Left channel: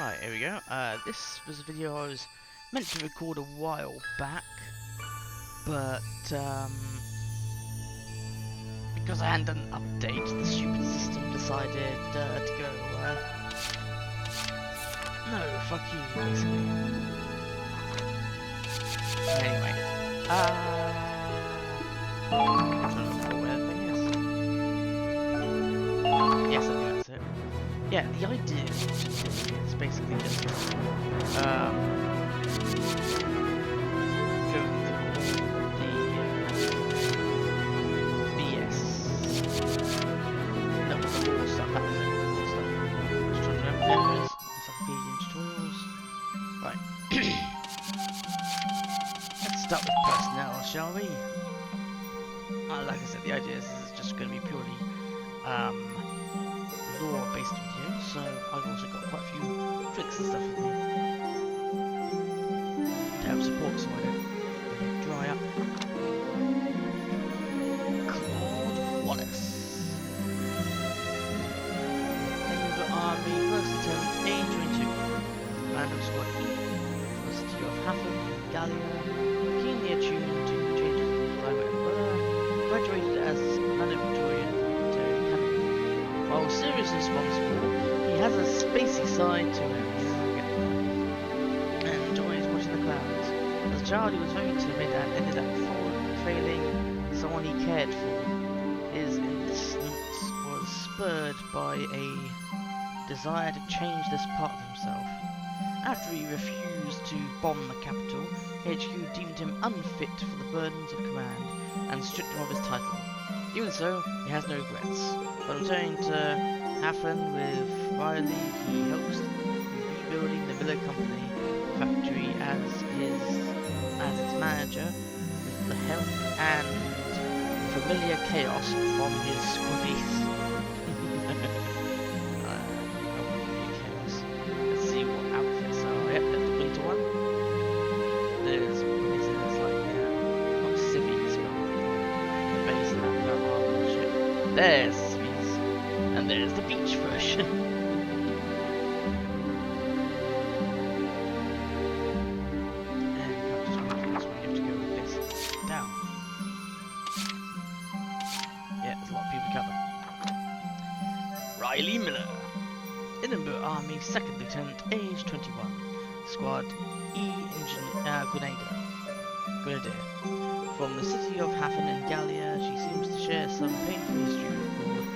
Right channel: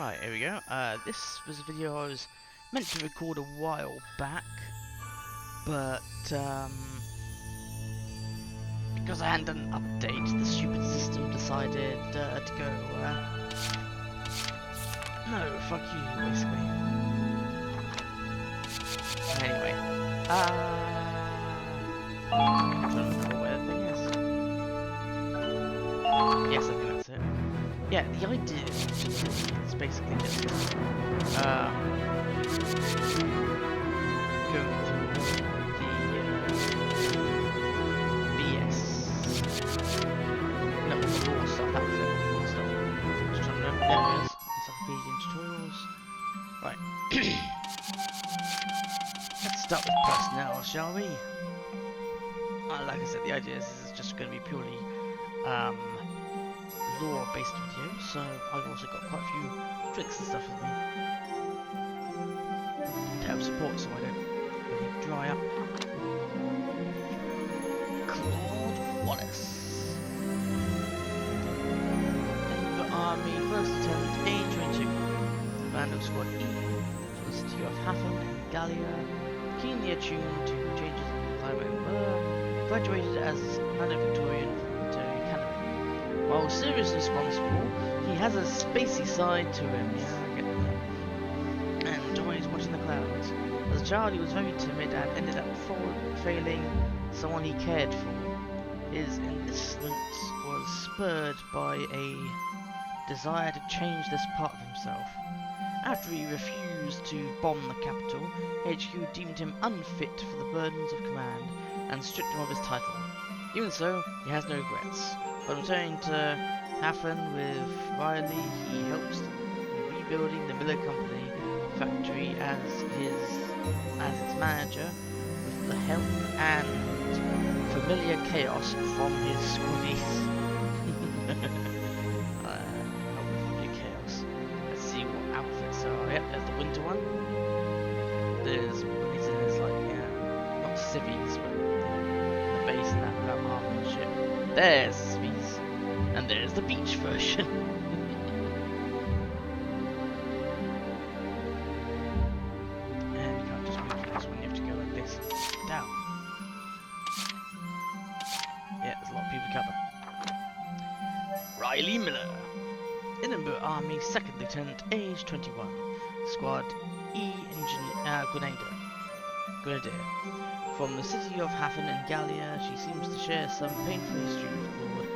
Right, here we go. This was a video I was meant to record a while back, but because I hadn't done an update, the stupid system decided to go, no, fuck you, basically. Anyway, I'm trying to remember where the thing is. Yes, I think that's it. Yeah, the idea is basically just going through the BS, no, the law stuff. That was it. Law stuff. Just trying to remember. There it is. Encyclopedia and tutorials. Right. Let's start with personnel, shall we? Like I said, the idea is this is just going to be purely lore-based video, so I've also got quite a few tricks and stuff with me to help support, so I don't really dry up. Claude Wallace, Enver Army, First Lieutenant, age 22, Command of Squad E, for the city of Hafen in Gallia, keenly attuned to changes in climate and weather, graduated as Valedictorian from the Military Academy. While seriously responsible, he has a spacey side to him, yeah, I get that, and enjoys watching the clouds. As a child, he was very timid and ended up failing someone he cared for. His enlistment was spurred by a desire to change this part of himself. After he refused to bomb the capital, HQ deemed him unfit for the burdens of command and stripped him of his title. Even so, he has no regrets. When returning to Hafen with Riley, he helps in rebuilding the Miller Company factory as its manager, with the help and familiar chaos from his squaddies. Help with familiar chaos. Let's see what outfits are. Yep, there's the winter one. There's like, yeah, not civvies, but the base and that without armor and shit. There's civvies, and there's the beach version. And you can't just move from this one, you have to go like this, down. Yeah, there's a lot of people to cover. Riley Miller, Edinburgh Army, 2nd Lieutenant, age 21, Squad E Grenadier. From the city of Hafen in Gallia, she seems to share some painful history with Claude.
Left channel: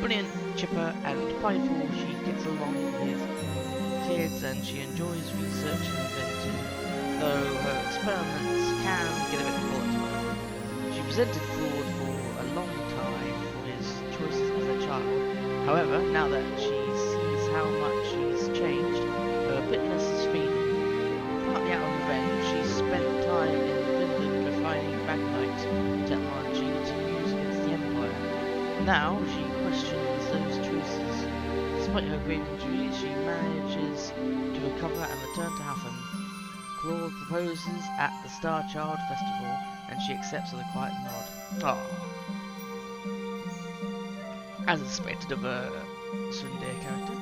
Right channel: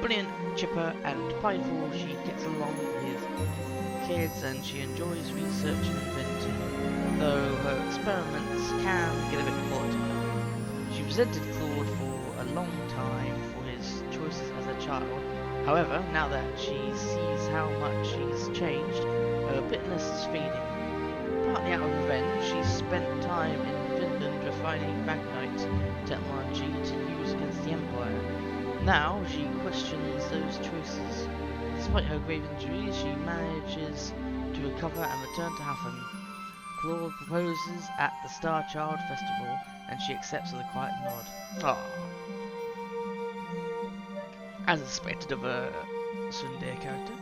Brilliant, chipper, and prideful, she gets along with kids and she enjoys research and inventing, though her experiments can get a bit volatile. She resented Claude for a long time for his choices as a child. However, now that she sees how much he's changed, her bitterness is fading. Partly out of revenge, she spent time in Finland refining Magnite technology to use against the Empire. Now she questions those choices. Despite her grave injuries, she manages to recover and return to Hafen. Claude proposes at the Star Child Festival, and she accepts with a quiet nod. Aww. As expected of a Sunday character.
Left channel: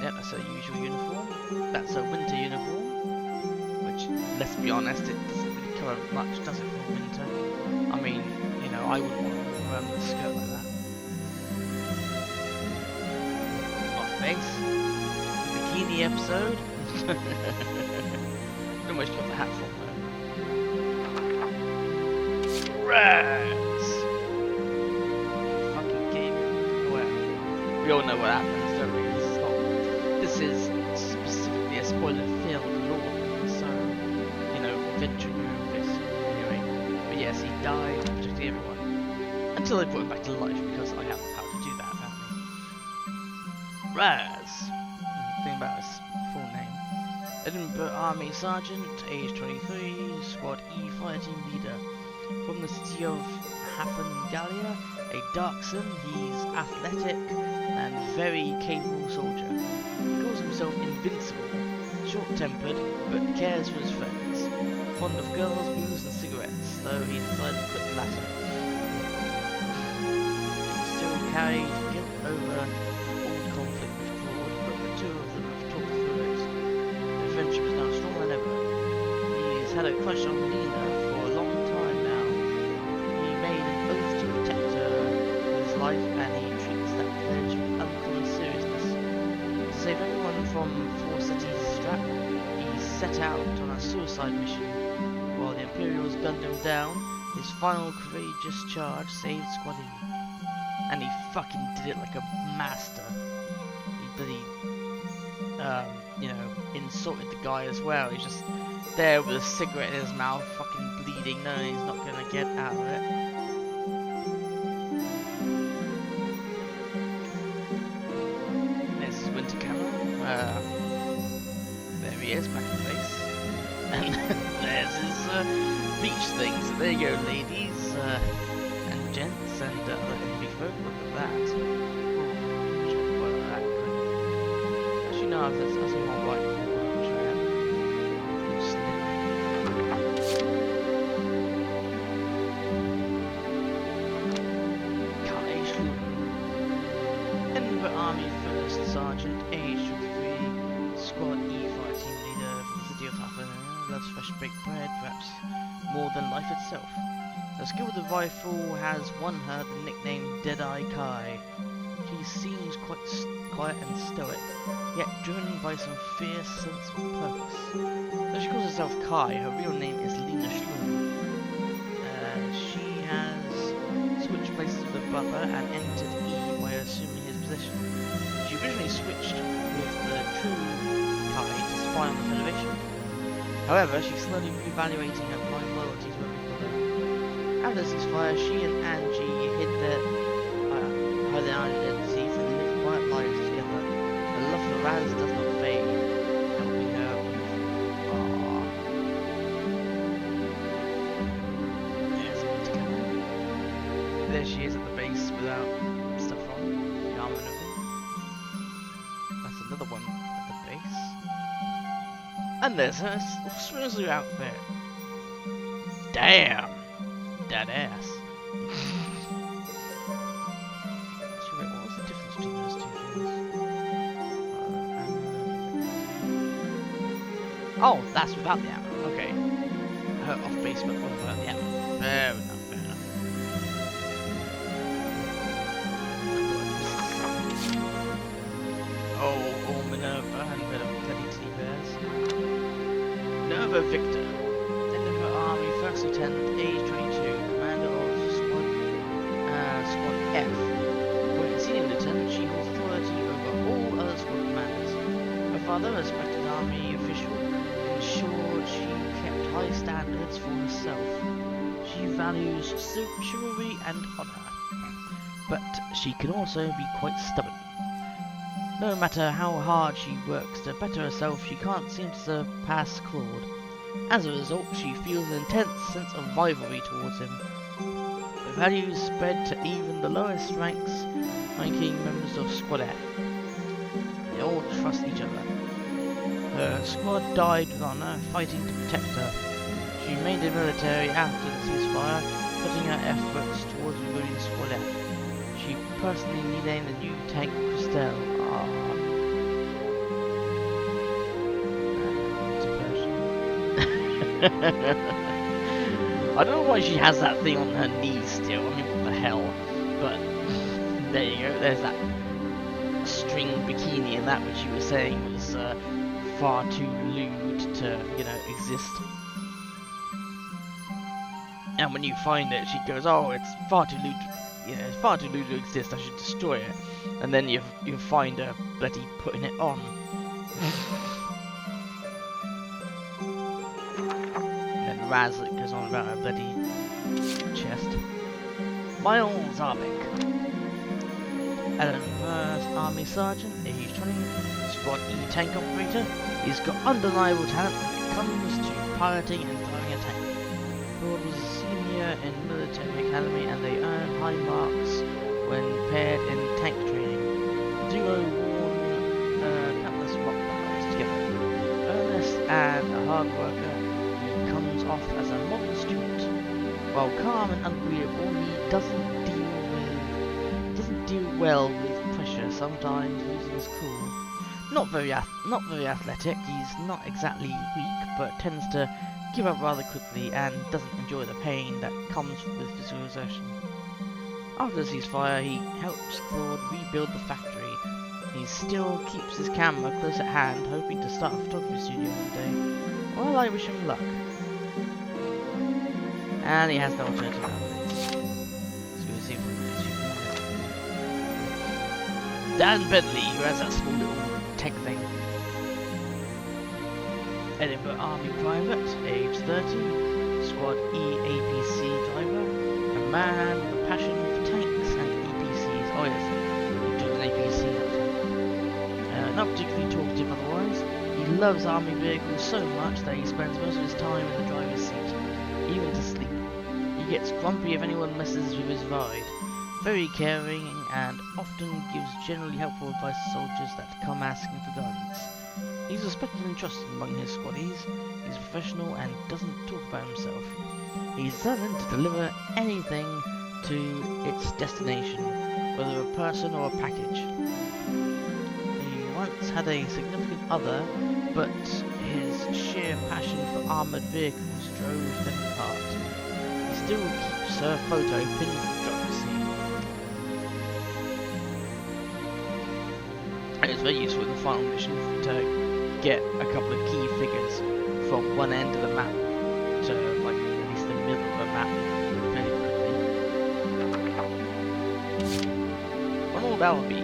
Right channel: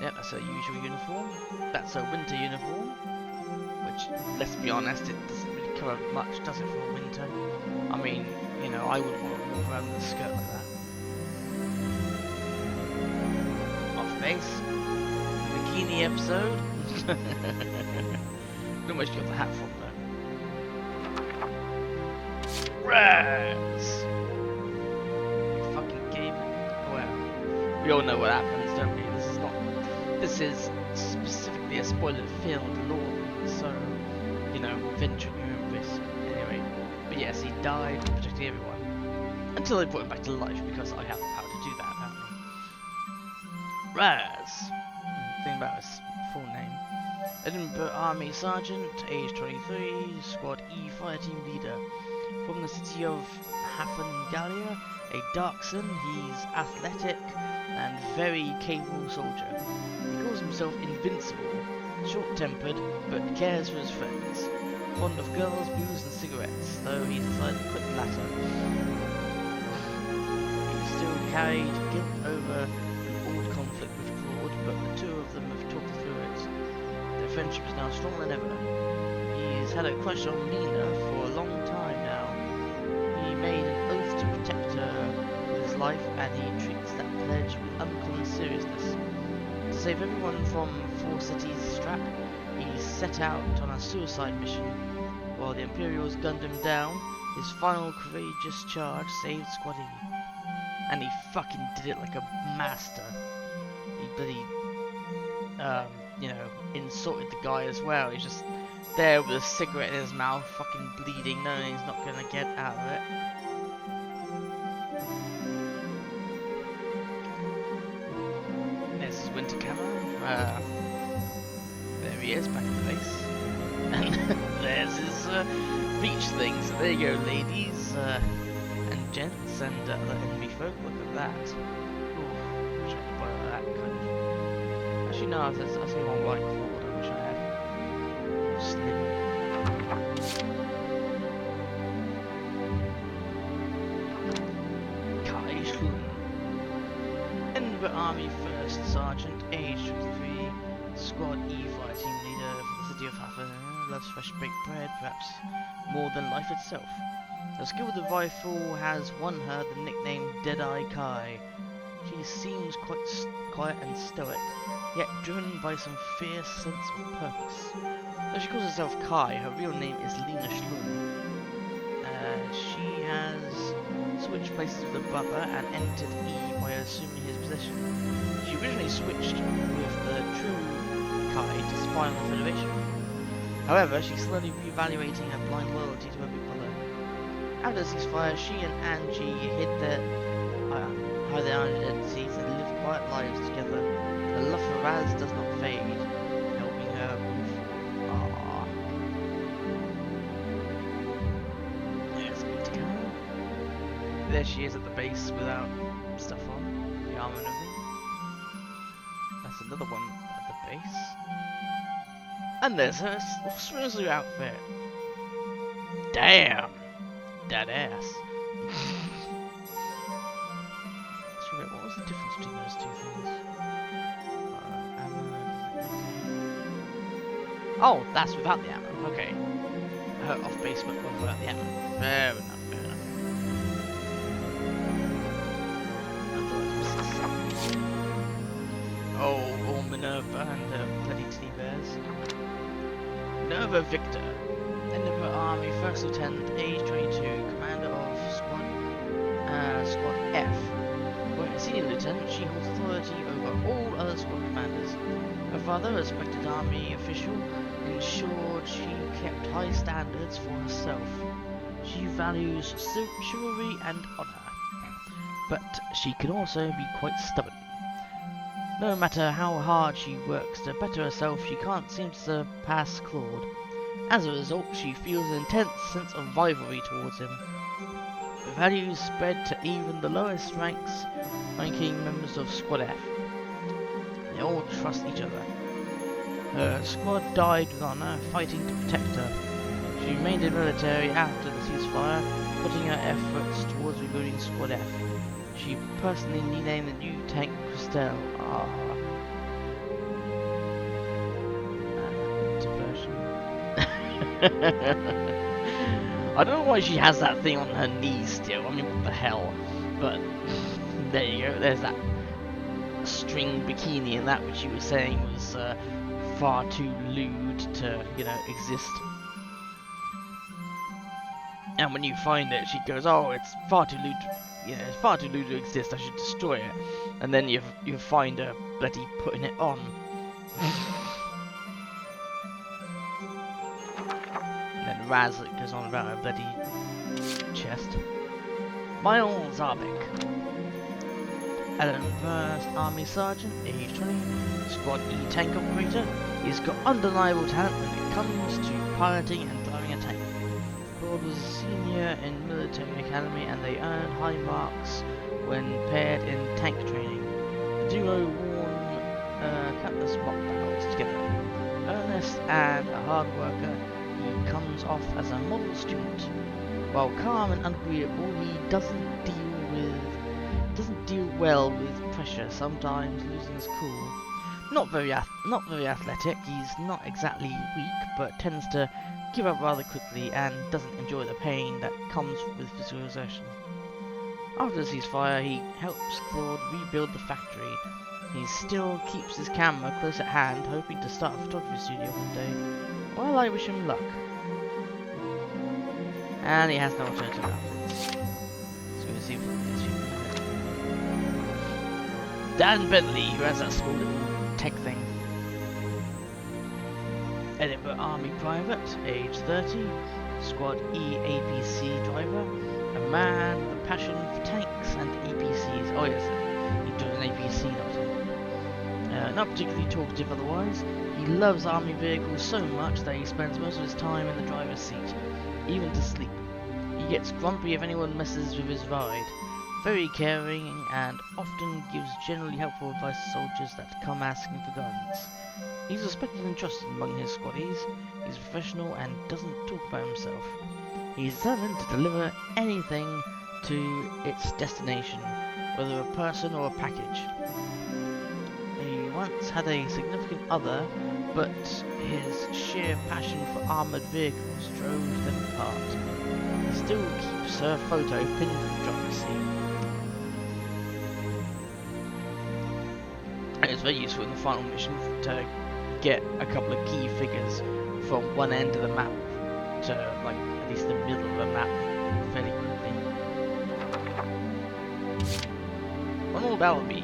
Yep, that's her usual uniform. That's her winter uniform. Which, let's be honest, it doesn't really cover much, does it, for winter? I mean, you know, I wouldn't want to walk around with a skirt like that. Off base. Bikini episode. Don't know where she got the hat from, though. Raz! You fucking gave it. Well, we all know what happens, don't we? This is specifically a spoiler-filled lore, so, you know, venture at your own risk. Anyway, but yes, he died protecting everyone. Until they brought him back to life, because I have the power to do that, apparently. Raz! Think about his full name. Edinburgh Army Sergeant, age 23, Squad E Fire Team Leader. From the city of Hafen Gallia, a Darkson, he's athletic and very capable soldier. He calls himself invincible, short-tempered, but cares for his friends. Fond of girls, booze and cigarettes, though he's decided to quit the latter. He still carried guilt over an old conflict with Claude, but the two friendship is now stronger than ever. He's had a crush on Lena for a long time now. He made an oath to protect her with his life, and he treats that pledge with uncommon seriousness. To save everyone from Four Cities' trap, he set out on a suicide mission. While the Imperials gunned him down, his final courageous charge saved Squad E. And he fucking did it like a master. He bloody, insulted the guy as well. He's just there with a cigarette in his mouth, fucking bleeding, knowing he's not gonna get out of it. There's his winter camo. There he is, back in the base. And there's his beach thing. So there you go, ladies and gents and other enemy folk. Look at that. Ooh, wish I had to buy that kind of. Actually, no, I see one right forward. I wish I had. Slim. Kai Schluten. Edinburgh Army 1st Sergeant, age 23, Squad E fire team leader from the city of Hafen. Loves fresh baked bread, perhaps more than life itself. Her skill with the rifle has won her the nickname Deadeye Kai. She seems quite quiet and stoic, yet driven by some fierce sense of purpose. Though she calls herself Kai, her real name is Lena Schlun. She has switched places with her brother and entered E by assuming his position. She originally switched with the true Kai to spy on the Federation. However, she's slowly reevaluating her blind loyalty to her big brother. After the ceasefire, she and Angie hid their identities and live quiet lives together. Her love for Raz does not fade, helping her move forward. There's Winter Camo. There she is at the base without stuff on, the armor and everything. That's another one at the base. And there's her swimsuit outfit. Damn! That ass. So wait, what was the difference between those two things? Ammo, okay. Oh, that's without the ammo, okay. Her off base but without the ammo. Fair enough, fair enough. I thought I'd missed something. Oh, Minerva and her bloody teddy bears. Minerva Victor, Edinburgh Army 1st Lieutenant, age 22, commander of Squad F. Where a senior lieutenant, she holds authority over all other squad commanders. Her father, a respected army official, ensured she kept high standards for herself. She values chivalry and honor, but she can also be quite stubborn. No matter how hard she works to better herself, she can't seem to surpass Claude. As a result, she feels an intense sense of rivalry towards him. The values spread to even the lowest ranking members of Squad F. They all trust each other. Her squad died with honor, fighting to protect her. She remained in the military after the ceasefire, putting her efforts towards rebuilding Squad F. She personally renamed the new tank Christelle. Diversion. I don't know why she has that thing on her knees still. I mean, what the hell? But there you go. There's that string bikini and that which you were saying was far too lewd to, exist. And when you find it, she goes, "Oh, it's far too lewd. It's far too lewd to exist. I should destroy it." And then you find her bloody putting it on. And then Raz goes on about her bloody chest. Miles Zarbek, Edinburgh Army Sergeant, age 20, Squad E tank operator. He's got undeniable talent when it comes to piloting and driving a tank. Claude was a senior in military academy and they earned high marks when paired in tank training. The duo won countless mock battles together. Earnest and a hard worker, he comes off as a model student. While calm and unagreeable, he doesn't deal well with pressure, sometimes losing his cool. Not very athletic. He's not exactly weak, but tends to give up rather quickly and doesn't enjoy the pain that comes with physical exertion. After the ceasefire, he helps Claude rebuild the factory. He still keeps his camera close at hand, hoping to start a photography studio one day. Well, I wish him luck. And he has no alternative outfits. So we'll see from this few minutes. Dan Bentley, who has that small little tech thing. Edinburgh Army Private, age 30, Squad E APC driver, a man with a passion for tanks and APCs. Oh yes, he drove an APC, not a tank. Not particularly talkative otherwise. He loves army vehicles so much that he spends most of his time in the driver's seat, even to sleep. He gets grumpy if anyone messes with his ride. Very caring and often gives generally helpful advice to soldiers that come asking for guidance. He's respected and trusted among his squaddies. He's professional and doesn't talk about himself. He's determined to deliver anything to its destination, whether a person or a package. He once had a significant other, but his sheer passion for armoured vehicles drove them apart. He still keeps her photo pinned to the driver's seat. It's very useful in the final mission to get a couple of key figures from one end of the map to, like, at least the middle of the map fairly quickly. Ronald Alby,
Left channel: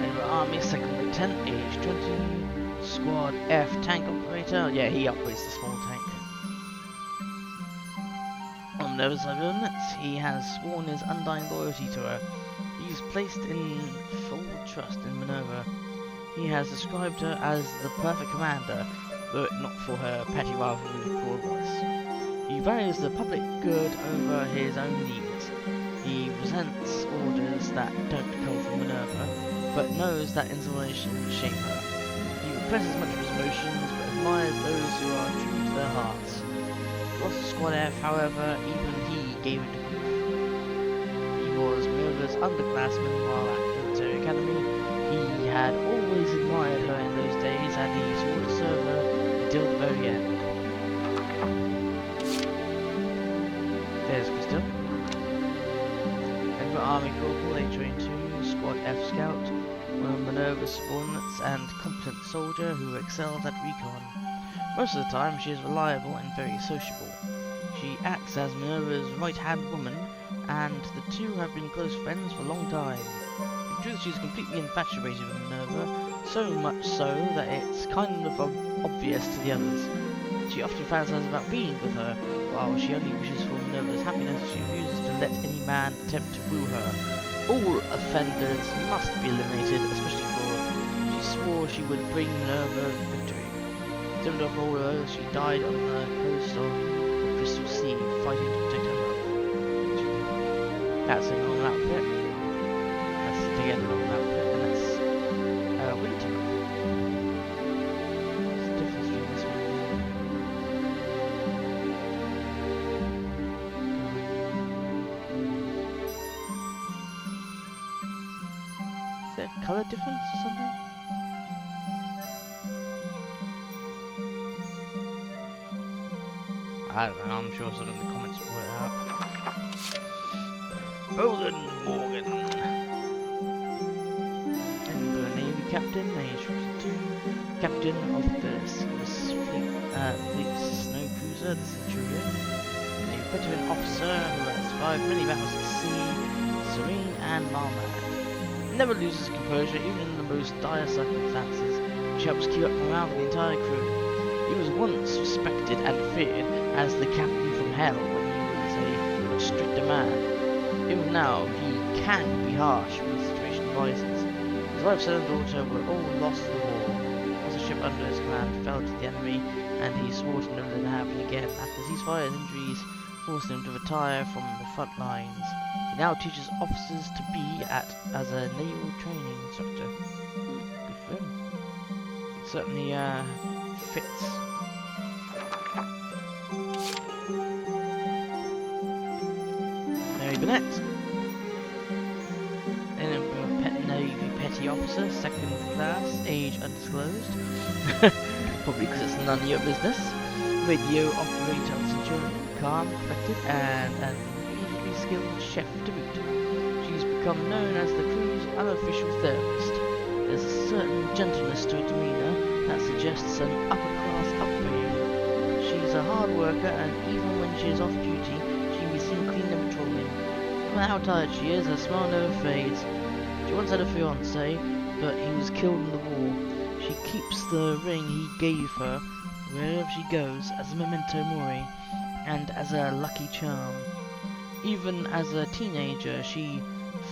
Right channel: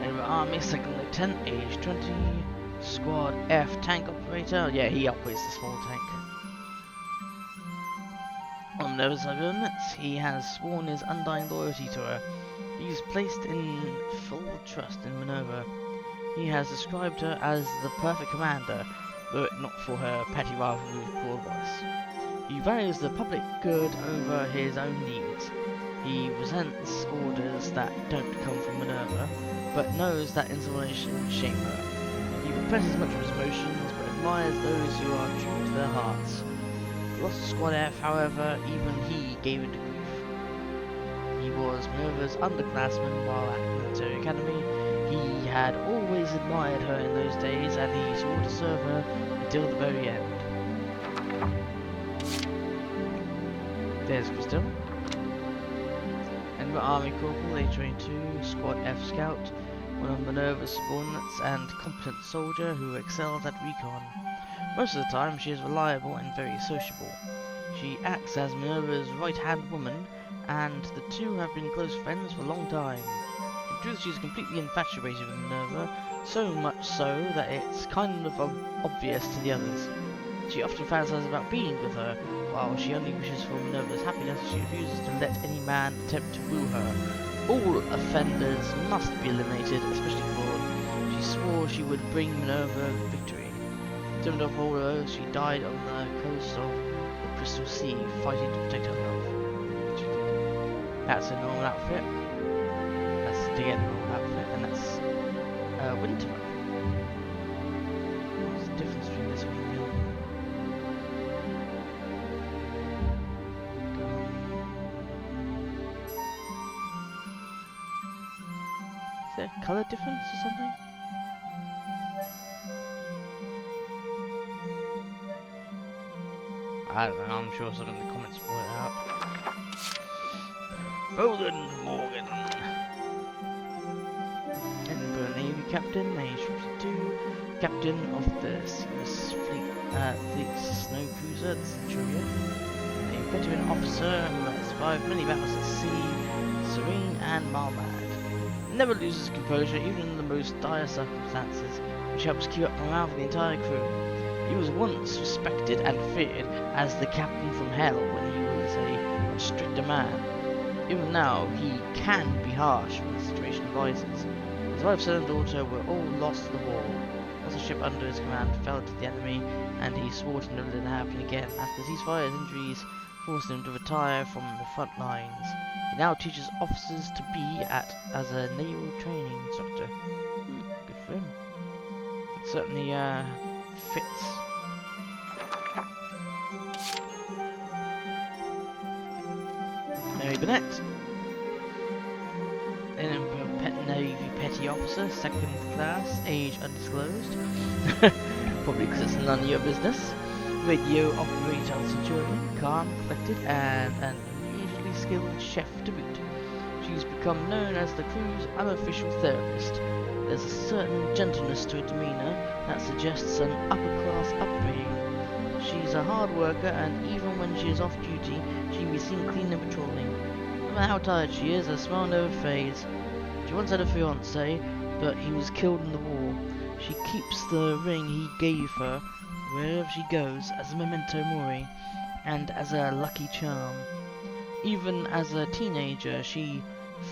Edinburgh Army, 2nd Lieutenant, age 20, Squad F tank operator. Yeah, he operates the small tank. On the other side of it, he has sworn his undying loyalty to her. He's placed in full trust in Minerva. He has described her as the perfect commander, were it not for her petty rivalry with Claude Royce. He values the public good over his own needs. He resents orders that don't come from Minerva, but knows that insubordination would shame her. He represses much of his emotions, but admires those who are true to their hearts. The loss of Squad F, however, even he gave into grief. He was Minerva's underclassman while at the military academy. He had always admired her in those days, and he swore to serve her until the very end. There's Crystal. Edinburgh Army Corporal, age 22, Squad F Scout, one of Minerva's subordinates and competent soldier who excels at recon. Most of the time she is reliable and very sociable. She acts as Minerva's right-hand woman, and the two have been close friends for a long time. In truth, she's completely infatuated with Minerva, so much so that it's kind of obvious to the others. She often fantasizes about being with her. While she only wishes for Minerva's happiness, she refuses to let any man attempt to woo her. All offenders must be eliminated, especially Claude. She swore she would bring Minerva victory. Determined to uphold her oath, she died on the coast of the Crystal Sea, fighting to protect her love. That's a normal outfit. That's to get a normal outfit, and that's a winter outfit. What's the difference between this one and the other? Is there a colour difference or something? I don't know, I'm sure someone in the comments will point it out. Bolden Morgan. Edinburgh Navy Captain, age 52, Captain of the Seamus Fleet's snow cruiser, the Centurion. A veteran officer who has survived many battles at sea, serene and marmad. Never loses composure even in the most dire circumstances, which helps keep up morale for the entire crew. He was once respected and feared as the captain from hell when he was a much stricter man. Even now, he can be harsh when the situation rises. His wife, son and daughter were all lost to the war. Once a ship under his command fell to the enemy, and he swore to never let it happen again. After ceasefire, his injuries forced him to retire from the front lines. He now teaches officers to be as a naval training instructor. Good for him. It certainly fits. Mary Burnett. Edinburgh Navy petty officer, second class, age undisclosed. Probably because it's none of your business. Radio operator Centurion, calm, collected, and an unusually skilled chef to boot. She's become known as the crew's unofficial therapist. There's a certain gentleness to her demeanor that suggests an upper-class upbringing. She's a hard worker, and even when she is off duty, she can be seen clean and patrolling. No matter how tired she is, her smile never fades. She once had a fiancé, but he was killed in the war. She keeps the ring he gave her wherever she goes as a memento mori and as a lucky charm. Even as a teenager, she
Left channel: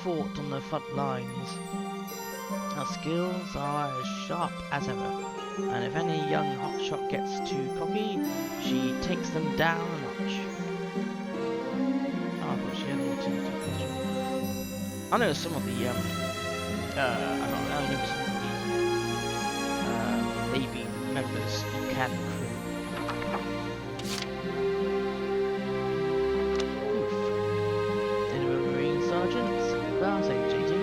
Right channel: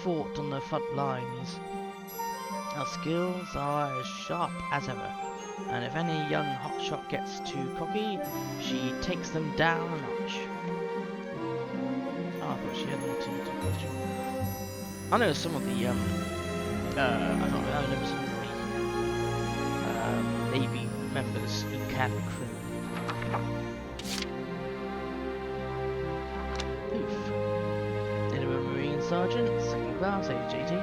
fought on the front lines. Her skills are as sharp as ever, and if any young hotshot gets too cocky, she takes them down a notch. Oh, I thought she had an alternative costume. I know some of the I know some of the Navy members you can recruit. Oof. Then a Marine Sergeant, second class, age 18.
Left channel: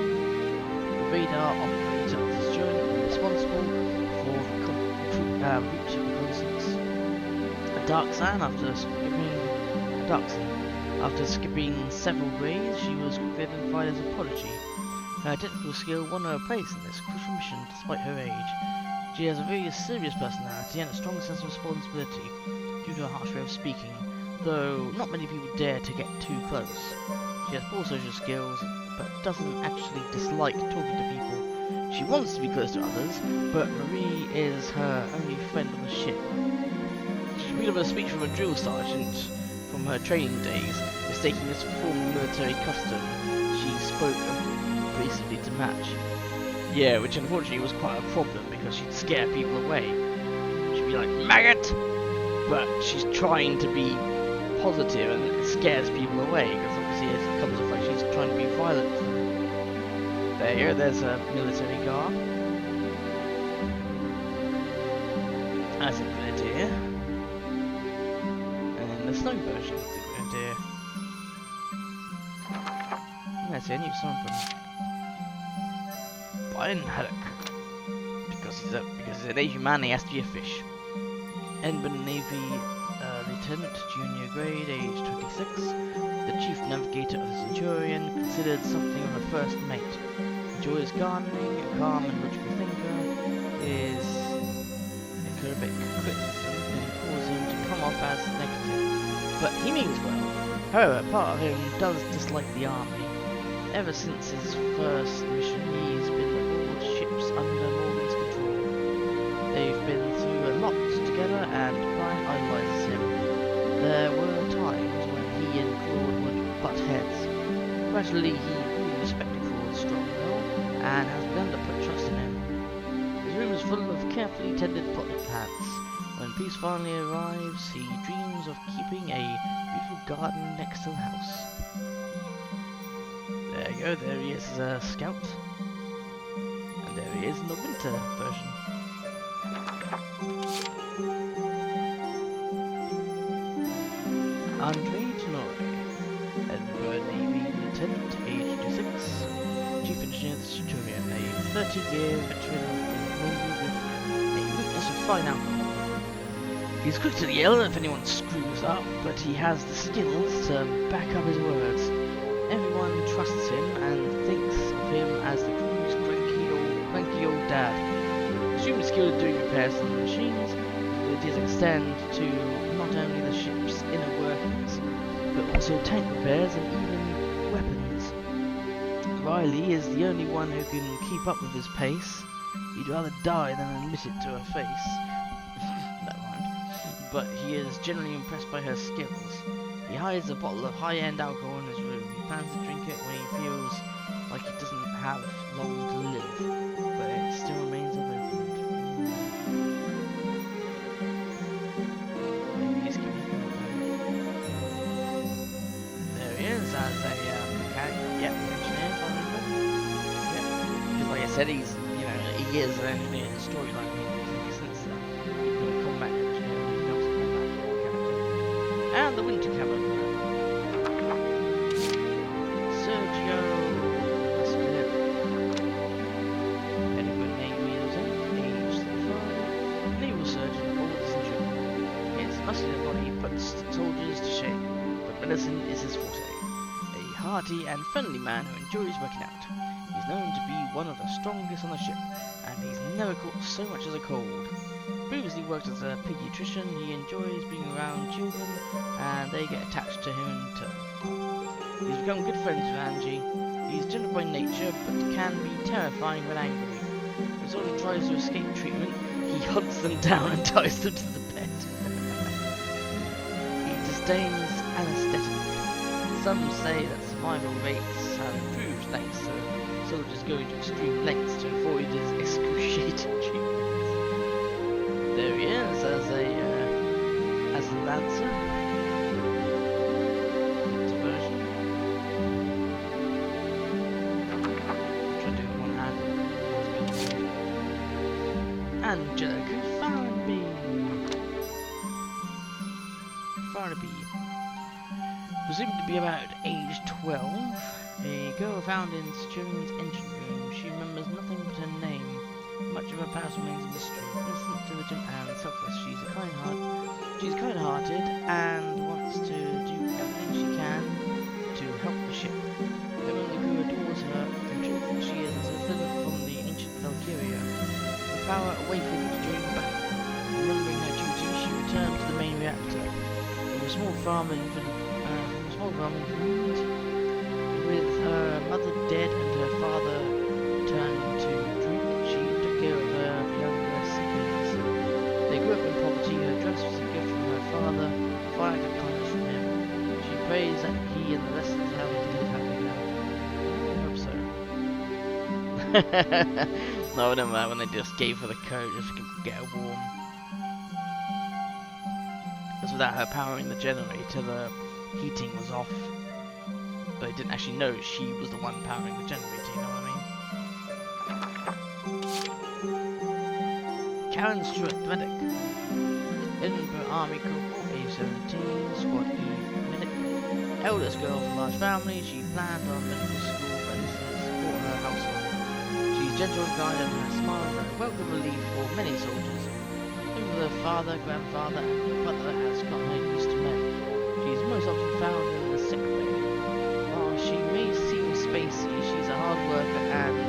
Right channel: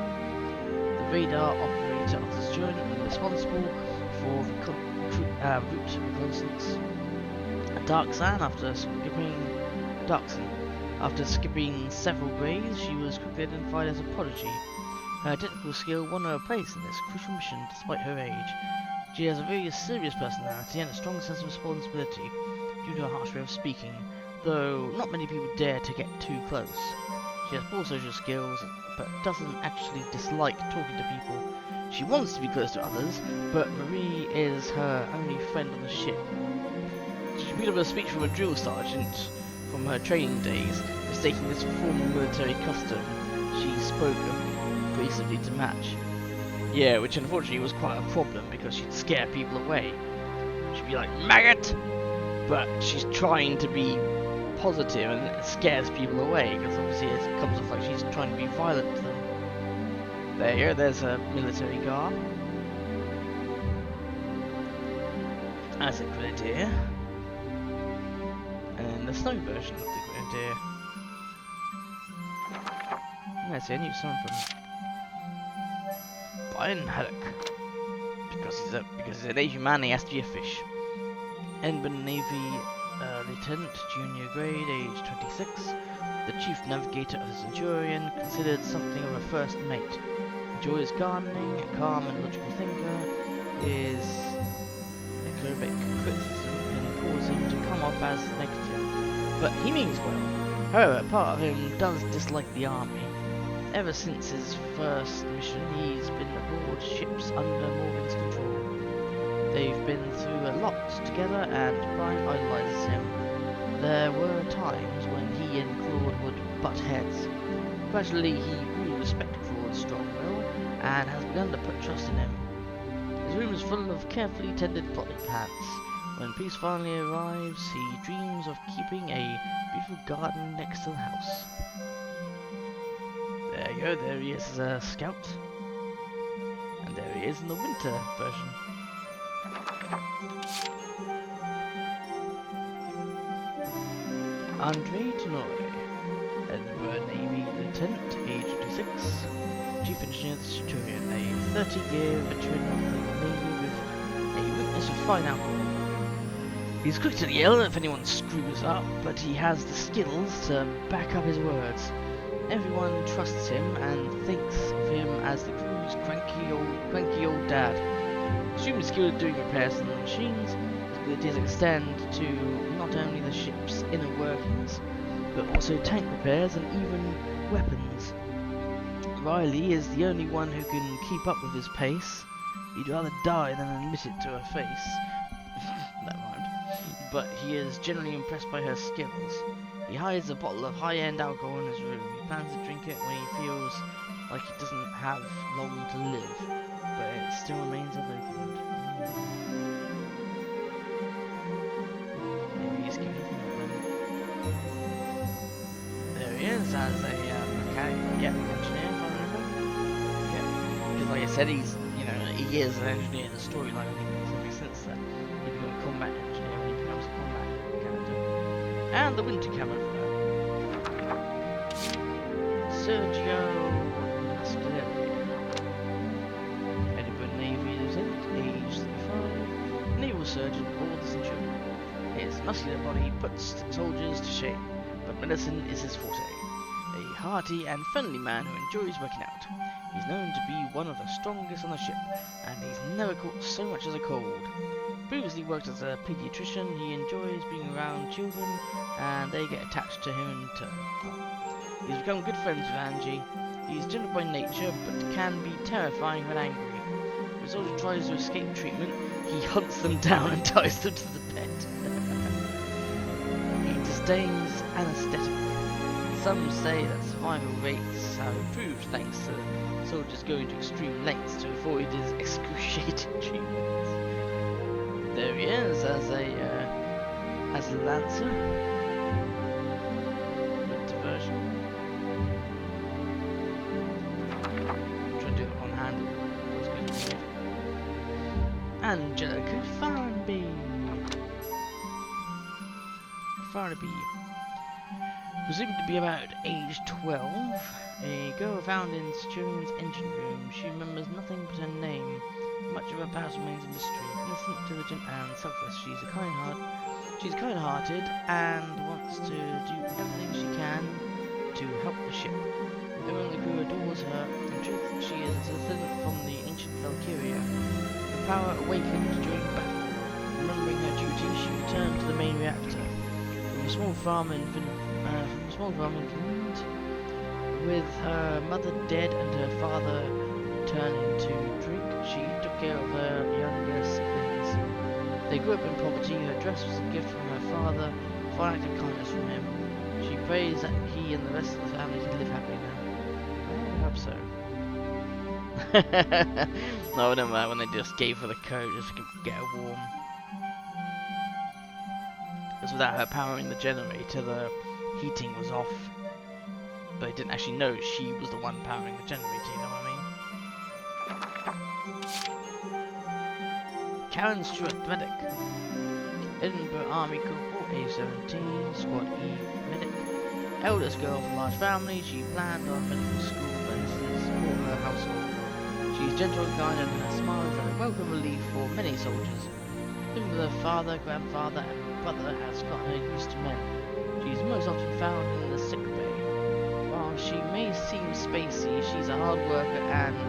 The radar operator of this joint and responsible for the route reconnaissance. A Darksan after skipping several grades, she was quickly identified as a prodigy. Her technical skill won her a place in this crucial mission despite her age. She has a very serious personality and a strong sense of responsibility due to her harsh way of speaking, though not many people dare to get too close. She has poor social skills, but doesn't actually dislike talking to people. She wants to be close to others, but Marie is her only friend on the ship. She picked up a speech from a drill sergeant from her training days, mistaking this for formal military custom. She spoke abrasively to match. Yeah, which unfortunately was quite a problem because she'd scare people away. She'd be like, maggot! But she's trying to be positive and it scares people away because obviously it comes off like she's trying to be violent to them. There you go, there's a military garb. As a grenadier. And the snow version of the grenadier. Let's see, I knew someone from Brian Haddock. Because he's an Asian man, he has to be a fish. Ensign Navy Lieutenant, junior grade, age 26. The chief navigator of the Centurion, considered something of a first mate. Enjoys gardening, a calm and logical thinker. His acerbic criticism can cause him to come off as negative, but he means well. However, part of him does dislike the army. Ever since his first mission, he's been aboard ships under Morgan's control. They've been through a lot together, and Brian idolizes him. There were times when he and Claude would butt heads. Gradually, he grew to respect Claude's strong will, and has begun to put trust in him. His room is full of carefully tended potted plants. When peace finally arrives, he dreams of keeping a beautiful garden next to the house. There you go, there he is as a scout. And there he is in the winter version. Andre Tenore, Edinburgh Navy Lieutenant, age 26, Chief Engineer of the Centurion, a 30-year veteran of the Navy with a weakness for fine alcohol. He's quick to yell if anyone screws up, but he has the skills to back up his words. Everyone trusts him and thinks of him as the crew's cranky old dad. Extremely skilled at doing repairs on the machines, his abilities extend to not only the ship's inner workings, but also tank repairs and even weapons. Riley is the only one who can keep up with his pace. He'd rather die than admit it to her face. That rhymed. But he is generally impressed by her skills. He hides a bottle of high-end alcohol in his room. He plans to drink it when he feels like he doesn't have long to live, but it still remains unopened. Maybe he's giving up on it. There he is as a mechanic, engineer, if I remember. Yeah, because like I said, he is an engineer in the storyline. I mean, it makes sense that he becomes a combat engineer when he becomes a combat character. And the winter camouflage. Sergio Mascaleri. muscular body puts soldiers to shame, but medicine is his forte. A hearty and friendly man who enjoys working out. He's known to be one of the strongest on the ship, and he's never caught so much as a cold. Previously worked as a pediatrician, he enjoys being around children, and they get attached to him in turn. He's become good friends with Angie. He's gentle by nature, but can be terrifying when angry. If a soldier tries to escape treatment, he hunts them down and ties them to the bed. He disdains anesthetic. Some say that survival rates have improved thanks to soldiers going to extreme lengths to avoid his excruciating treatments. There he is as a lancer with diversion. I'm trying to do it one-handed. Always good. Angelica Farnaby. Presumed to be about age 12, a girl found in Centurion's engine room. She remembers nothing but her name. Much of her past remains a mystery. Innocent, diligent, and selfless. She's kind-hearted and wants to do everything she can to help the ship. Everyone in the crew adores her. In truth, she is a citizen from the ancient Valkyria. Her power awakened during battle. Remembering her duty, she returned to the main reactor. From a small farm in Finland, with her mother dead and her father turning to drink, she took care of her younger siblings. They grew up in poverty. Her dress was a gift from her father, a fine act of kindness from him. She prays that he and the rest of the family can live happily now. Well, I hope so. No, I don't know when they just gave her the coat just to get her warm. Because without her powering the generator, the heating was off. But I didn't actually know she was the one powering the generator, you know what I mean? Karen Stewart, medic. Edinburgh Army Corporal, age 17, Squad E medic. Eldest girl of a large family, she planned on medical school but enlisted to support her household. She's gentle and kind, and her smile is a welcome relief for many soldiers. Living with her father, grandfather, and brother has gotten her used to men. She's most often found in the sick bay. While she may seem spacey, she's a hard worker and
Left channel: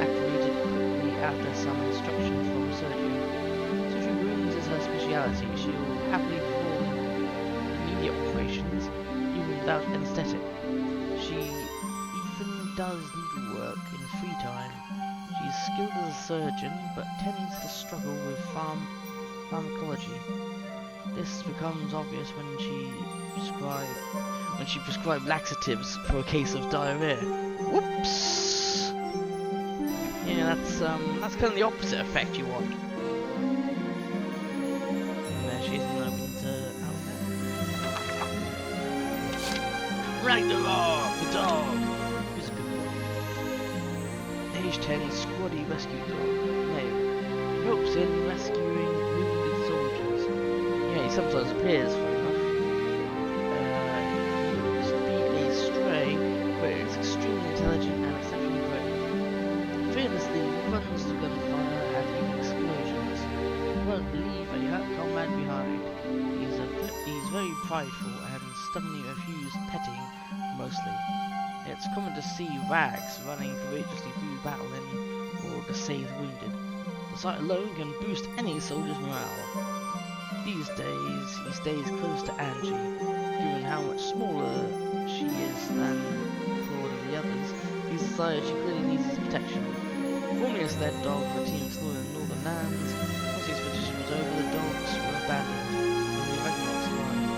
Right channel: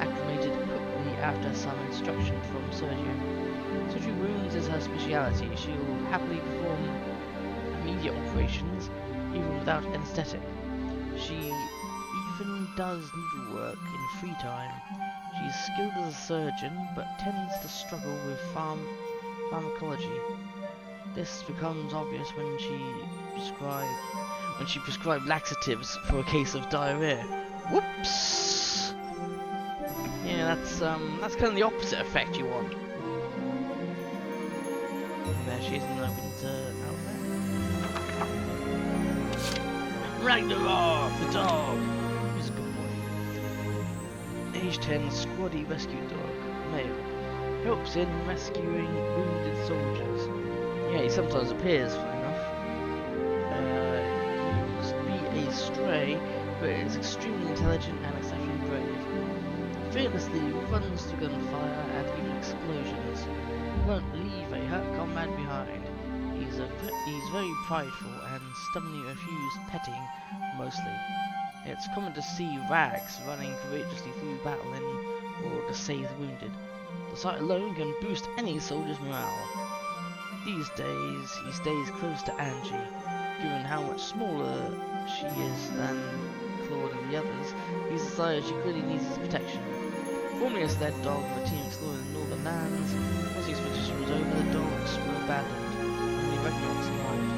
acclimated quickly after some instruction from surgeon. Surgery wounds is her speciality. She'll happily perform immediate operations, even without anesthetic. She even does needlework in free time. She's skilled as a surgeon, but tends to struggle with pharmacology. This becomes obvious when she prescribed laxatives for a case of diarrhea. Whoops! Yeah, that's kind of the opposite effect you want. And there she is in the winter outfit. Ragnarok, the dog. He's a good boy. Age 10, squaddy rescue dog, male. Helps in rescuing wounded soldiers. Yeah, he sometimes appears, funny enough. He used to be a stray, but is extremely intelligent and exceptionally brave. Fearlessly runs through gunfire and even explosions. Won't leave a hurt comrade behind. He's very prideful and stubbornly refuses petting, mostly. It's common to see Rags running courageously through battle in order to save the wounded. The sight alone can boost any soldier's morale. These days, he stays close to Angie. Given how much smaller she is than Claude and the others, he's decided she clearly needs his protection. Formerly a sled dog for a team exploring the northern lands, once the expedition was over, the dogs were abandoned. Only Ragnarok survived.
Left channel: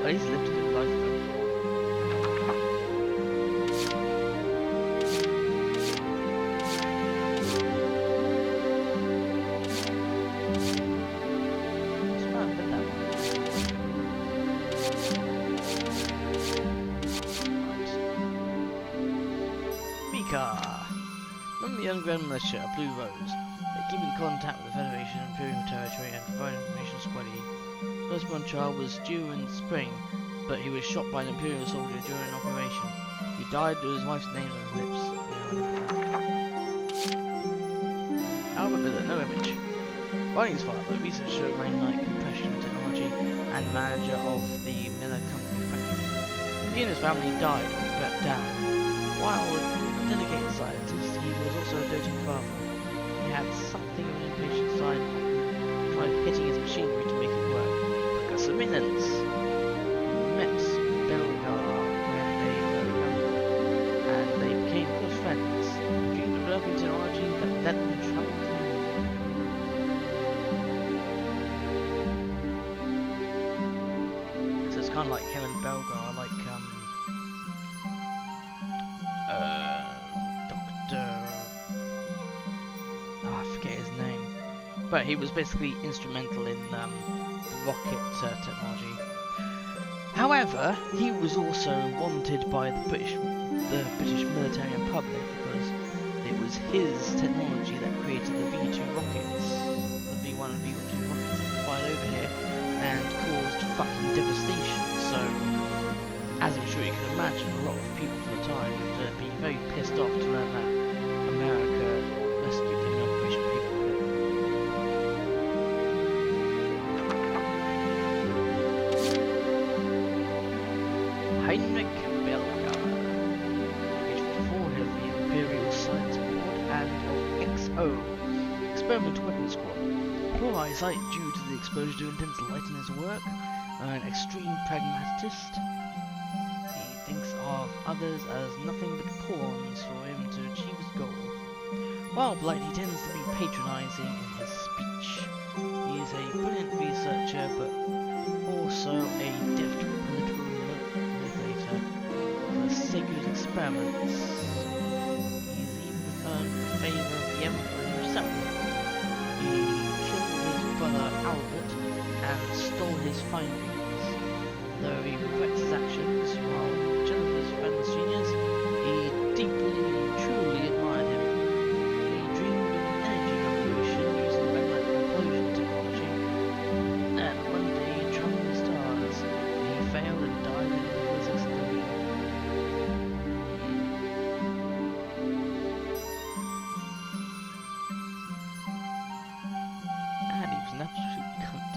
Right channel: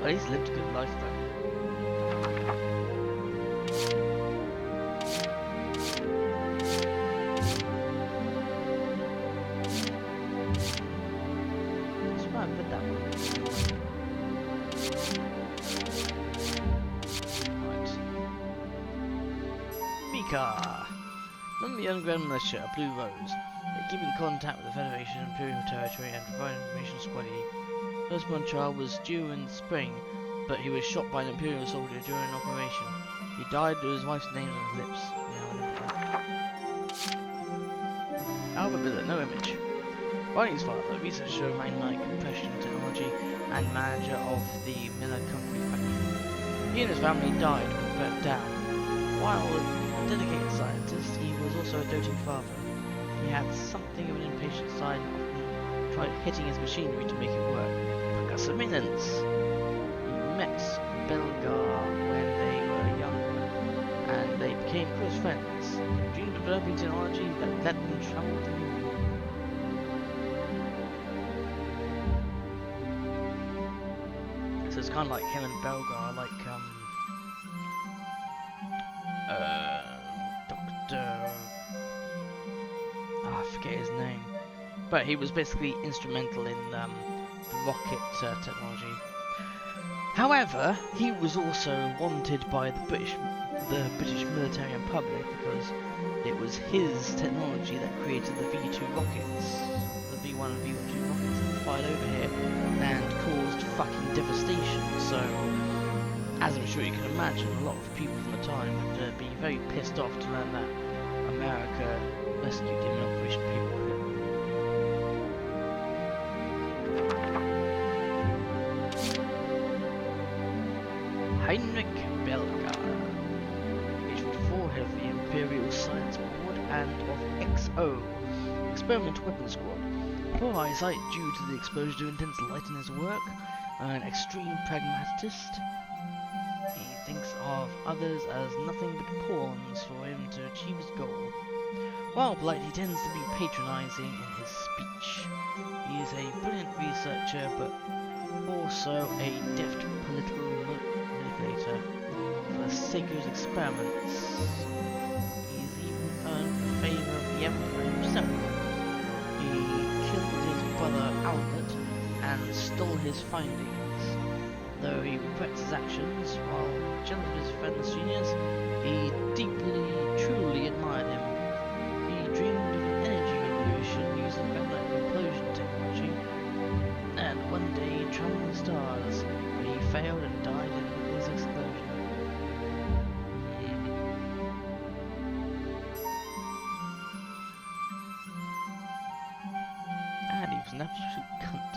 Well, he's lived a good life though. From the underground militia, Blue Rose. They keep in contact with the Federation, Imperial Territory, and provide information to Squad E. Firstborn child was due in the spring, but he was shot by an Imperial soldier during an operation. He died with his wife's name on his lips. Yeah, I remember that. Albert Biller, no image. Barney's father, researcher of magnetic compression technology and manager of the Miller Company factory. He and his family died when burnt down. While a dedicated scientist, he was also a doting father. He had something of an impatient side and often tried hitting his machinery to make it work. Percussive maintenance. He met Belgar when they were younger, and they became close friends, dreamed of developing technology that would let them travel to the moon. So it's kind of like him and Belgar, like Dr. I forget his name, but he was basically instrumental in the rocket technology. However, he was also wanted by the British military and public because it was his technology that created the V2 rockets, the V1 and V2 rockets that fired over here and caused fucking devastation. So, as I'm sure you can imagine, a lot of people from the time would be very pissed off to learn that America rescued him in Operation Paperclip. Heinrich Belgar, age 54, head of the Imperial Science Board and of XO, Experimental Weapons Squad. Poor eyesight due to the exposure to intense light in his work, an extreme pragmatist. He thinks of others as nothing but pawns for him to achieve his goal. While polite, he tends to be patronizing in his speech. He is a brilliant researcher, but also a deft political manipulator for the sake of his experiments. He's even earned the favor of the Emperor himself. He killed his brother Albert and stole his findings. Though he regrets his actions, while jealous of his friends genius, he deeply, truly admired him. He dreamed of an energy revolution using magnetic implosion technology, and one day he traveled the stars, but he failed and died in his explosion. And he was an absolute cunt.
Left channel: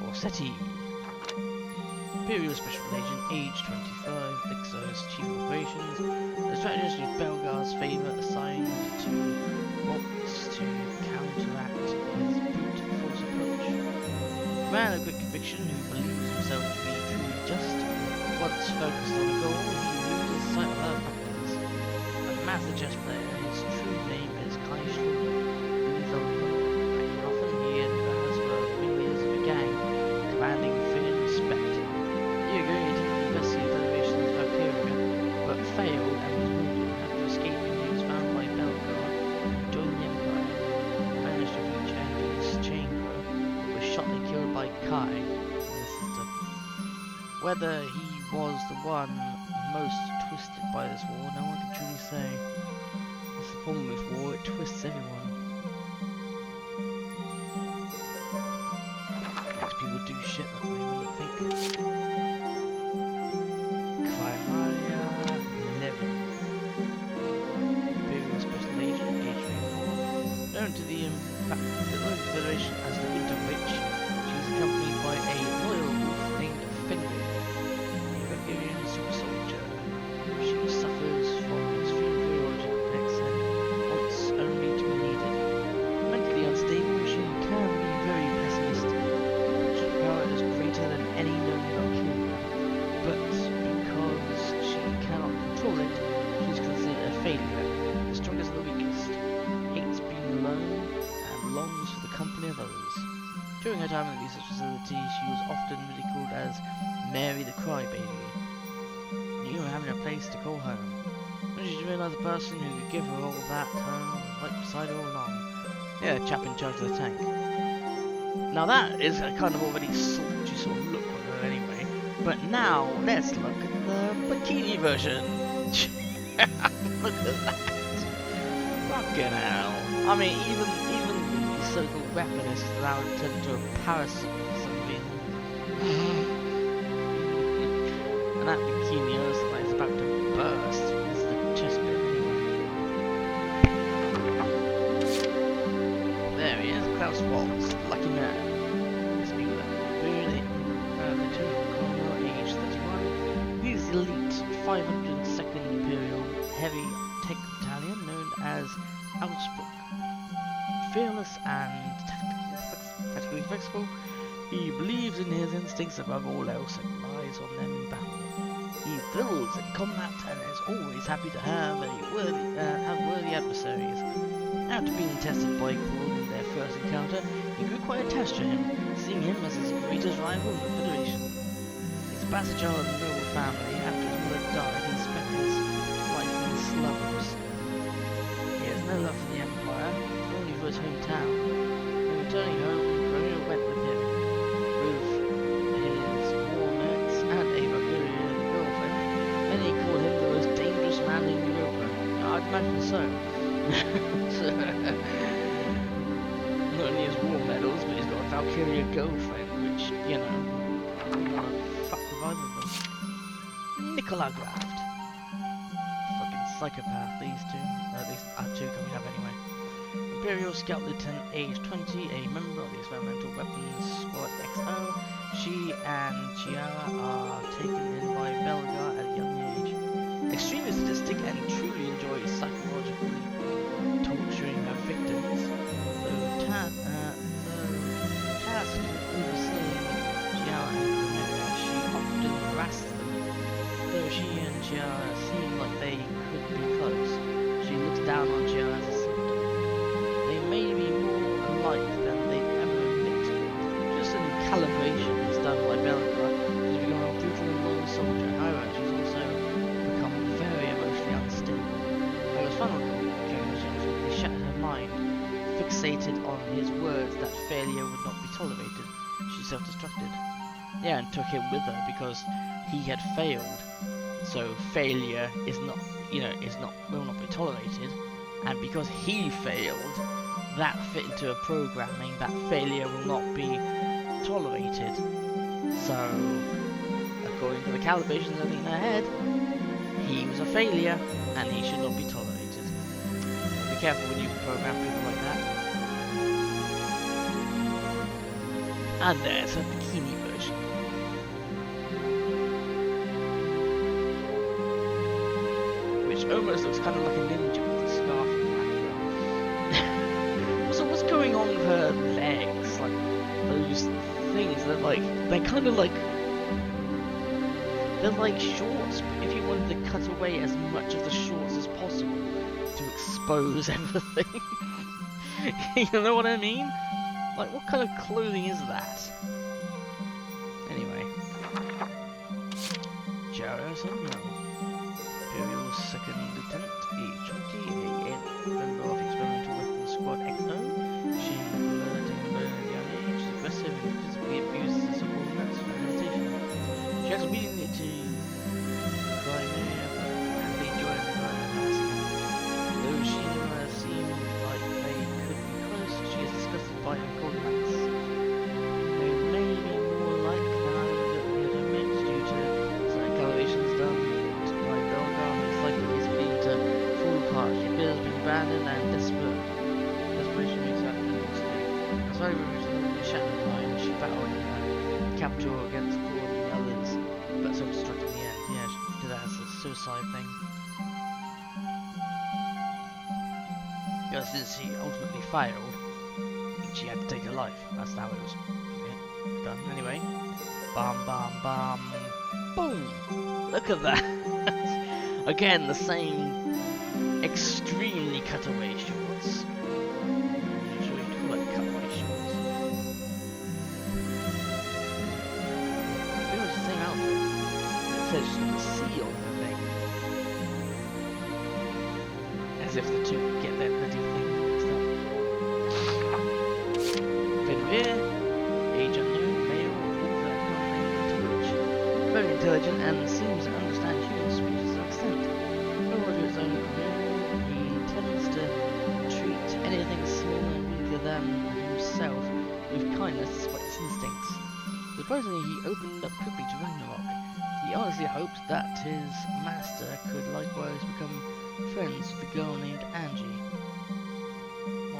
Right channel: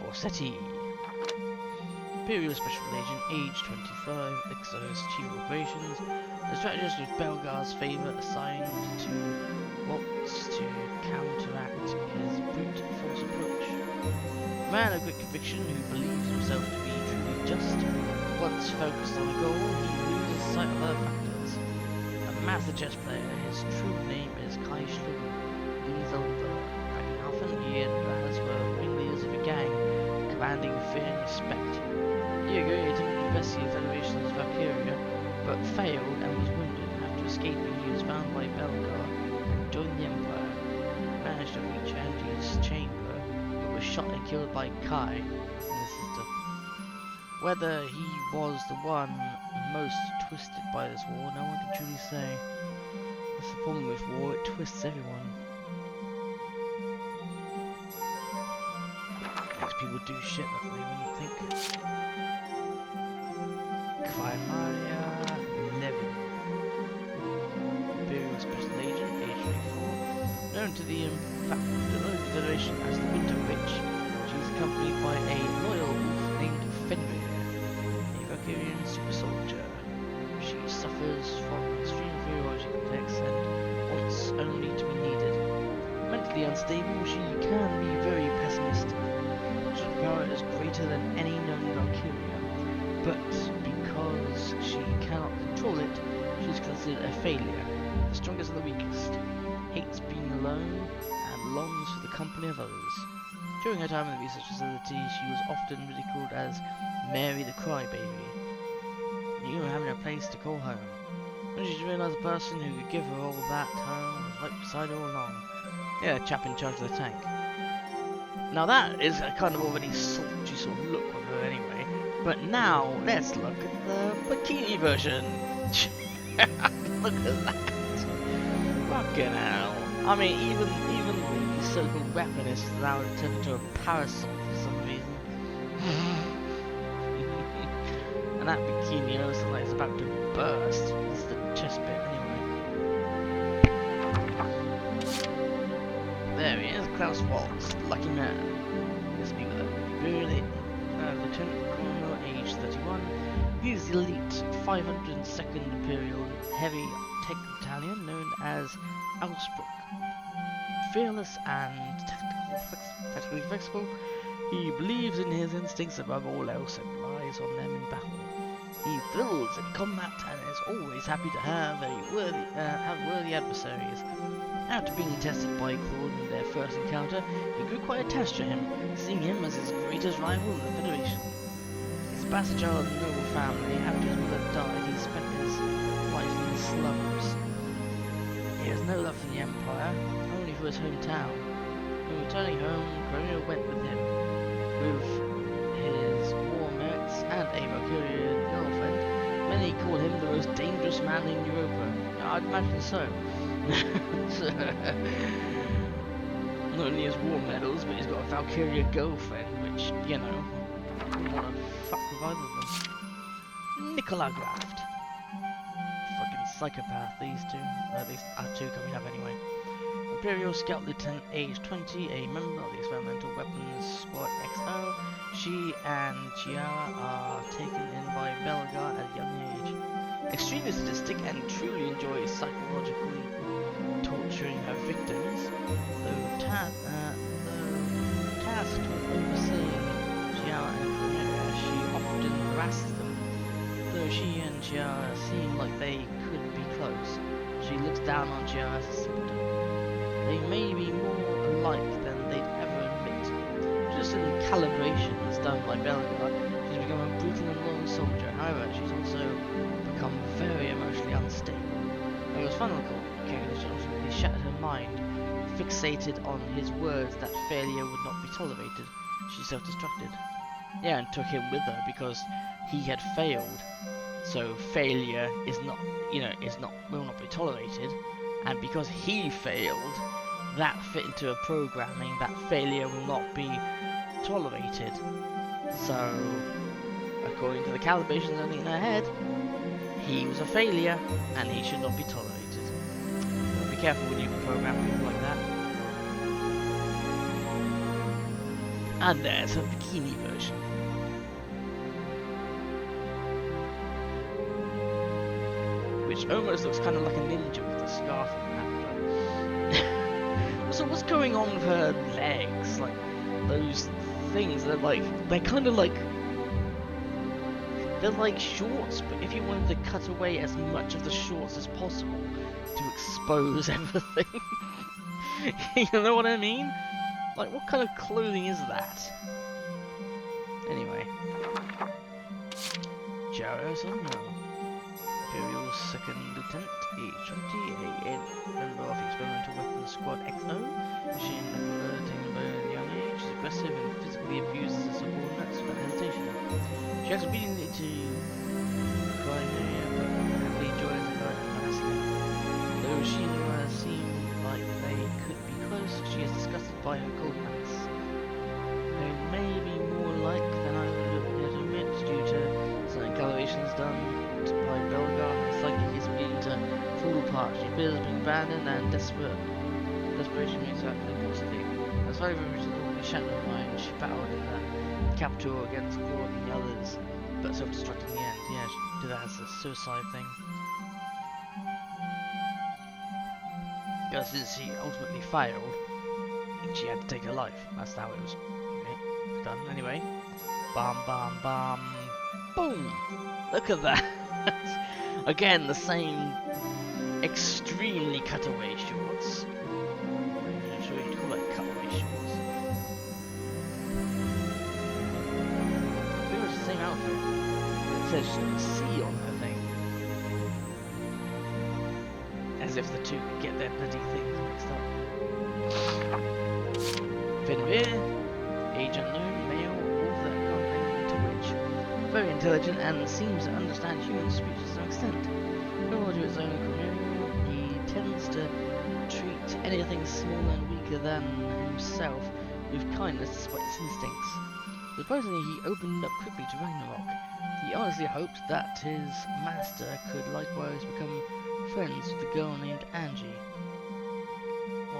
Forseti, Imperial Special Agent, age 25, Exo's Chief of Operations. The strategist with Belgar's favour assigned to Waltz to counteract his brute force approach. A man of great conviction who believes himself to be truly just. Once focused on a goal, he loses sight of other factors. A master chess player, his true name is Kai Schlum. Back in Hoffen, he and Raz were ringleaders of a gang, commanding fear and respect. A year ago, he attempted to investigate the Federation's Valkyria, but failed and was wounded. After escaping, he was found by Belgar and joined the Empire. He managed to reach Andy's chamber, but was shot and killed by Kai and his sister. Whether he was the one most twisted by this war, no one can truly say. That's the problem with war, it twists everyone. Makes people do shit that they wouldn't think. Valkyria Levin, Imperial Special Agent, age 24, known to the Federation as the Winter Witch. She is accompanied by a loyal wolf named Fenrir, a Valkyrian super soldier. She suffers from extreme inferiority complex and wants only to be needed. Mentally unstable, she can be very pessimistic. Her power is greater than any known Valkyria, but because she cannot control it, she is considered a failure, the strongest of the weakest, hates being alone, and longs for the company of others. During her time in the research facility, she was often ridiculed as Mary the Crybaby, you know, having a place to call home. When she realised the person who could give her all that home was right beside her all along. Yeah, chap in charge of the tank. Now that is a kind of already sultry sort of look on her anyway. But now, let's look at the bikini version. Look at that. Fucking hell. I mean, even the so-called weaponist now turned into a parasol for some reason. And that bikini looks like it's about to burst. This is the chest bit anyway. There he is, Klaus Waltz, lucky man. Let's meet with him. Lieutenant Colonel, age 31. He's the elite 502nd Imperial Heavy Tech Battalion known as Augsburg. Fearless and tactically flexible, he believes in his instincts above all else and relies on them in battle. He thrills in combat and is always happy to have worthy adversaries. After being tested by Claude in their first encounter, he grew quite attached to him, seeing him as his greatest rival in the Federation. His bastard child of a noble family, after his mother died, he spent his life in the slums. He has no love for the Empire, only for his hometown. When returning home, Corona went with him, with his war merits and a Valkyria girlfriend. Many call him the most dangerous man in Europa. I'd imagine so. Not only his war medals, but he's got a Valkyria girlfriend, which, you know, I wouldn't want to fuck with either of them. Nicola Graft. Fucking psychopath, these two. At least two coming up anyway. Imperial Scout Lieutenant, age 20, a member of the Experimental Weapons Squad XO. She and Chiara are taken in by Belgar at a young age. Extremely sadistic and truly enjoys psychologically torturing her victims, though tasked with overseeing Chiara and Chimera, she often harasses them. Though she and Chiara seem like they could be close, she looks down on Chiara as a symptom. They may be more alike than they'd ever admit. Just in calibrations done by Belgar, she's become a brutal and loyal soldier. However, she's also become very emotionally unstable. Her final calculation ultimately shattered her mind. Fixated on his words that failure would not be tolerated, she self-destructed. Yeah, and took him with her because he had failed. So failure is not, will not be tolerated. And because he failed, that fit into a programming that failure will not be tolerated. So, according to the calibrations only in her head, he was a failure and he should not be tolerated. So be careful when you program people like that. And there's her bikini version. Which almost looks kind of like a ninja with a scarf and hat. So what's going on with her legs? Like, those things, they're kind of like, they're like shorts, but if you wanted to cut away as much of the shorts as possible to expose everything. You know what I mean? Like, what kind of clothing is that? Anyway. Jarrison, no. Imperial 2nd Lieutenant, age 20, a member of the Experimental Weapons Squad XO. She and Nicola attained by a young age, is aggressive and physically abuses her subordinates without hesitation. She acts obediently to Crimea, but happily joins the crime of massacre. Though she and Nicola seem like they could be close, she is disgusted by her coldness. They may be more like than I would admit due to certain calibrations done by Belgar. It's likely he's beginning to fall apart. She fears being abandoned and desperation makes her act impulsively. As far as originally shattered her mind, she battled in the capital against Claude and the others, but self-destructed in the end. Yeah, she did that as a suicide thing. Because since she ultimately failed, she had to take her life. That's how it was done. Anyway, bam, bam, bam, boom! Look at that. Again, the same extremely cutaway shorts. I'm not sure you'd call it cutaway shorts. Pretty much the same outfit. But it says she's got a C on her thing. As if the two could get their bloody things mixed up. Fenrir, age unknown, male, author, can't name until which. Very intelligent and seems to understand human speech to some extent. Loyal to his own community, he tends to treat anything smaller and weaker than himself with kindness despite his instincts. Surprisingly, he opened up quickly to Ragnarok. He honestly hoped that his master could likewise become friends with a girl named Angie.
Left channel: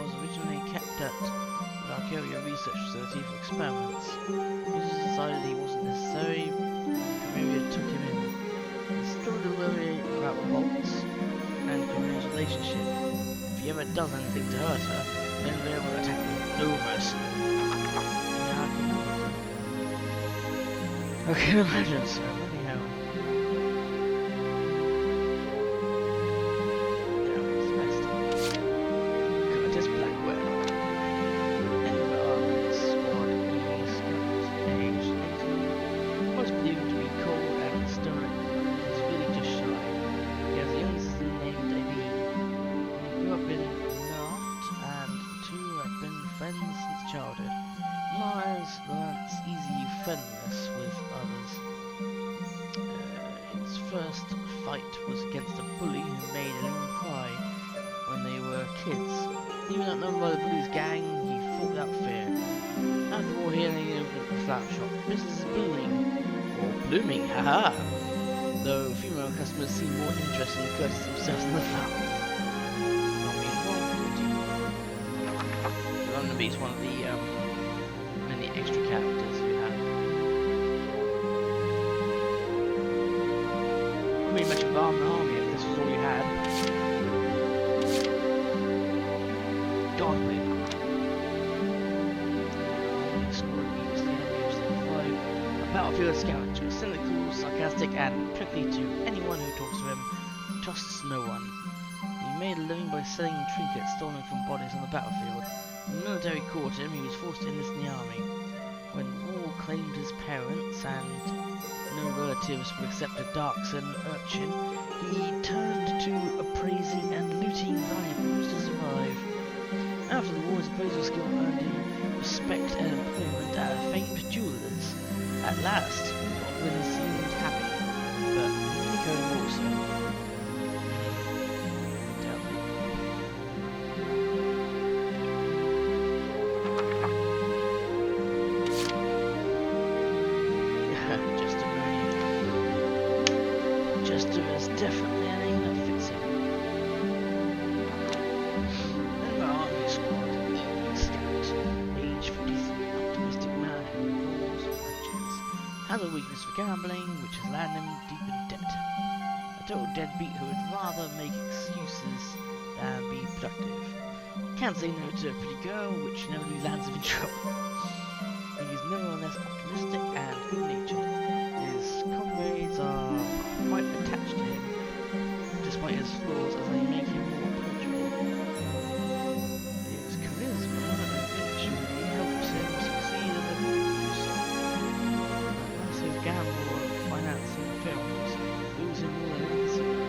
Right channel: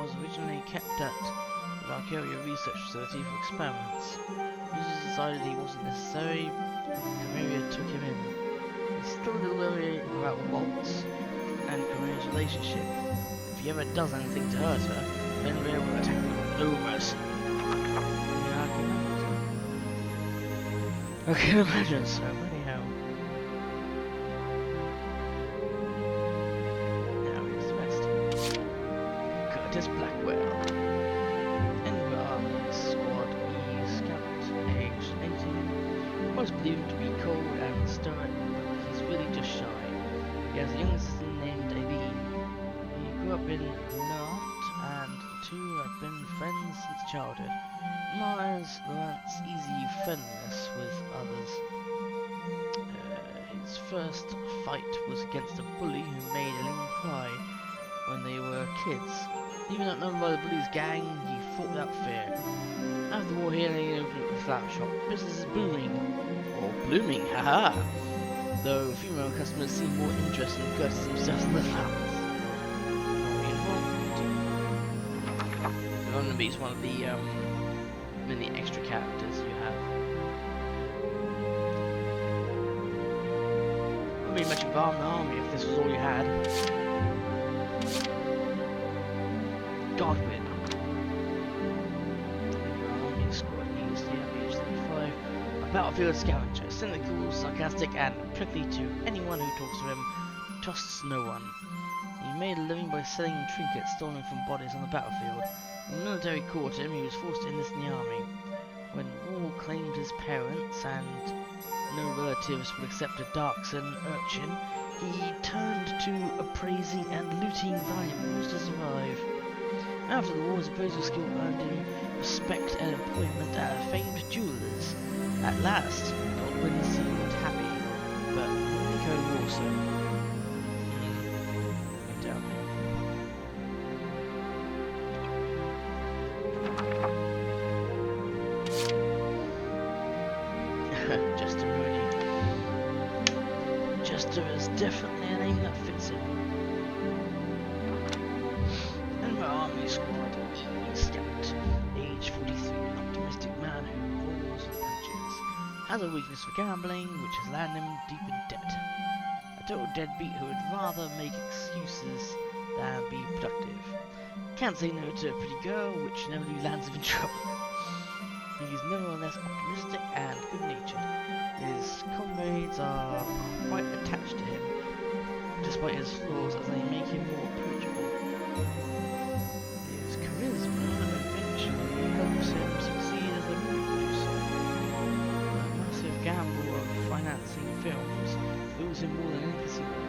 was originally kept at the Valkyria Research Facility for experiments. Users decided he wasn't necessary. Chimera took him in. He's still a little worried about Waltz and Chimera's relationship. If he ever does anything to hurt her, then Rhea will attack him. No mercy. Yeah, I can imagine so. I can imagine so. Bloody hell. Now here's the rest. Curtis Blackwell. Enver Army Squad E Scout, aged 18. Most believe him to be cold and stoic, but he's really just shy. He has a young sister named Aileen. He grew up in Nantes, and the two have been friends since childhood. Myers learns easy friendliness with others. His first fight was against a bully who made Aileen cry when they were kids. Even outnumbered by the bully's gang, he fought without fear. After the war, he and Aileen opened up a flower shop. Business is booming. Or blooming, haha! Though female customers seem more interested in Curtis themselves than the flowers. So Barnaby is one of the many extra characters you have. Wouldn't be much of an army if this was all you had. Godwin. Army Squad East, age 35. A battlefield scavenger, cynical, sarcastic, and prickly to anyone who talks to him, trusts no one. He made a living by selling trinkets stolen from bodies on the battlefield. When the military caught him, he was forced to enlist in the army. When war claimed his parents and no relatives would accept a Darkson urchin, he turned to appraising and looting valuables to survive. After the war, his appraisal skill earned him respect and employment at a famed jeweller's. At last, Godwin seemed happy, but Nico also. Doubt it. Jester Mooney. Jester is definitely a name that fits him. And my army squad, E Scout, age 43, optimistic man who rolls the punches. Has a weakness for gambling, which has landed him deep in debt. A total deadbeat who would rather make excuses than be productive. Can't say no to a pretty girl, which never lands him in trouble. He is nevertheless optimistic and good-natured. His comrades are quite attached to him, despite his flaws, as they make him more approachable. His charisma eventually helps him succeed as a movie producer. A massive gamble of financing films thrills him more than any casino.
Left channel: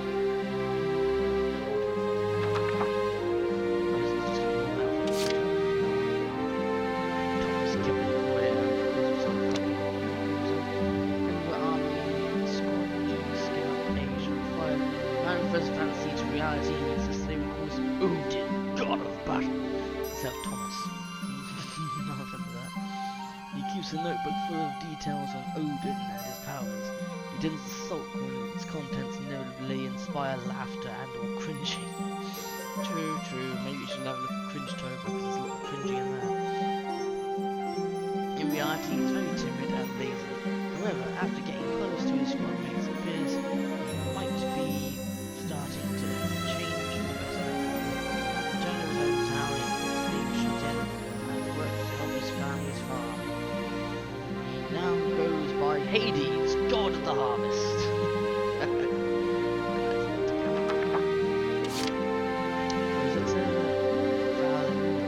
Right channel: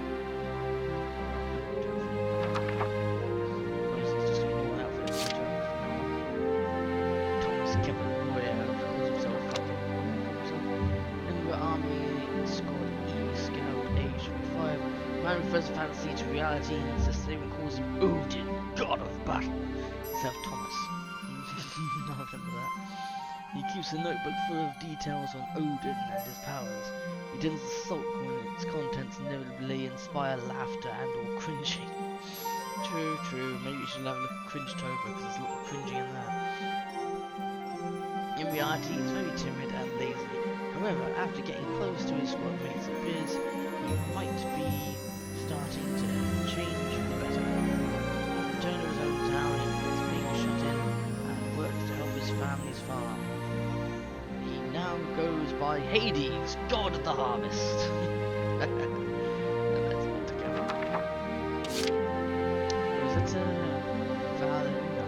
Man refers fantasy to reality and insists even calls him Odin, god of battle, instead of Thomas. I remember that. He keeps a notebook full of details on Odin and his powers. He tends to sulk when its contents inevitably inspire laughter and or cringing. True, maybe you should have a look at Cringe-tober because there's a lot of cringing in that. In reality, he's very timid and lazy. However, after getting close to his squad mates, it appears he might be starting to change for the better. At the return to his hometown, he quits being shut in and works to help his family's farm. He now goes by Hades, god of the harvest. And that's not to go. Rosetta Valeriana.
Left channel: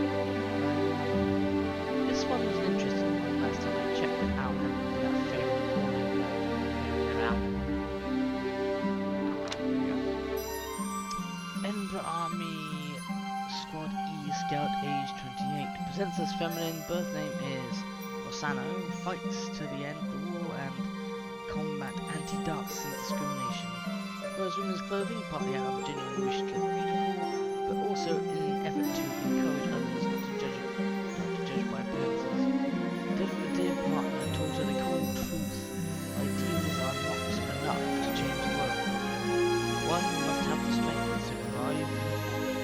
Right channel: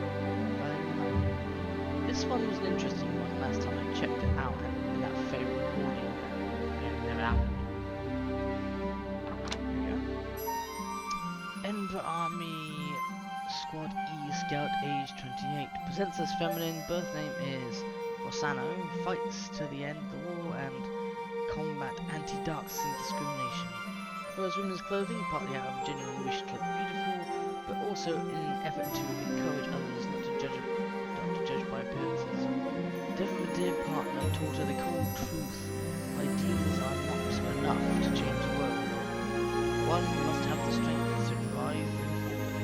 This one was an interesting one last time I checked it out in that failed recording that never happened. Edinburgh Army Squad E Scout, age 28. Presents as feminine, birth name is Rossano, fights to the end of the war and combat anti-Darkson discrimination. Prefers women's clothing, partly out of a genuine wish to look beautiful, but also in an effort to encourage others not to judge by appearances. Death of a dear partner taught her the cold truth. Ideals are not enough to change the world. One must have the strength to drive them forward.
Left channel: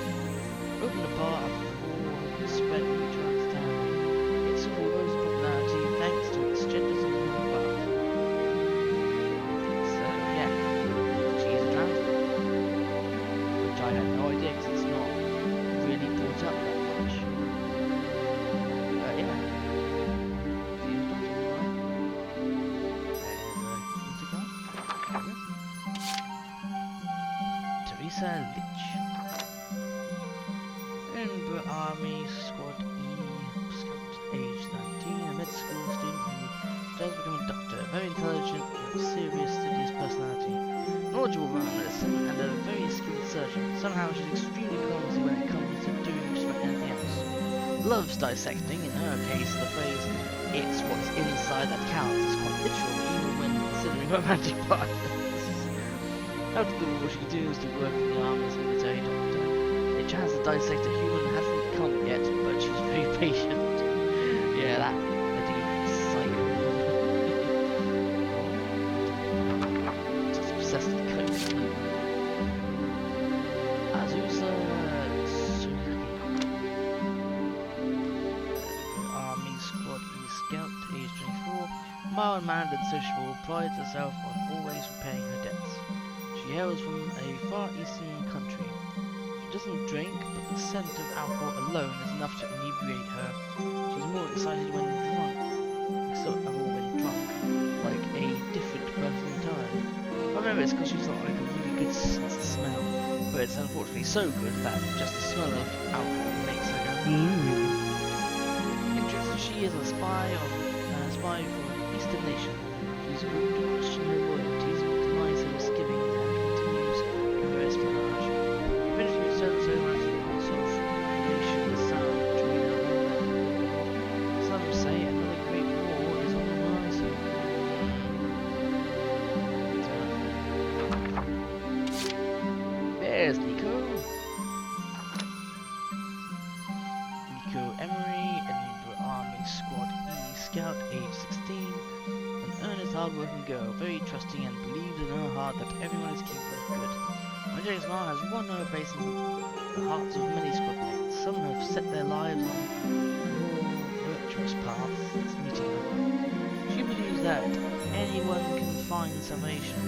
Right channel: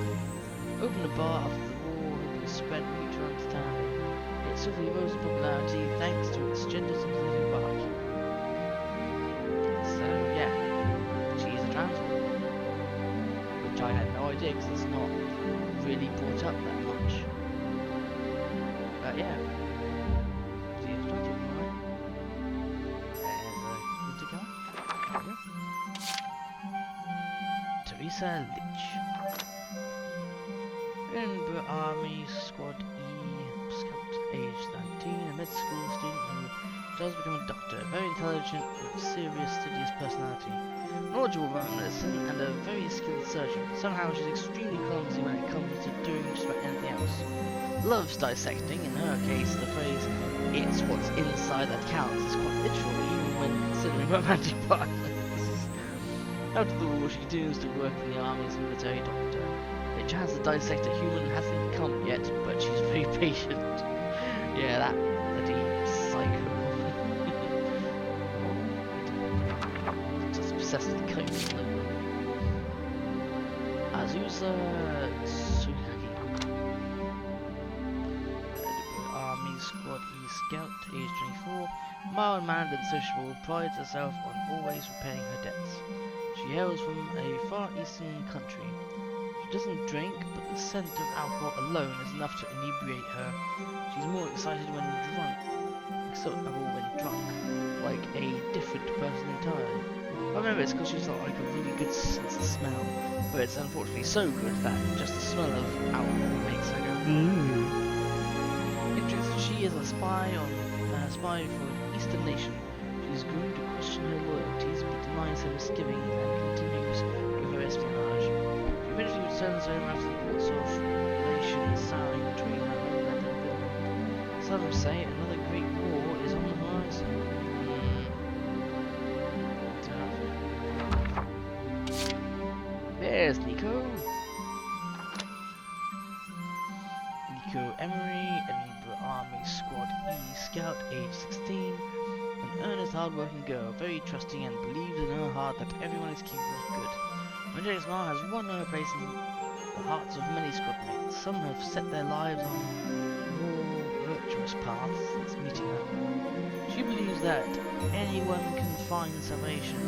Opened a bar after the war has spread mutual understanding. It swiftly rose in popularity thanks to its gender sympathetic bark. So yeah, she is a trans woman, which I had no idea because it's not really brought up that much. But yeah, she is a trans woman, alright. There's a winter car. There we go. Teresa Litch. Edinburgh Army Squad E Scout, age 13, a med school student who does become a doctor, very intelligent with serious, studious personality, knowledgeable about medicine, and a very skilled surgeon. Somehow she's extremely clumsy when it comes to doing just about anything else. Loves dissecting. In her case, the phrase "it's what's inside that counts" is quite literal, even when considering romantic partners. After the war, she continues to work in the army as a military doctor. A chance to dissect a human hasn't come yet, but she's very patient. Yeah, that bloody psycho woman. Oh, just obsessed with coke. Azusa Sulaki. Army Squad E Scout, age 24. Mild-mannered and sociable, prides herself on always repaying her debts. She hails from a far eastern country. She doesn't drink, but the scent of alcohol alone is enough to inebriate her. She's more excited when drunk, like a different person entirely. I remember it's because she's got like a really good sense of smell, but it's unfortunately so good that just the smell of alcohol makes her go Interested, she is a spy for an eastern nation. She's groomed to question her loyalties, but denies her misgivings and continues with her espionage. Eventually returns home after reports of relations souring between her homeland and Finland. Some say another great war is on the horizon. There's Nico. Nico Emery, Edinburgh Army Squad E Scout, age 16. An earnest, hard-working girl, very trusting and believes in her heart that everyone is capable of good. Angelic Smile has won her place in the hearts of many squadmates. Some have set their lives on more virtuous paths since meeting her. She believes that anyone can find salvation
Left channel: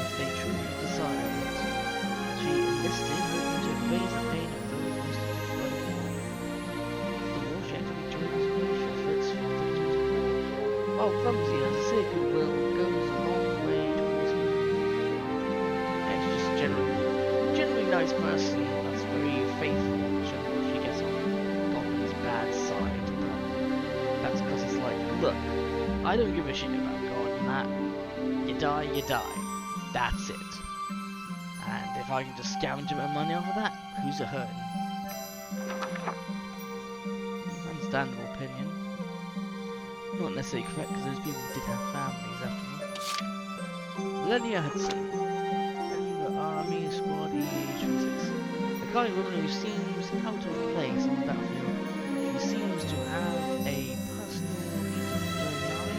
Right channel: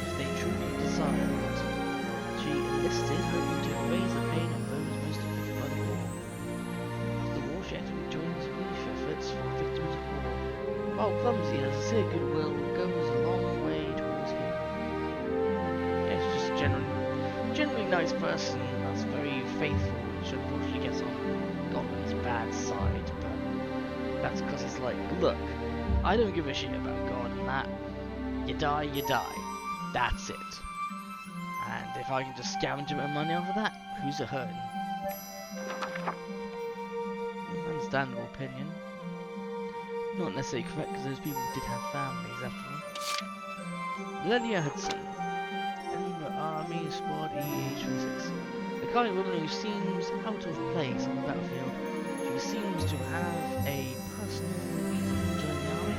if they truly desire it. She enlisted hoping to erase the pain of those most affected by the war. After the war, she actively joins relief efforts for victims of war. While clumsy, her sincere goodwill goes a long way towards healing. Yeah, she's just generally nice person that's very faithful, which unfortunately gets on Godwin's bad side, but that's because he's like, look, I don't give a shit about God and that. You die, you die. That's it. And if I can just scavenge a bit of money off of that, who's it hurting? Understandable opinion. Not necessarily correct because those people did have families after all. Lydia Hudson. Edinburgh Army Squad EH26. The kind of woman who seems out of place on the battlefield. She seems to have a personal reason to join the army.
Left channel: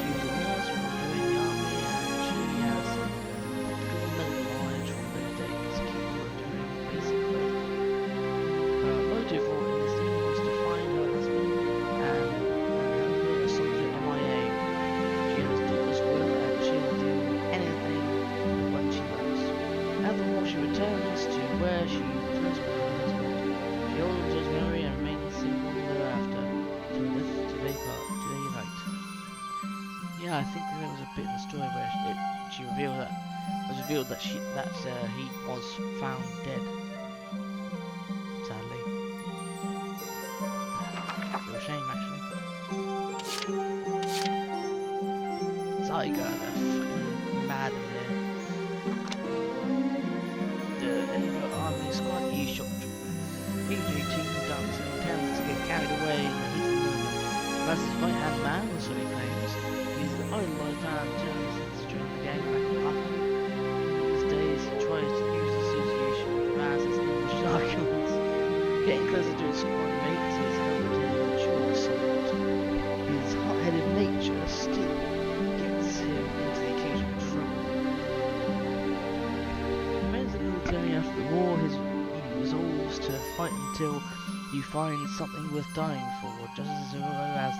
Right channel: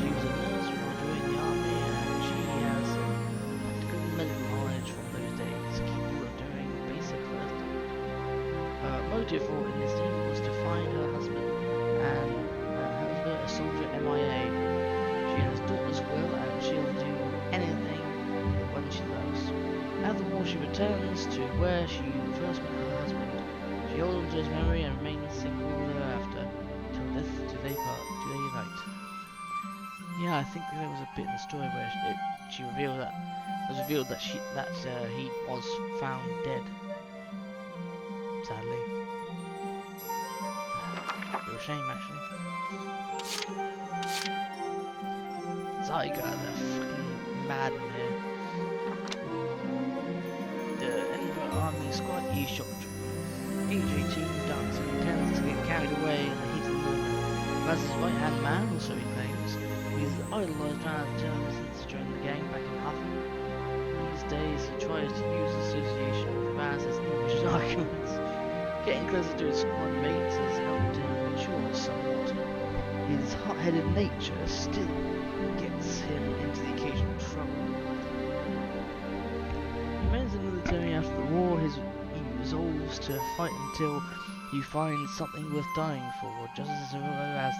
She was a nurse before joining the army and she has some practical medical knowledge from those days, capable of doing basic first aid. Her motive for enlisting was to find her husband and a soldier MIA. She has daughters well and she'll do anything the one she loves. After the war she returns to where she first met her husband. She holds on to his memory and remains single thereafter. Till death do they unite. Yeah, I think there was a bit in the story where she revealed that he was found dead. Sadly. Real shame actually. Zyga, they're fucking mad in here. The Edinburgh Army Squad E-Shock Trooper. Age 18, Darkson tends to get carried away in the heat of the moment. As his right-hand man, or so he claims, he's idolised journalists during the gang back in Huffman. These days he tries to use association with Raz as individual arguments. Getting closer to his squad mates has helped him mature somewhat. His hot-headed nature still gets him into the occasional trouble. He remains in the military after the war. He was resolves to fight until you find something worth dying for, just as the winter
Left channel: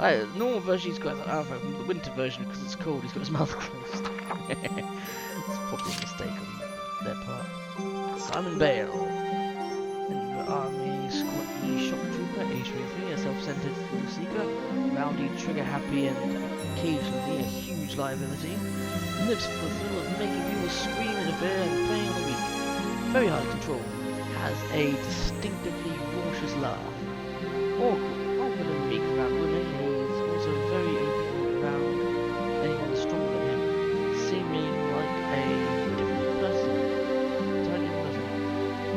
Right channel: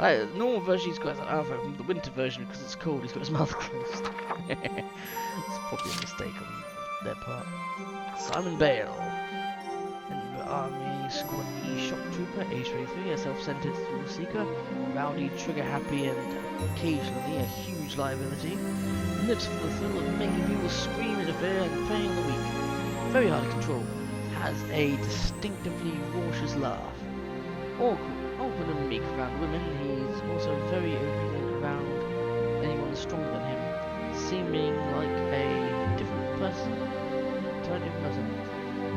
version. Normal version he's got his arm open, the winter version because it's cold he's got his mouth closed. It's probably a mistake on their part. Simon Bale. In the Army Squad E Shock Trooper, age 23, a self-centered thrill seeker, rowdy, trigger-happy, and occasionally a huge liability. Lives for the thrill of making people scream in fear and preying on the weak. Very hard to control. Has a distinctively raucous laugh. Awkward and meek around women, he's also very obedient around anyone stronger than him, seeming like a different person. Entirely different person.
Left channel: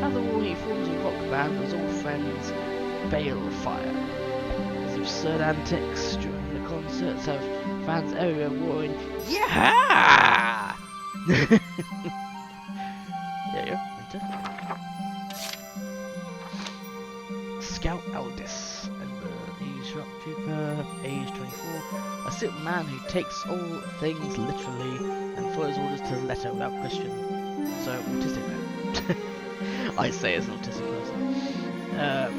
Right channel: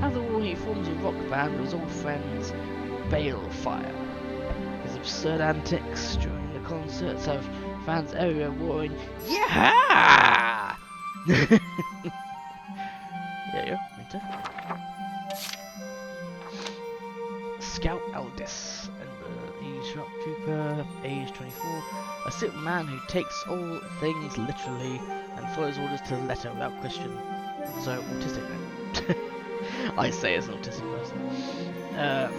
After all, he forms a rock band with his old friends, Balefire. His absurd antics during the concerts have fans everywhere roaring, "Yeah!" There you go, enter. Scout Aldis, and the Shock Trooper, age 24, a simple man who takes all things literally and follows orders to the letter without question. So, autistic then. I say as an autistic person.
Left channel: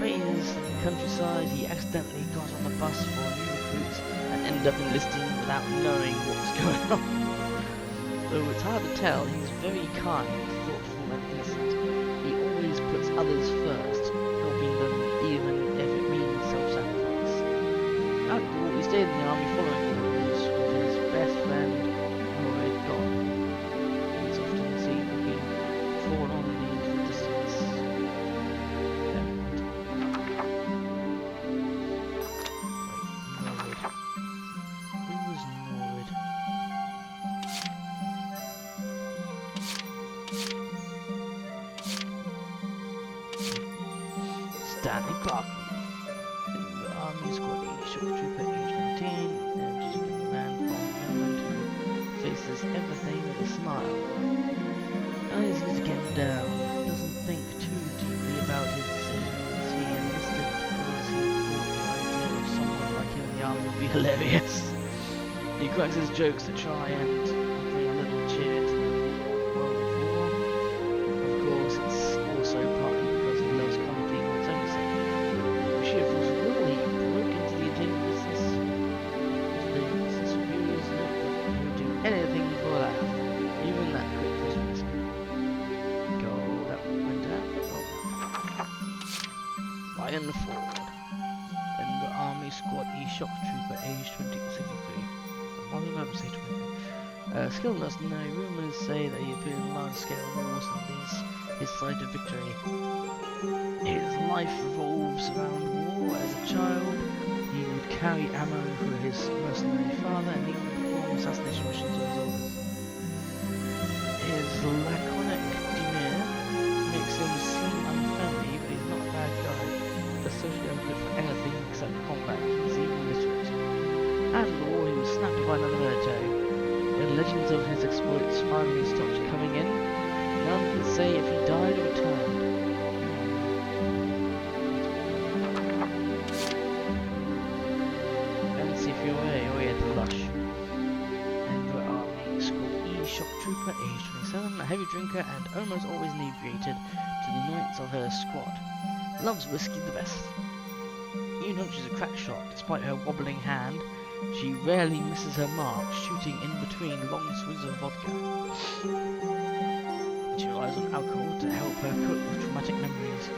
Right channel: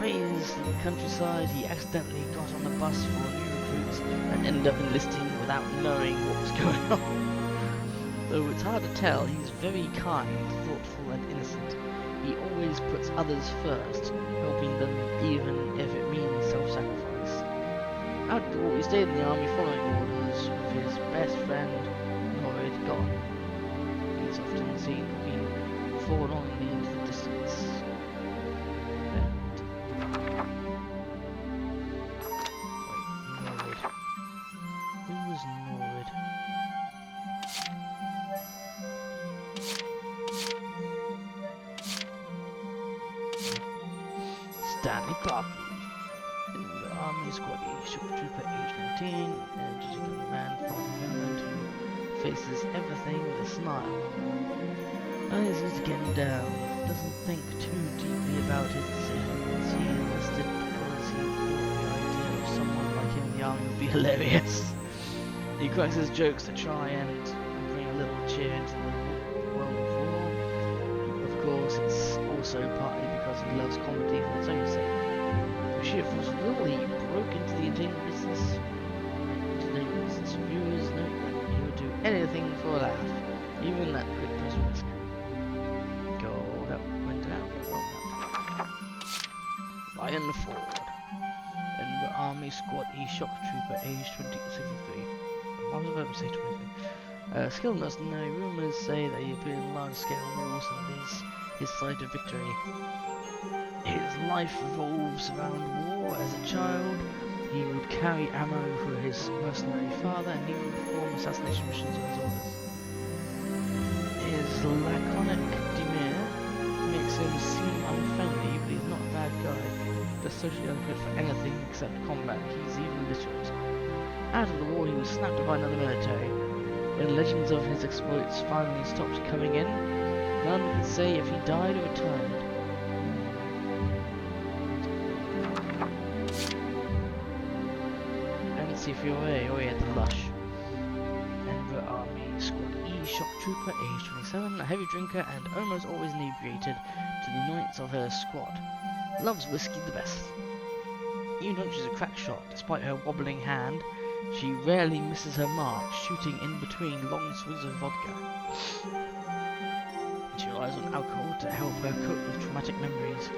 Raised in the countryside, he accidentally got on a bus for new recruits and ended up enlisting without knowing what was going on. Though it's hard to tell, he's very kind, thoughtful and innocent. He always puts others first, helping them even if it means self-sacrifice. After the war, he stayed in the army following orders with his best friend, Norrid gone. He's often seen looking forlornly into the distance. Wait, Norrid. Who was Norrid? Stanley Barkley. In the Army Squad E Shock Trooper, age 19, energetic young man from Finland who faces everything with a smile. He's getting down, doesn't think too deeply about his decisions. He enlisted because he thought the idea of someone like him in the army would be hilarious. He cracks his jokes to try and bring a little cheer into the world of war. Of course, it's also partly because he loves comedy for its own sake. With sheer force of will, he broke into the entertainment business. Reviewers note that he would do anything for a laugh, even that quick prison risk. That went out. Ryan Ford. In the Army Squad E Shock Trooper, age 63. Why was I about to say 23? Skilled mercenary, rumours say that he appeared in large-scale wars and is his side of victory. His life revolves around war. As a child, he would carry ammo for his mercenary father and even perform assassination missions on his orders. His laconic demeanour makes him seem unfriendly, but he's not a bad guy. They're socially unfit for anything except combat. He's even literate. After the war, he was snapped by another military. When legends of his exploits finally stopped coming in, none could say if he died or returned. NC308, oh yeah, the Lush. Enver Army Squad E Shock Trooper, age 27, a heavy drinker and almost always inebriated to the annoyance of her squad. Loves whiskey the best. Even though she's a crack shot, despite her wobbling hand, she rarely misses her mark, shooting in between long swigs of vodka. She relies on alcohol to help her cope with traumatic memories.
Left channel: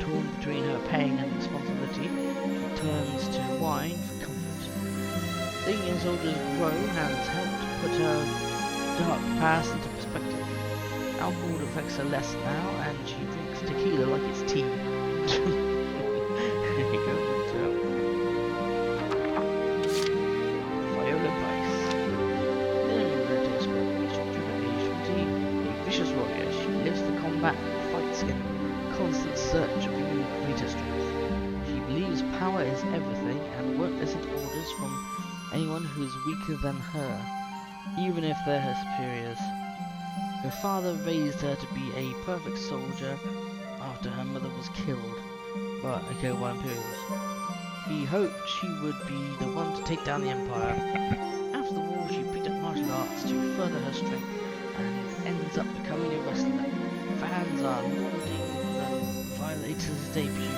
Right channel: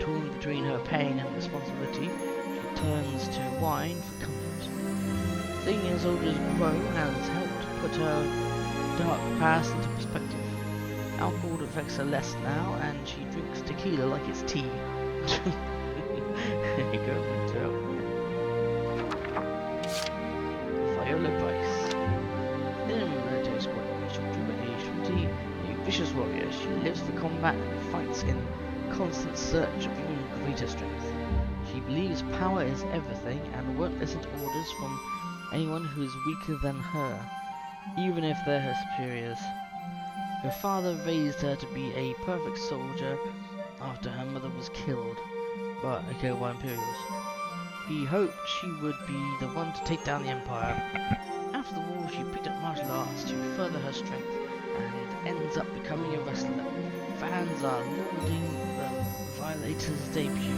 Torn between her pain and responsibility, she turns to wine for comfort. Seeing her soldiers grow has helped put her dark past into perspective. Alcohol affects her less now, and she drinks tequila like it's tea. There you go, Viola Price. In the military squad, Shock Trooper, age 20, a vicious warrior. She lives for combat and fights in constant search of even greater strength. She believes power is everything and won't listen to orders from anyone who is weaker than her, even if they're her superiors. Her father raised her to be a perfect soldier after her mother was killed by Imperials. He hoped she would be the one to take down the Empire. After the war, she picked up martial arts to further her strength and ends up becoming a wrestler. Fans are lauding the Violator's debut.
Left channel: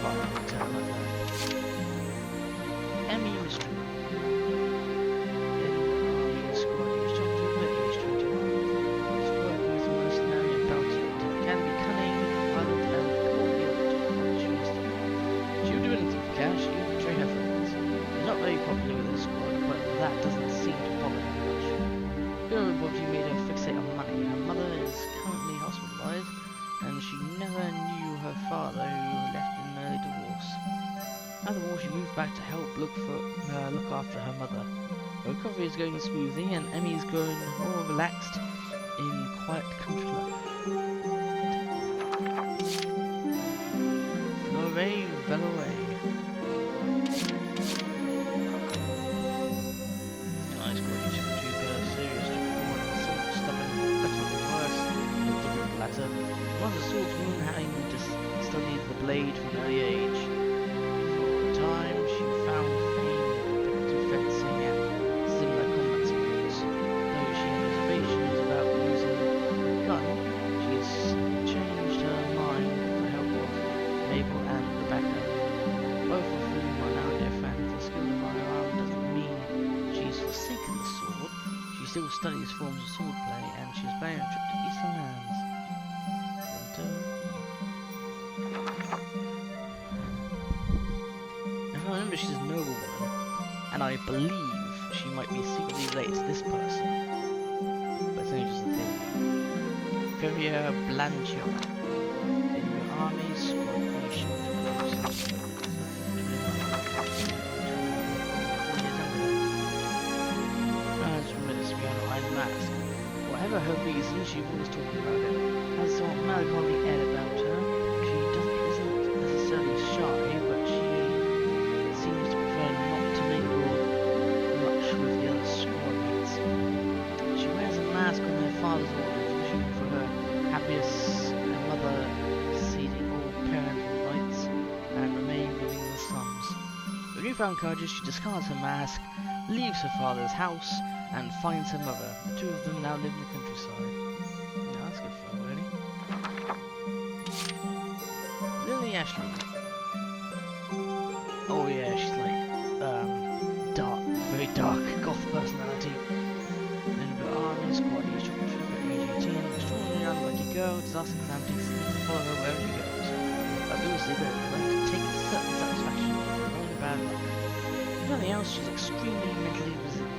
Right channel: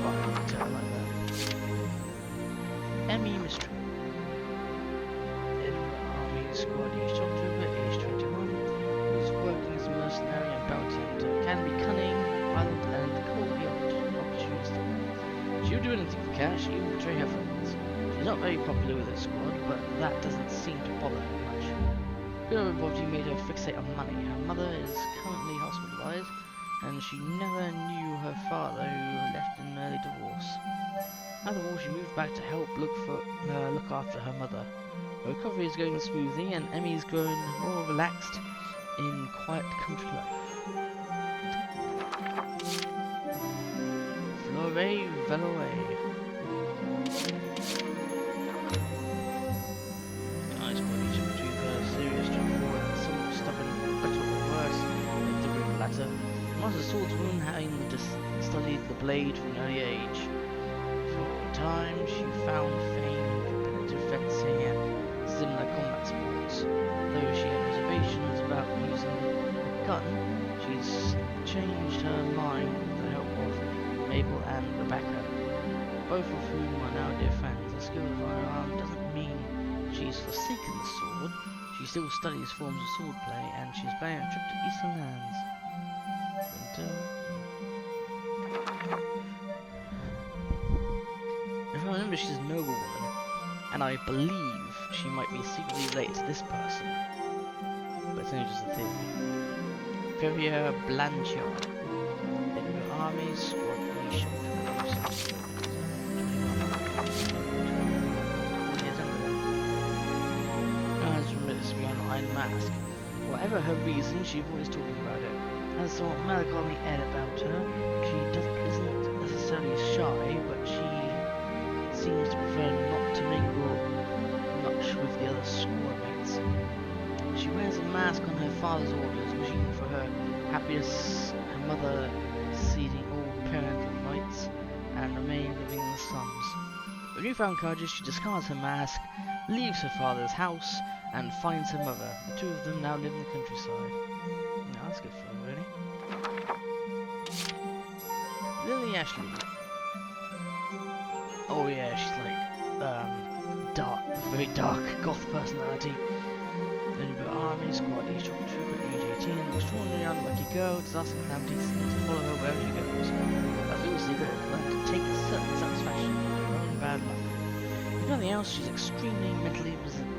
Violator, I like that. Emmy Mystery. Army Squad East October, age 21. Is working as a mercenary and bounty hunter. Can be cunning, violent, and coldly opportunistic. She'll do anything for cash, even betray her friends. She's not very popular with her squad, but that doesn't seem to bother her much. Her poverty made her fixate on money. Her mother is currently hospitalized, and she never knew her father, who left in an early divorce. After the war, she moved back to help look after her mother. Her recovery is going smoothly, and Emmy's grown more relaxed in quiet country life. Flore Veloe. Nice coordination of trooper, serious, straightforward, and somewhat stubborn, better or worse, with the group latter. Master swordswoman, having studied the blade from an early age. For a time, she found fame in competitive fencing and similar combat sports. Though she had reservations about using a gun, she's changed her mind with the help of Mabel and Rebecca, both of whom are now dear friends. Her skill of firearm doesn't mean she's forsaken the sword. She still studies forms of swordplay, and she's planning a trip to Eastern Lands. If I remember, she's a noblewoman, and I believe she might be secretly related to this person, but it's only just a theory. Valkyria Blanchard. In your army, squad E short. 4 years younger. As remits to be on Iron Mask. Whatever her reason, she's always talking about it. Has some melancholy air about her. She isn't necessarily shy, but she seems to prefer not to mingle much with the other squad mates. She wears a mask on her father's orders, wishing for her happiness, her mother ceding all parental rights, and remaining living in the slums. With newfound courage, she discards her mask, leaves her father's house, and finds her mother. The two of them now live in the countryside. No, that's good for her, really. Lily Ashley. Oh yeah, she's like, dark, very dark, goth personality. Member Army, Squad East Trooper, age 18, extraordinary unlucky girl, disaster and calamity seems to follow her wherever she goes. That's all secret, learn to take a certain satisfaction in her own bad luck. If nothing else, she's extremely mentally resilient.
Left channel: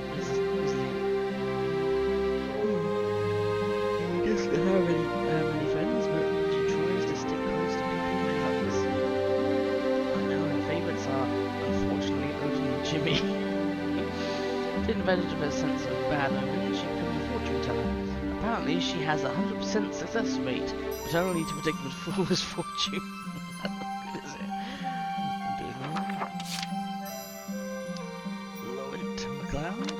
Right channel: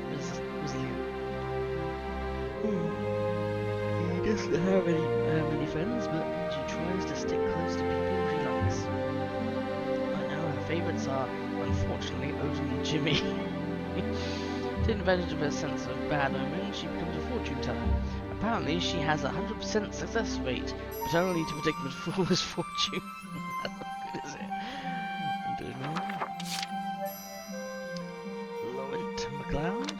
She doesn't have many friends, but she tries to stick close to people she likes. Right now, her favourites are, unfortunately, Odin and Jimmy. Taking advantage of her sense of bad omens, she becomes a fortune teller. Apparently, she has a 100% success rate, but only to predict the fool's fortune. That's not good, is it? Lawrence McLeod.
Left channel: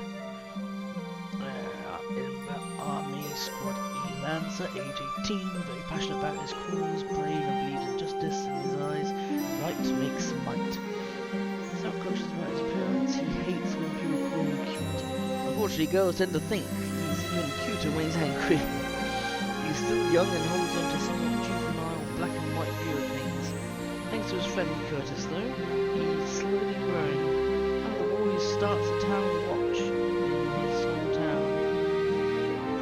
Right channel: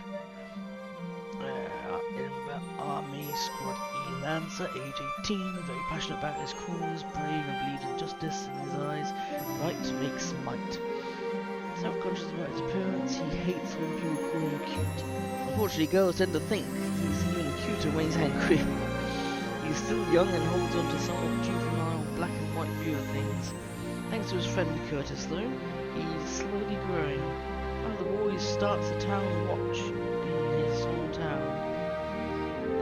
Army Squad E Lancer, age 18, very passionate about his cause, brave and believes in justice in his eyes. Right makes might. Self-conscious about his appearance, he hates when people call him cute. Unfortunately, girls tend to think he's even cuter when he's angry. He's still young and holds on to somewhat juvenile black and white view of things. Thanks to his friend Curtis, though, he's slowly growing. One of the boys starts a town watch in his hometown.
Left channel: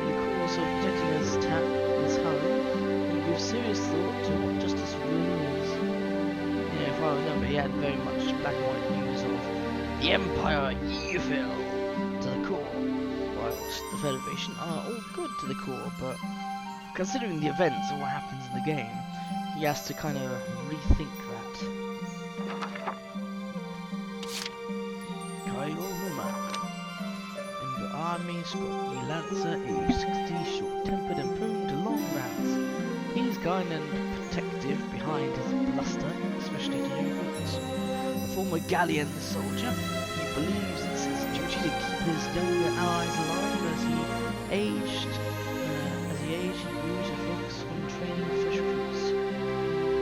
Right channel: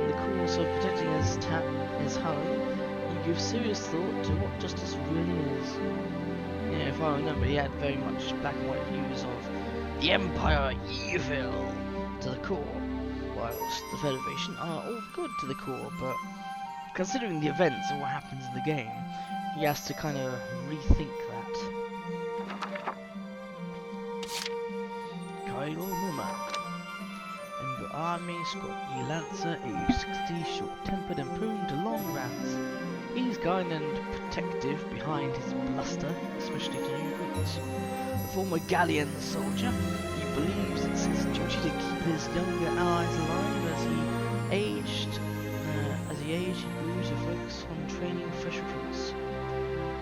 In the course of protecting his home, he gives serious thought to what justice really is. Yeah, if I remember, he had very much black and white views of the Empire evil to the core, whilst the Federation are all good to the core, but considering the events and what happens in the game, he has to kind of rethink that. Kyle Numa. In the Army, Squad E Lancer, age 60, short-tempered and prone to long rants. He's kind and protective behind his bluster, especially to new recruits. A former Gallian soldier, he believes it's his duty to keep his younger allies alive. As he aged, he grew to focus on training fresh recruits.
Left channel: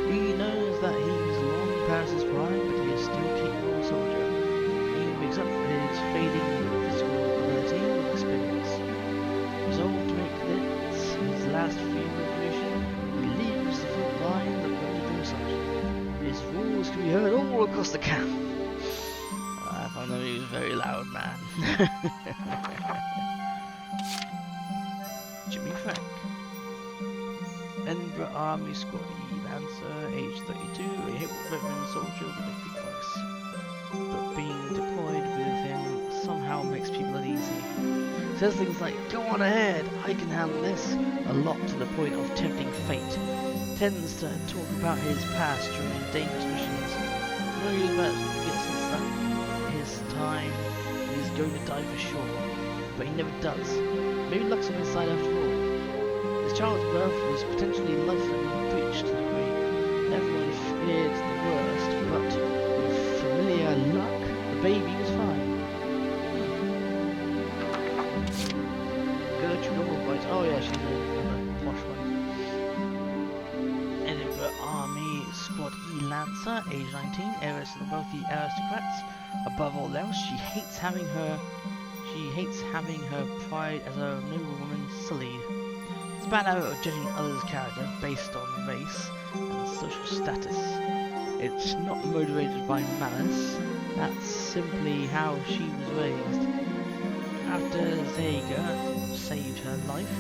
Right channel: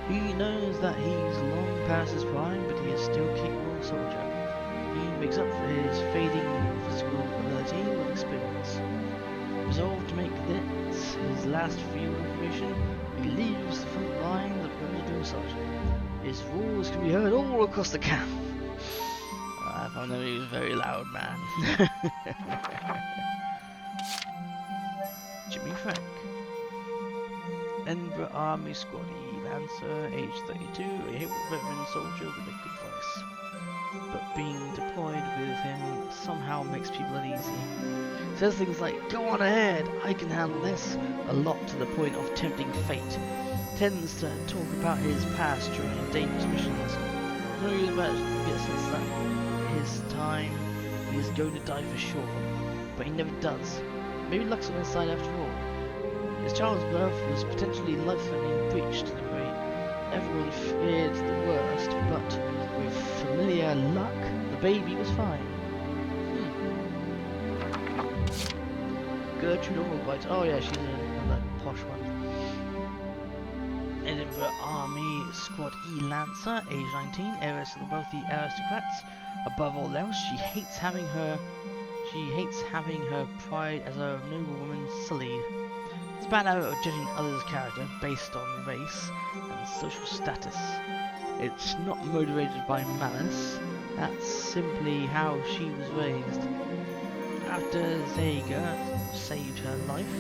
He knows that he's long past his prime, but he is still a capable soldier. He makes makes up for his fading physical ability with experience. Resolved to make this his last field of operation, he leaves the front lines and becomes a drill sergeant. His roars can be heard all across the camp. I found that he was a very loud man. Jimmy Frank. Edinburgh Army Squad E Lancer, age 32, a hip veteran soldier with a good voice. But being deployed with him somehow makes people uneasy. Says things like, "Go on ahead, I can handle this," a lot to the point of tempting fate. Tends to talk about his past during dangerous missions. No use about to get a sense that his time he's going to die for sure, but he never does. Maybe luck's on his side after all. His child's birth was potentially life-threatening breach to the degree. Everyone feared the worst, but with familiar luck, the baby was fine. Gertrude Albright. Oh yeah, she's another posh one. Edinburgh Army Squad E Lancer, age 19, heiress of the wealthy aristocrats. Above all else, she hates having her pride as a noble woman sullied. It's a bad habit of judging others' character based on race and social status. It's not motivated by malice. That's simply how she was raised. After Zager saved her life,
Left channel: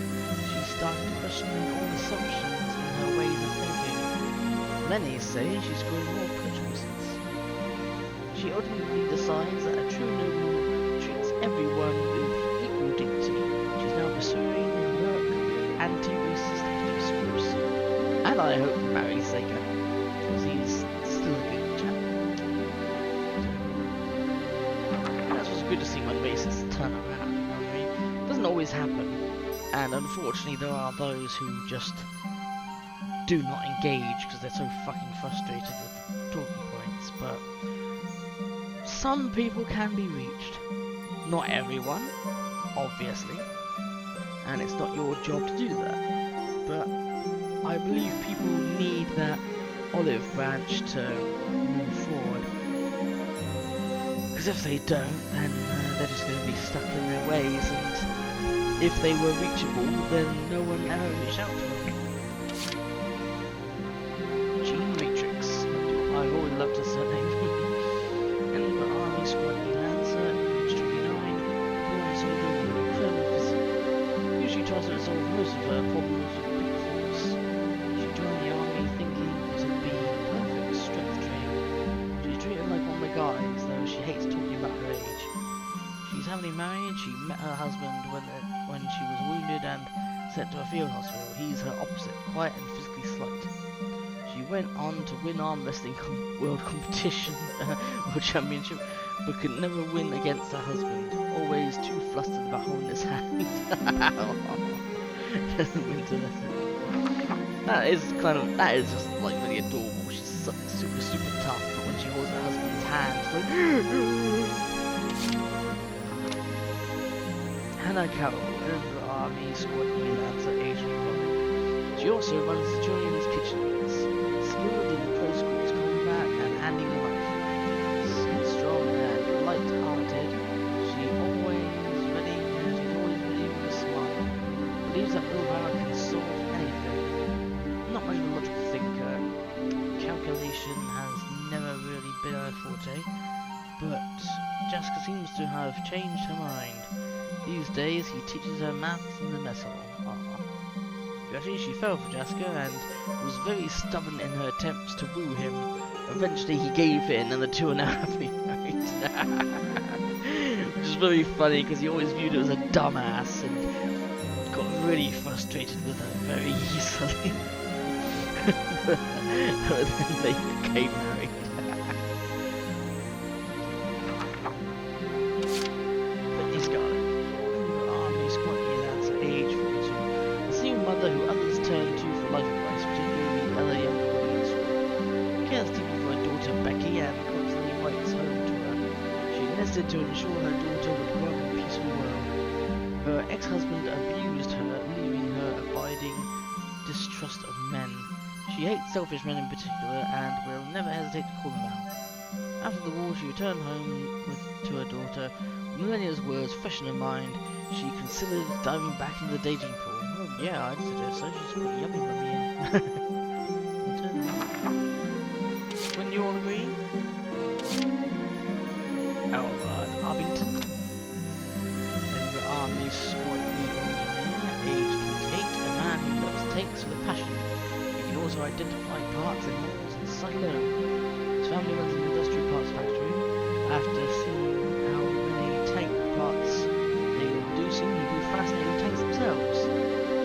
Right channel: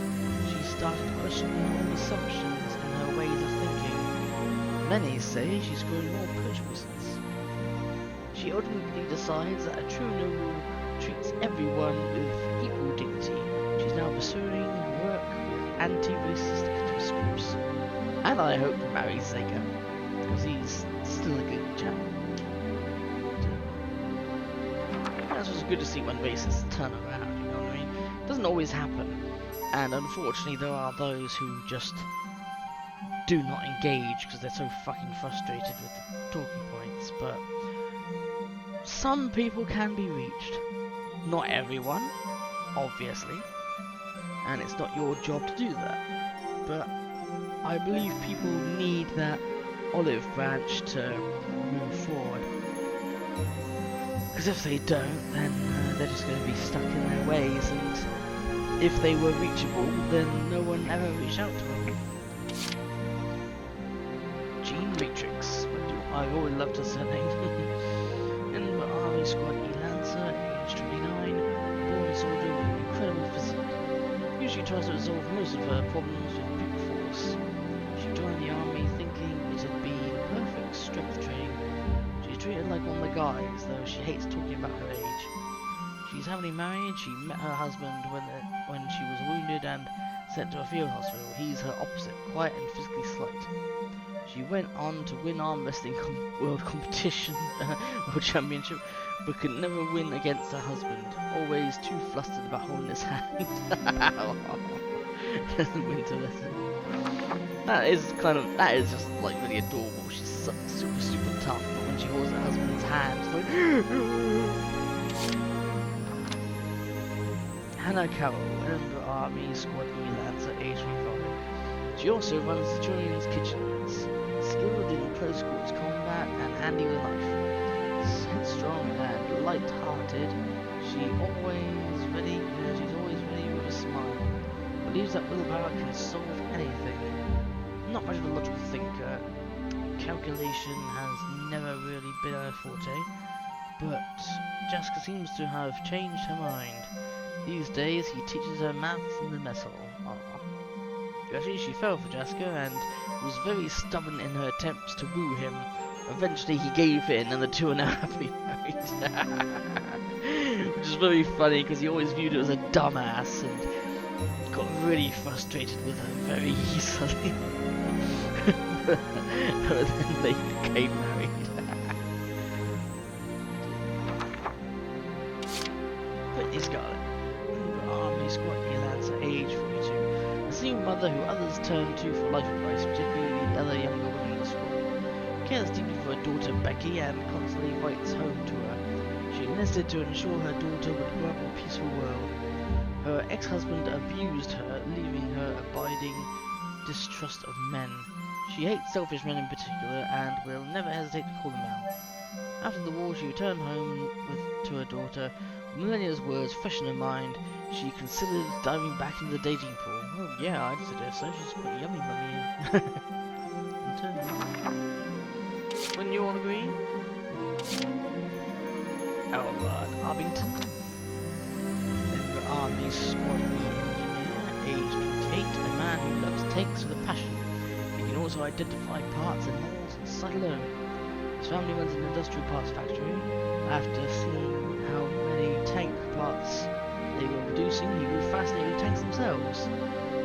she started questioning all assumptions in her ways of thinking. Many say she's grown more approachable since. She ultimately decides that a true noble treats everyone with equal dignity. She's now pursuing work with anti-racist activist groups. And I hope to marry Zager, because he's still a good chap. That's what's good to see when racists turn around, you know what I mean? It doesn't always happen, and unfortunately there are those who just do not engage because they're so fucking frustrated with the talking points, but some people can be reached. Not everyone, obviously, and it's not your job to do that, but I believe people need that olive branch to move forward. Because if they don't, then they're just going to be stuck in their ways, and if they were reachable, then no one ever reached out to them. Gene Matrix. I've always loved her surname. Edinburgh Army Squad E Lancer, age 29, born soldier with an incredible physique. Usually tries to resolve most of her problems with brute force. She joined the army thinking it'd be the perfect strength training. She's treated like one of the guys, though she hates talking about her age. She's happily married. She met her husband when she was wounded and sent to a field hospital. He's her opposite, quiet and physically slight. She went on to win arm wrestling world competition, world championship, but could never win against her husband. Always too flustered about holding his hand. Doesn't win to listen. That is just like really adorable. She's super tough, but when she holds her husband's hand, it's like Hannah Carroll, Edinburgh Army Squad E Lancer, age 25. She also runs the children's kitchen units, skilled in close quarters combat and handy with a knife. Headstrong and light-hearted, she's always ready with a smile. Believes that willpower can solve anything. Not much of a logical thinker. Calculation has never really been her forte, but Jessica seems to have changed her mind. These days he teaches her maths in the mess hall. Actually, she fell for Jessica and was very stubborn in her attempts to woo him. Eventually he gave in and the two are now happily married. Which is very funny because he always viewed her as a dumbass and got really frustrated with her very easily. But then they became married. Brittany Scarlett, Army Squad E Lancer, age 42. A single mother who others turn to for life advice, particularly the other younger women in the squad. Cares deeply for her daughter Becky and constantly writes home to her. She enlisted to ensure her daughter would grow up in a peaceful world. Her ex-husband abused her, leaving her abiding distrust of men. She hates selfish men in particular and will never hesitate to call them out. After the war, she returned home to her daughter. With Millennia's words fresh in her mind, she considered diving back into the dating pool. Well, yeah, I'd suggest so. She's quite yummy, mummy. Wouldn't you all agree? Elrod Arbington, Member Army Squad E engineer, age 28, a man who loves tanks with a passion. He can also identify parts and molds and sight alone. His family runs an industrial parts factory. After seeing how many tank parts they were producing, he grew fascinated with tanks themselves.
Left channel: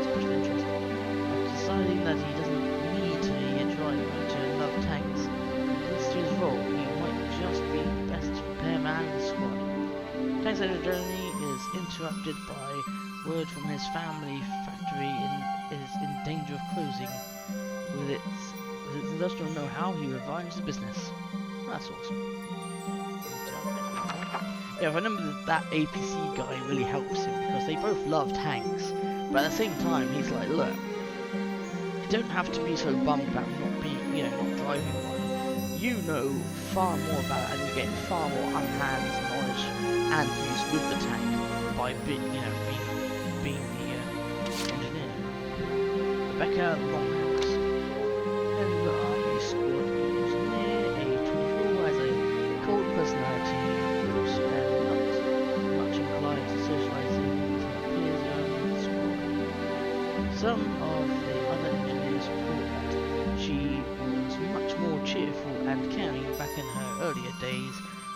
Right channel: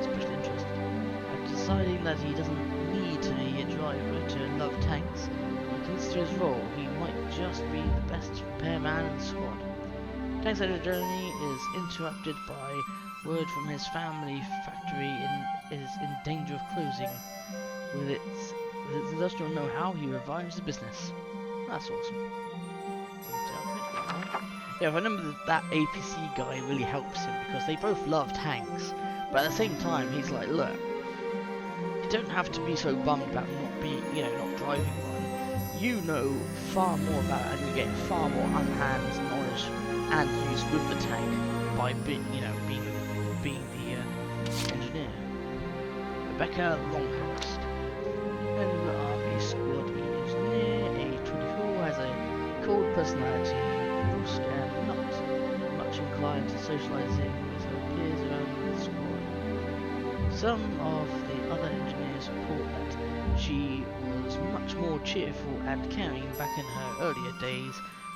Special interest. After deciding that he doesn't need to be a driver to love tanks, he considers his role. He might just be the best repairman in the squad. Tank's journey is interrupted by word from his family factory is in danger of closing. With its industrial know-how, he revives the business. That's awesome. Yeah, I remember that APC guy really helps him because they both love tanks, but at the same time, he's like, look, you don't have to be so bummed about not driving one. You know far more about it, and you get far more unhands knowledge and use with the tank by being the engineer. Rebecca Longhurst, Member Army Squad E engineer, age 24, has a cold personality, brusque and not much inclined to socializing with her peers around the squad. Some of the other engineers report that she was much more cheerful and caring back in her earlier days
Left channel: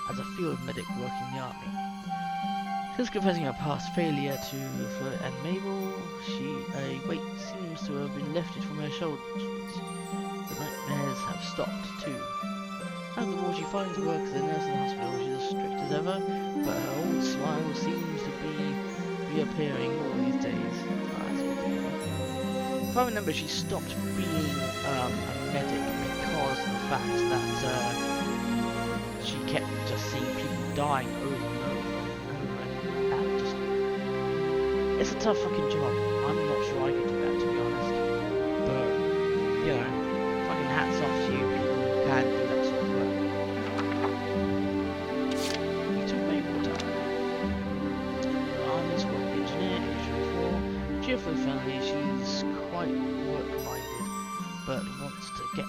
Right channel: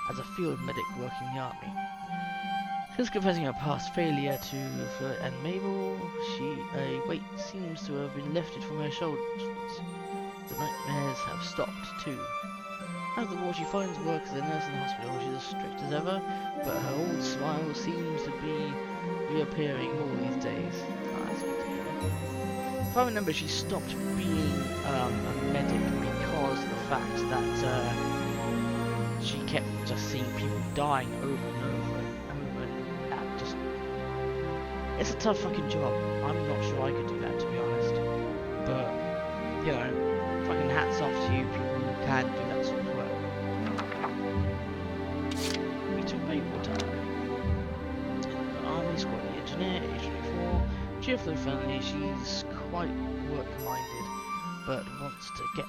as a field medic working in the army. Since confessing her past failure to Fleur and Mabel, a weight seems to have been lifted from her shoulders. The nightmares have stopped too. After the war, she finds work as a nurse in the hospital. She's as strict as ever, but her old smile seems to be reappearing more these days. Oh, that's good to hear. If I remember, she stopped being a medic because of the fact that she kept just seeing people dying over and over. It's a tough fucking job. I'm not sure I could do that, to be honest. But, you know, fucking hats off to you people who can do that sort of work. Rita Maywater, Army Squad engineer, age 24, cheerful and friendly. She's quite work-minded, but wants to get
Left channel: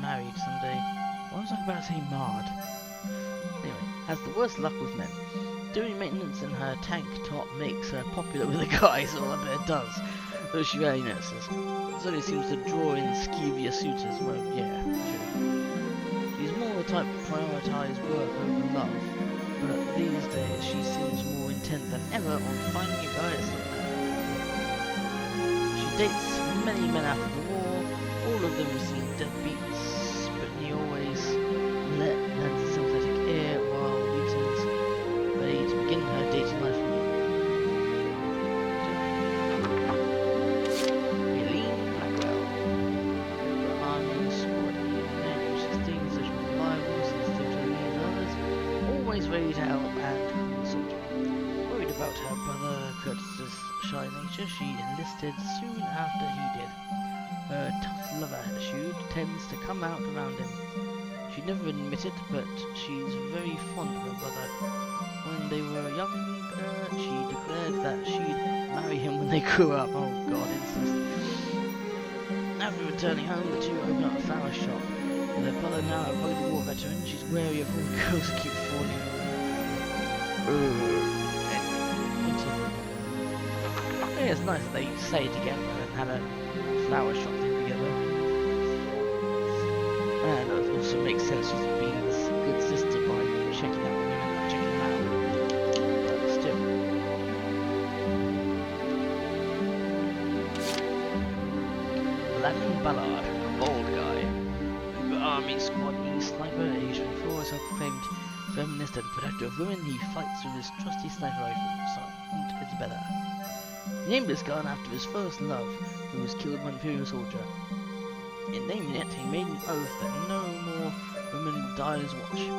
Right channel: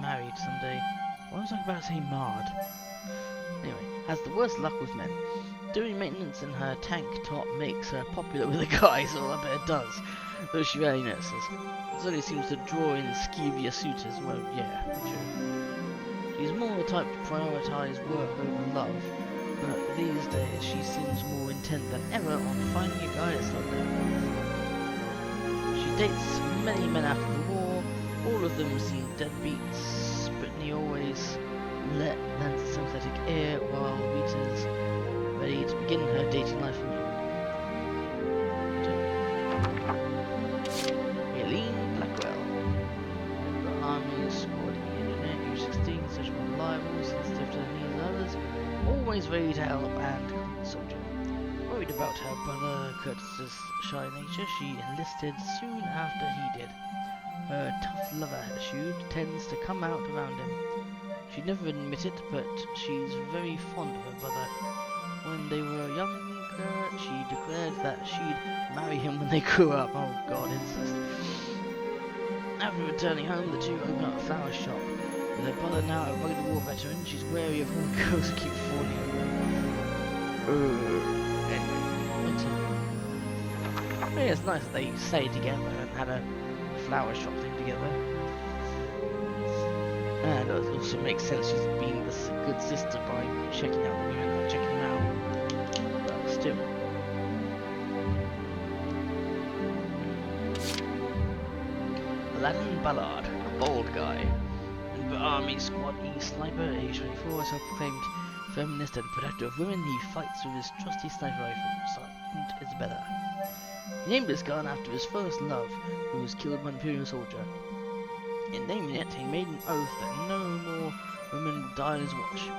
married someday. Why was I about to say marred? Anyway, has the worst luck with men. Doing maintenance in her tank top makes her popular with the guys, or I bet it does, though she rarely notices. It only seems to draw in skeevier suitors. Well, yeah, true. She's more the type to prioritise work over love, but these days she seems more intent than ever on finding a guy that's not there. She dates many men after the war. All of them seem deadbeats. Brittany always lends a sympathetic ear, while Rita's ready to begin her dating life anew. Aileen Blackwell, Member Army Squad engineer, age 16, social and reliable, sensitive to the needs of others, always ready to help and common soldier. Worried about her brother Curtis's shy nature, she enlisted soon after he did. Her tough lover attitude tends to come out around him. She'd never admit it, but she's very fond of her brother. When they were younger, she declared that she'd marry him when they grew up. Oh god, incest. After returning home, the two open up a flower shop. With her brother now a rugged war veteran, she's wary of all the girls that keep falling over. Anyway, yeah, it's nice that they stayed together and had a flower shop thing together. And it also makes sense she's being this good sister by checking out the women and checking them out. But still. Aladdin Ballard, bald guy. Member Army Squad E sniper, age 24, self-proclaimed feminist and protector of women. He fights with his trusty sniper rifle, Sergeant Isabella. He named this gun after his first love, who was killed by an Imperial soldier. In naming it, he made an oath that no more women would die on his watch.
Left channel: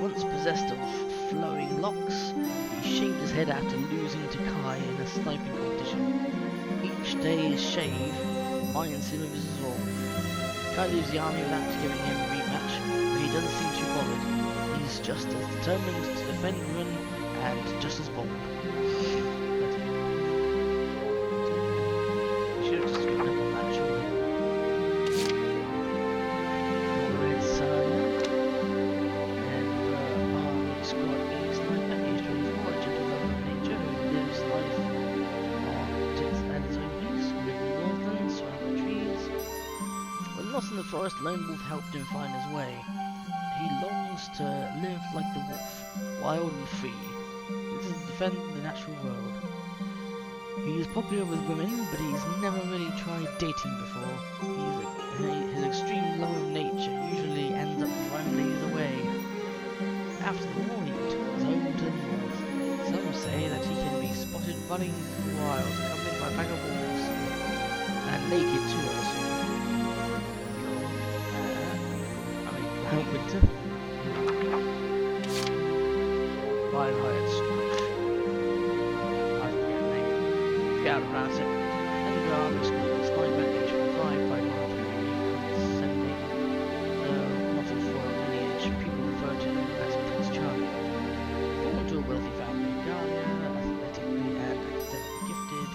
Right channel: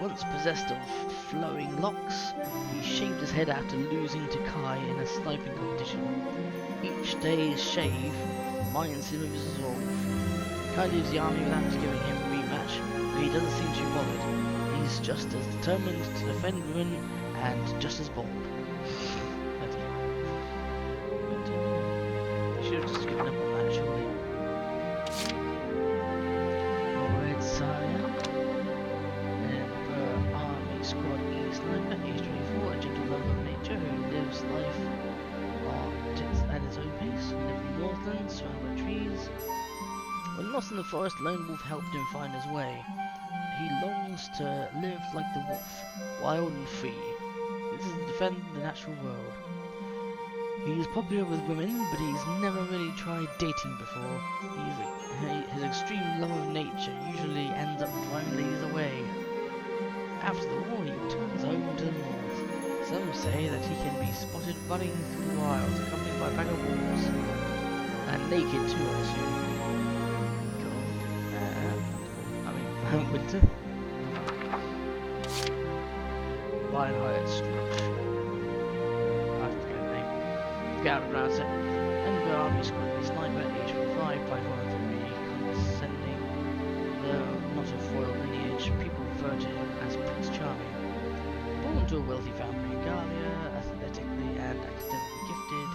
Once possessed of flowing locks, he shaved his head after losing to Kai in a sniping competition. Each day's shave reminds him of his resolve. Kai leaves the army without giving him a rematch, but he doesn't seem too bothered. He's just as determined to defend Ruin and just as bold. He should have just given up on that, surely. Lord Saya, and Army Squad E Sniper, age 24, a gentle lover of nature who lives life at his own pace, live in the Northlands, surrounded by trees. When lost in the forest, Lone Wolf helped him find his way. He longs to live like the wolf, wild and free. This is to defend the natural world. He is popular with women, but he's never really tried dating before. His extreme love of nature usually ends up driving ladies away. After the war, he returns home to the north. Some say that he can be spotted running through the wilds, accompanied by a pack of wolves. And naked too, I assume. Cool. That's cool. I mean, winter. Lionheart Stretch. I forget the name. Forget how to pronounce it. And Army Squad Sniper, age 25, 5 very condescending. Though not of royal lineage, people refer to him as Prince Charming. Born to a wealthy family in Galia, athletically and academically gifted,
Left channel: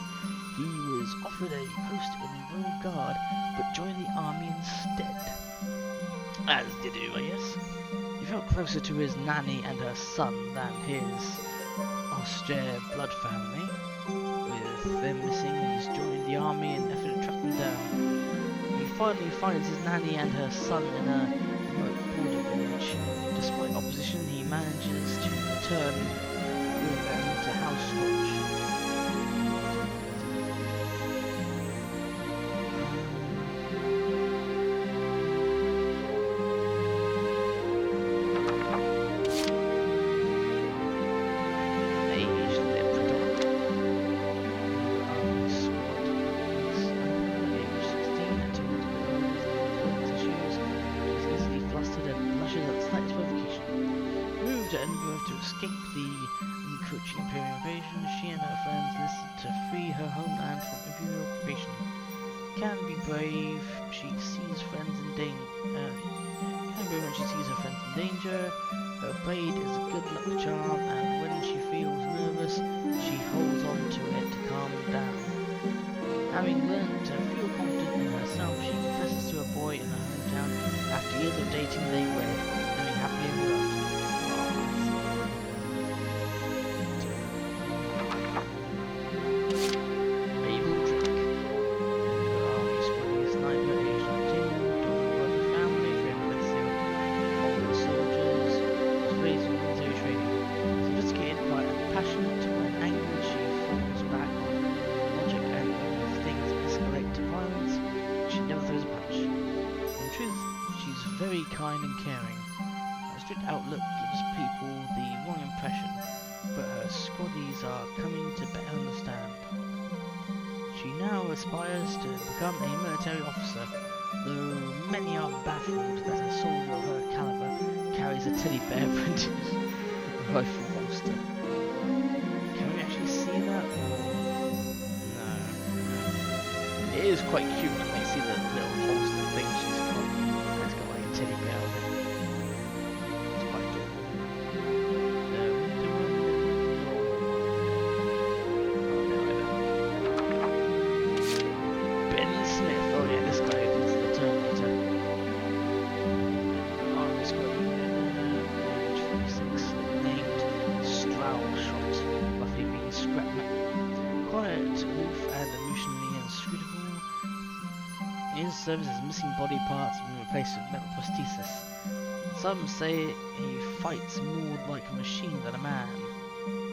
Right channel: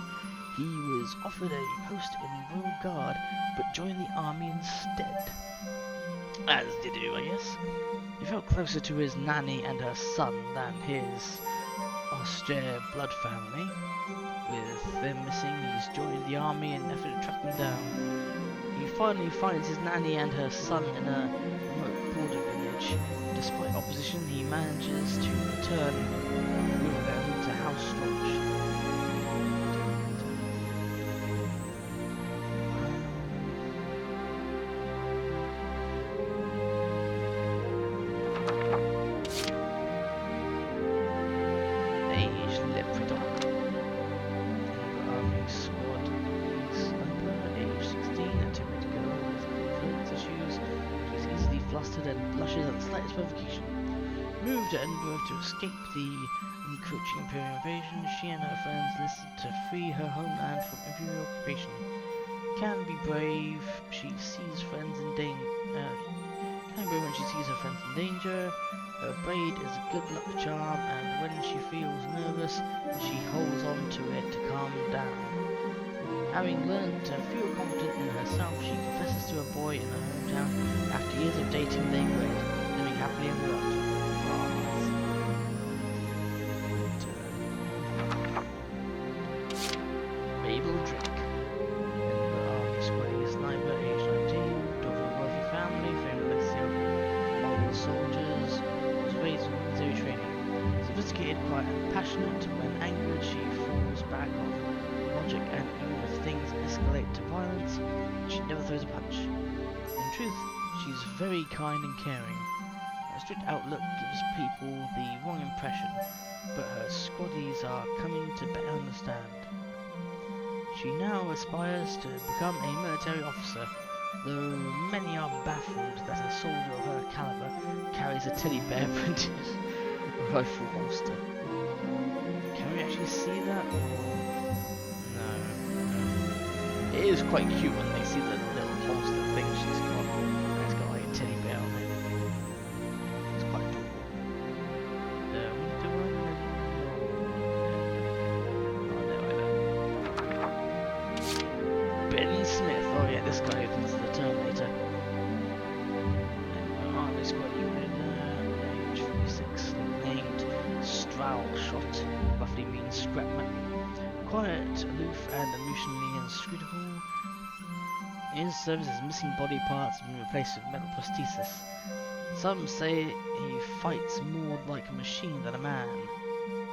he was offered a post in Royal Guard, but joined the army instead. As you do, I guess. He felt closer to his nanny and her son than his austere blood family. With them missing, he's joined the army in an effort to track them down. He finally finds his nanny and her son in a remote border village. Despite opposition, he manages to return with them to House Storch. Age Leprechaun. Army Squad Sniper, age 16, a timid girl with confidence issues. She's easily flustered and blushes at the slightest provocation. Moved to Edinburgh to escape the encroaching Imperial invasion, she and her friends listed to free her homeland from Imperial occupation. Can be brave, she sees friends in danger. Can be brave when she sees her friends in danger. Her braid is a good luck charm, and when she feels nervous, she holds on to it to calm down. Having learnt to feel confident in herself, she confesses to a boy in her hometown. After years of dating, they wed, living happily ever after. Oh, nice. Mabel Drake. Army Squad Sniper, age 19, daughter of a wealthy family, famed legacy of Mongol soldiers, was raised in military training. Sophisticated, quiet, and passionate. When angered, she falls back on logic, and even if things escalate to violence, she never throws a punch. In truth, she's very kind and caring. Her strict outlook gives people the wrong impression, but her squaddies are coming to better understand. She now aspires to become a military officer, though many are baffled that a soldier of her caliber carries a teddy bear printed rifle holster. Can we actually see that, or no? It is quite cute when they see the little holster thing she's got, and it's got like a teddy bear on it. It's quite adorable. The winter one and the normal one. Oh, no, either. Ben Smith. Oh yeah, this guy thinks the Terminator. And Army Squad unit, age 46, nicknamed Strowshot, roughly means scrapman. Quiet, aloof, and emotionally inscrutable. In his service, his missing body parts have been replaced with metal prosthesis. Some say he fights more like a machine than a man.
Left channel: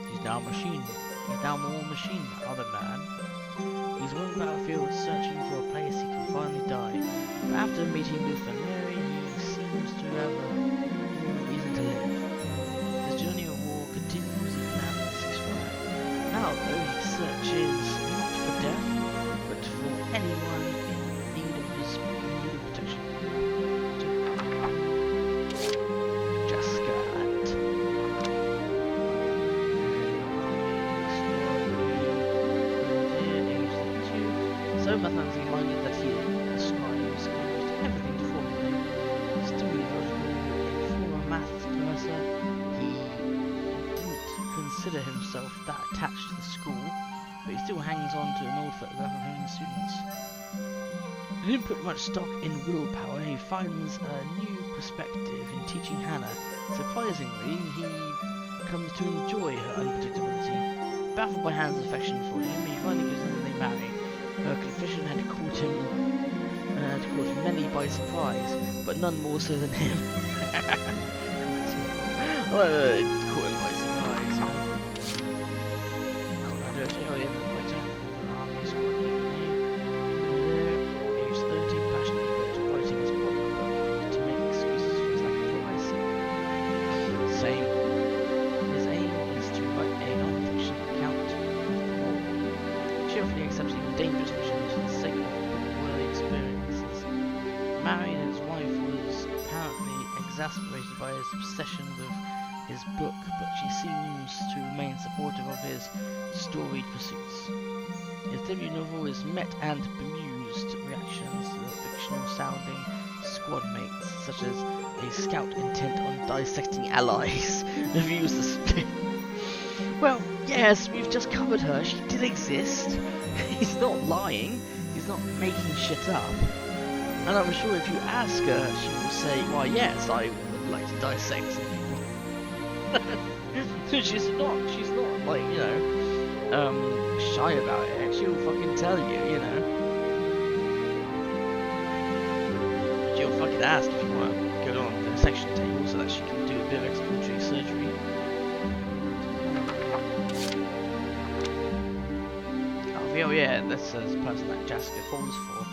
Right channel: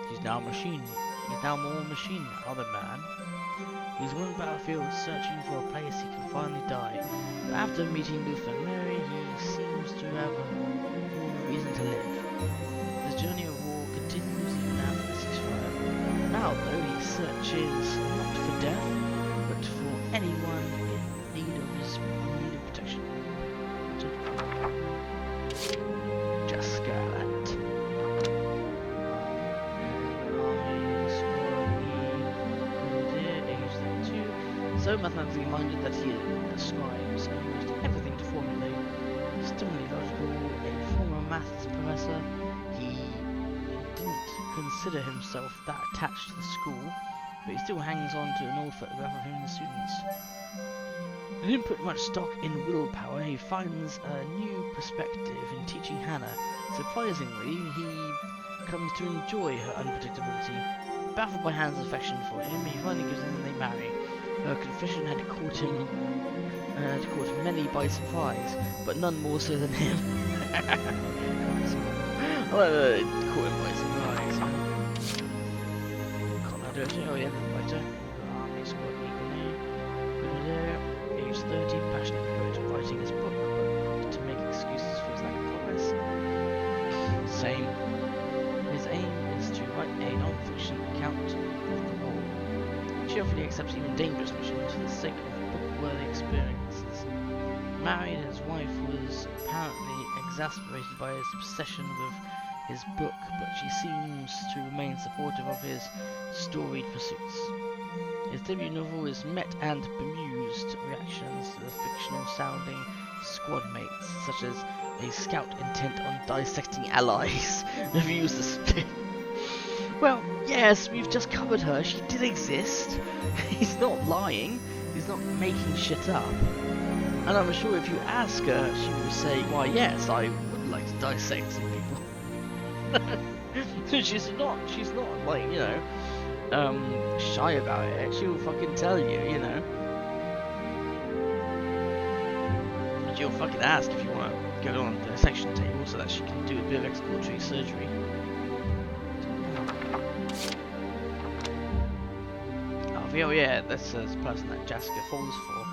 He's now a machine. He's now more machine than man. He's on the battlefield searching for a place he can finally die. But after meeting Luther and Mary, he seems to have more of a reason to live. His journey of war continues even after the ceasefire. Now, though, he searches not for death, but for anyone in need of protection. Just Scarlet. Army Squad age 32. So mathematically minded that he ascribes almost everything to formulae. Stunningly logical, a former maths professor, he didn't consider himself that attached to the school, but he still hangs on to an old photograph of him and the students. He didn't put much stock in willpower. He finds a new perspective in teaching Hannah. Surprisingly, he comes to enjoy her unpredictability. Baffled by Hannah's affection for him, he finally gives in and they marry. Her confession had caught many by surprise, but none more so than him. It caught him by surprise, huh? Can't I do it? Oh yeah, that's later. Army squad eagerly. Age 30, passionate devoted to writing his book, but quick to make excuses for his lack of progress. Same. His aim is to write a non-fiction account of the war. He cheerfully accepts even dangerous missions for the sake of book-worthy experiences. Married, his wife was apparently exasperated by his obsession with his book, but she seems to remain supportive of his storied pursuits. His debut novel is met and bemused reactions to the fictional-sounding squad mates, such as a scout intent on dissecting allies. Reviews the spin. Well, yes, we've just covered her. She did exist. He's not lying. He's not making shit up. And I'm sure if you ask her, she will say, "Why, yes, I would like to dissect some people." she's not like, you know, shy about it. She'll fucking tell you, you know. But she'll fucking ask if you want to go on the dissection table so that she can do a bit of exploratory surgery. Oh yeah, that's the person that Jaska falls for.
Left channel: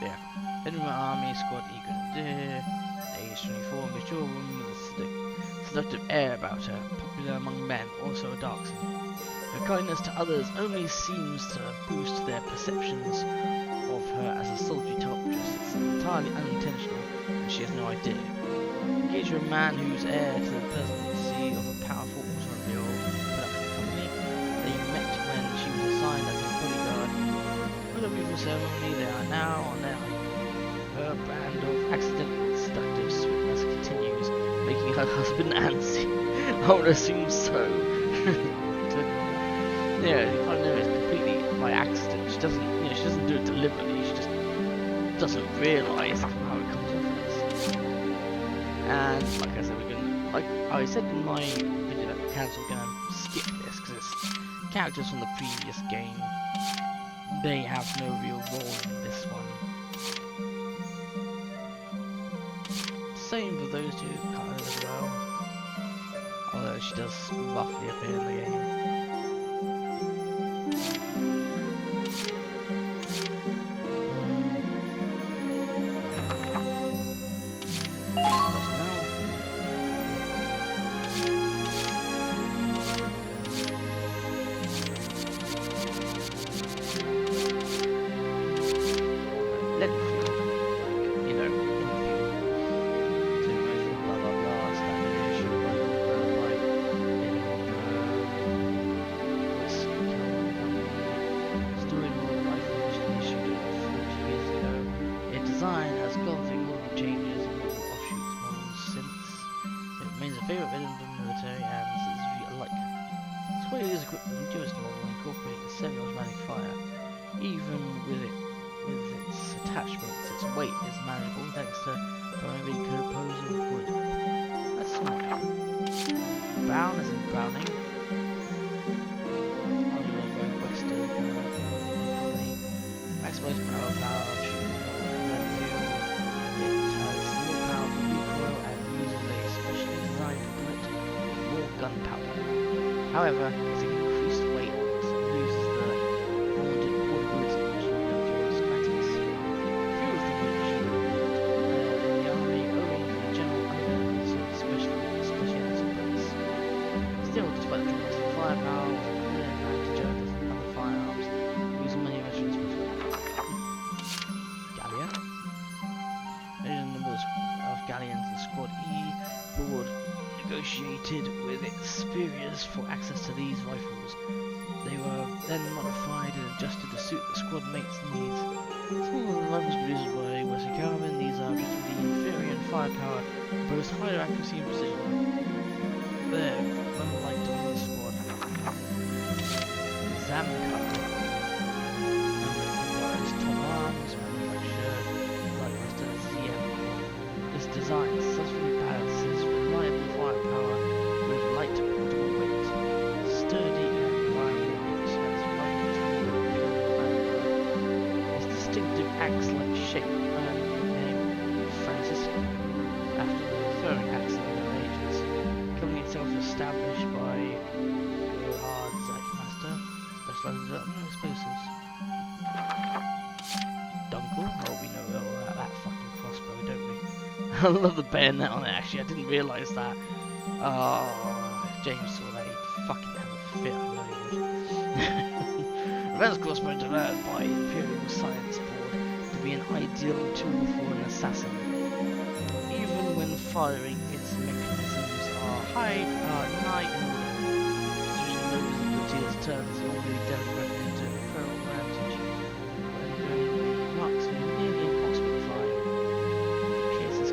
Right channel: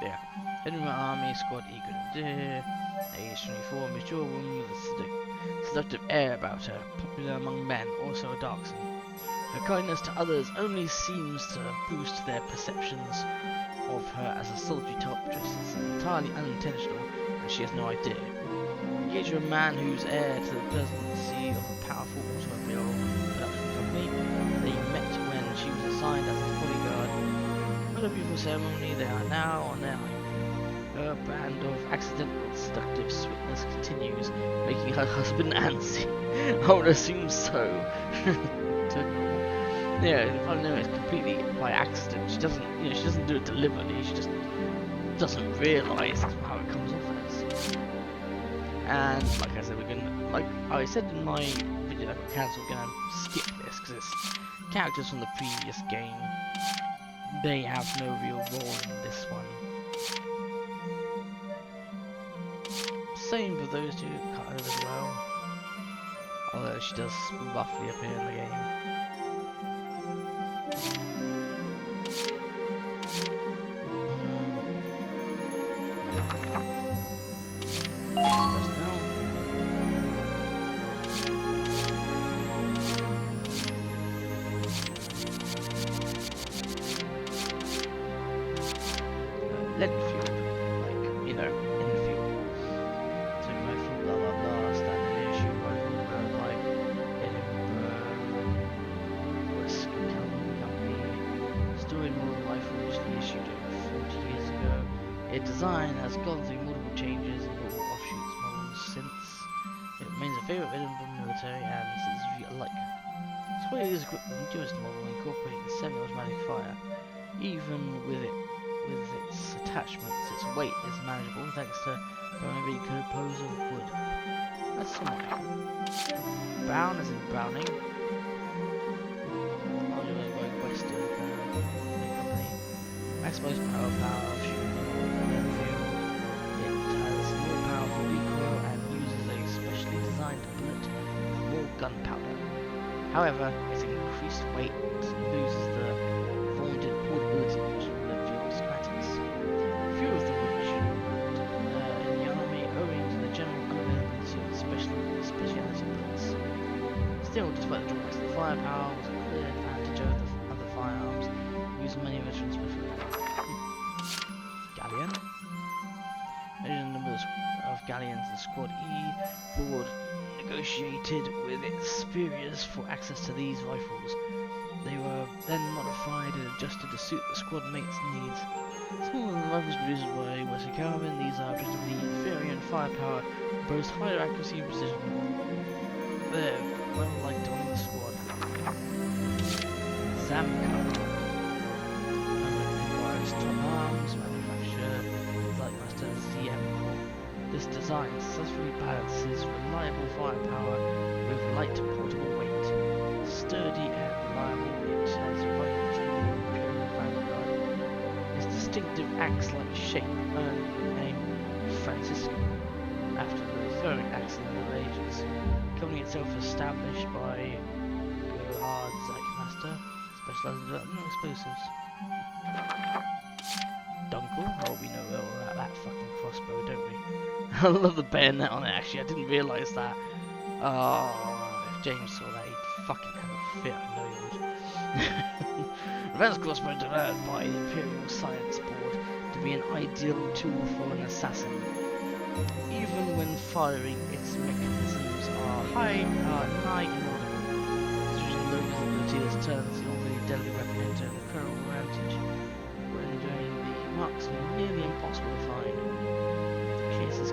Yeah. Heading my army squad eager. Age 24, mature woman with a seductive air about her, popular among men, also a darkson. Her kindness to others only seems to boost their perceptions of her as a sultry top dress. It's entirely unintentional, and she has no idea. Engage a man who's heir to the presidency of a powerful automobile production company. They met when she was assigned as his bodyguard. What a beautiful ceremony, they are now on their honeymoon. Her brand of accidental seductive sweetness continues, making her husband antsy. I would assume so. Yeah, I know it's completely by accident. She doesn't, you know, she doesn't do it deliberately. She just doesn't realise that's how it comes off as. And like I said, we're gonna, like I said in my video that got cancelled, we're gonna skip this because it's characters from the previous game. They have no real role in this one. Same for those two characters as well. Although she does roughly appear in the game. Lenfield, like, you know, in the field. So rifle, blah blah blah, standard issue rifle, powered by Edinburgh West Cavalry Company. Story model rifle initially issued over 40 years ago. Its design has gone through multiple changes and multiple offshoots models since. It remains a favourite of Edinburgh military and citizenry alike. This way it is equipped with the newest model incorporating the semi-automatic fire. Even with its attachments, its weight is manageable thanks to primarily composed of wood. That's somewhat good. Brown as in Browning. Going western company. Maximized power of shooting model Lenfield. It has more powerful recoil and uses a specially designed bullet with more gunpowder. However, its increased weight loses the vaunted portability of Lenfield schematics. Few of them were issued in the army owing to the general unavailability of speciality bullets. Still, despite the drawbacks of the firepower, was a clear advantage over the other firearms, using many veterans prefer. Galleon. Measuring the numbers of galleons in Squad E, Ford negotiated with its superiors for access to these rifles. They were then modified and adjusted to suit the squad mates' needs. Smaller than rifles produced by Western Carbon, these are objectively inferior in firepower, but boast higher accuracy and precision. They're well liked on the squad. Zamka. Requires top arms, manufacturer, Lightmaster ZM Corp. This design successfully balances reliable firepower with light portable weight. Sturdy and reliable, it has one tool Imperial Vanguard. Its distinctive axe-like shape earned the nickname Francisco, after the throwing axe in the Middle Ages. The company itself is established by Gerhard Zeichmaster, specializing in development of explosives. Dunkel? Oh, we know all about that fucking crossbow, don't we? I love the bayonet on it, actually. I didn't realise that. Oh, if James saw that, he'd fucking have a fit. I know he would. Reverse crossbow developed by the Imperial Science Board to be an ideal tool for an assassin. Even when firing, its mechanisms are nigh inaudible. Using low visibility, this turns the already deadly weapon into an imperial advantage, rendering the marksman nearly impossible to find. The case is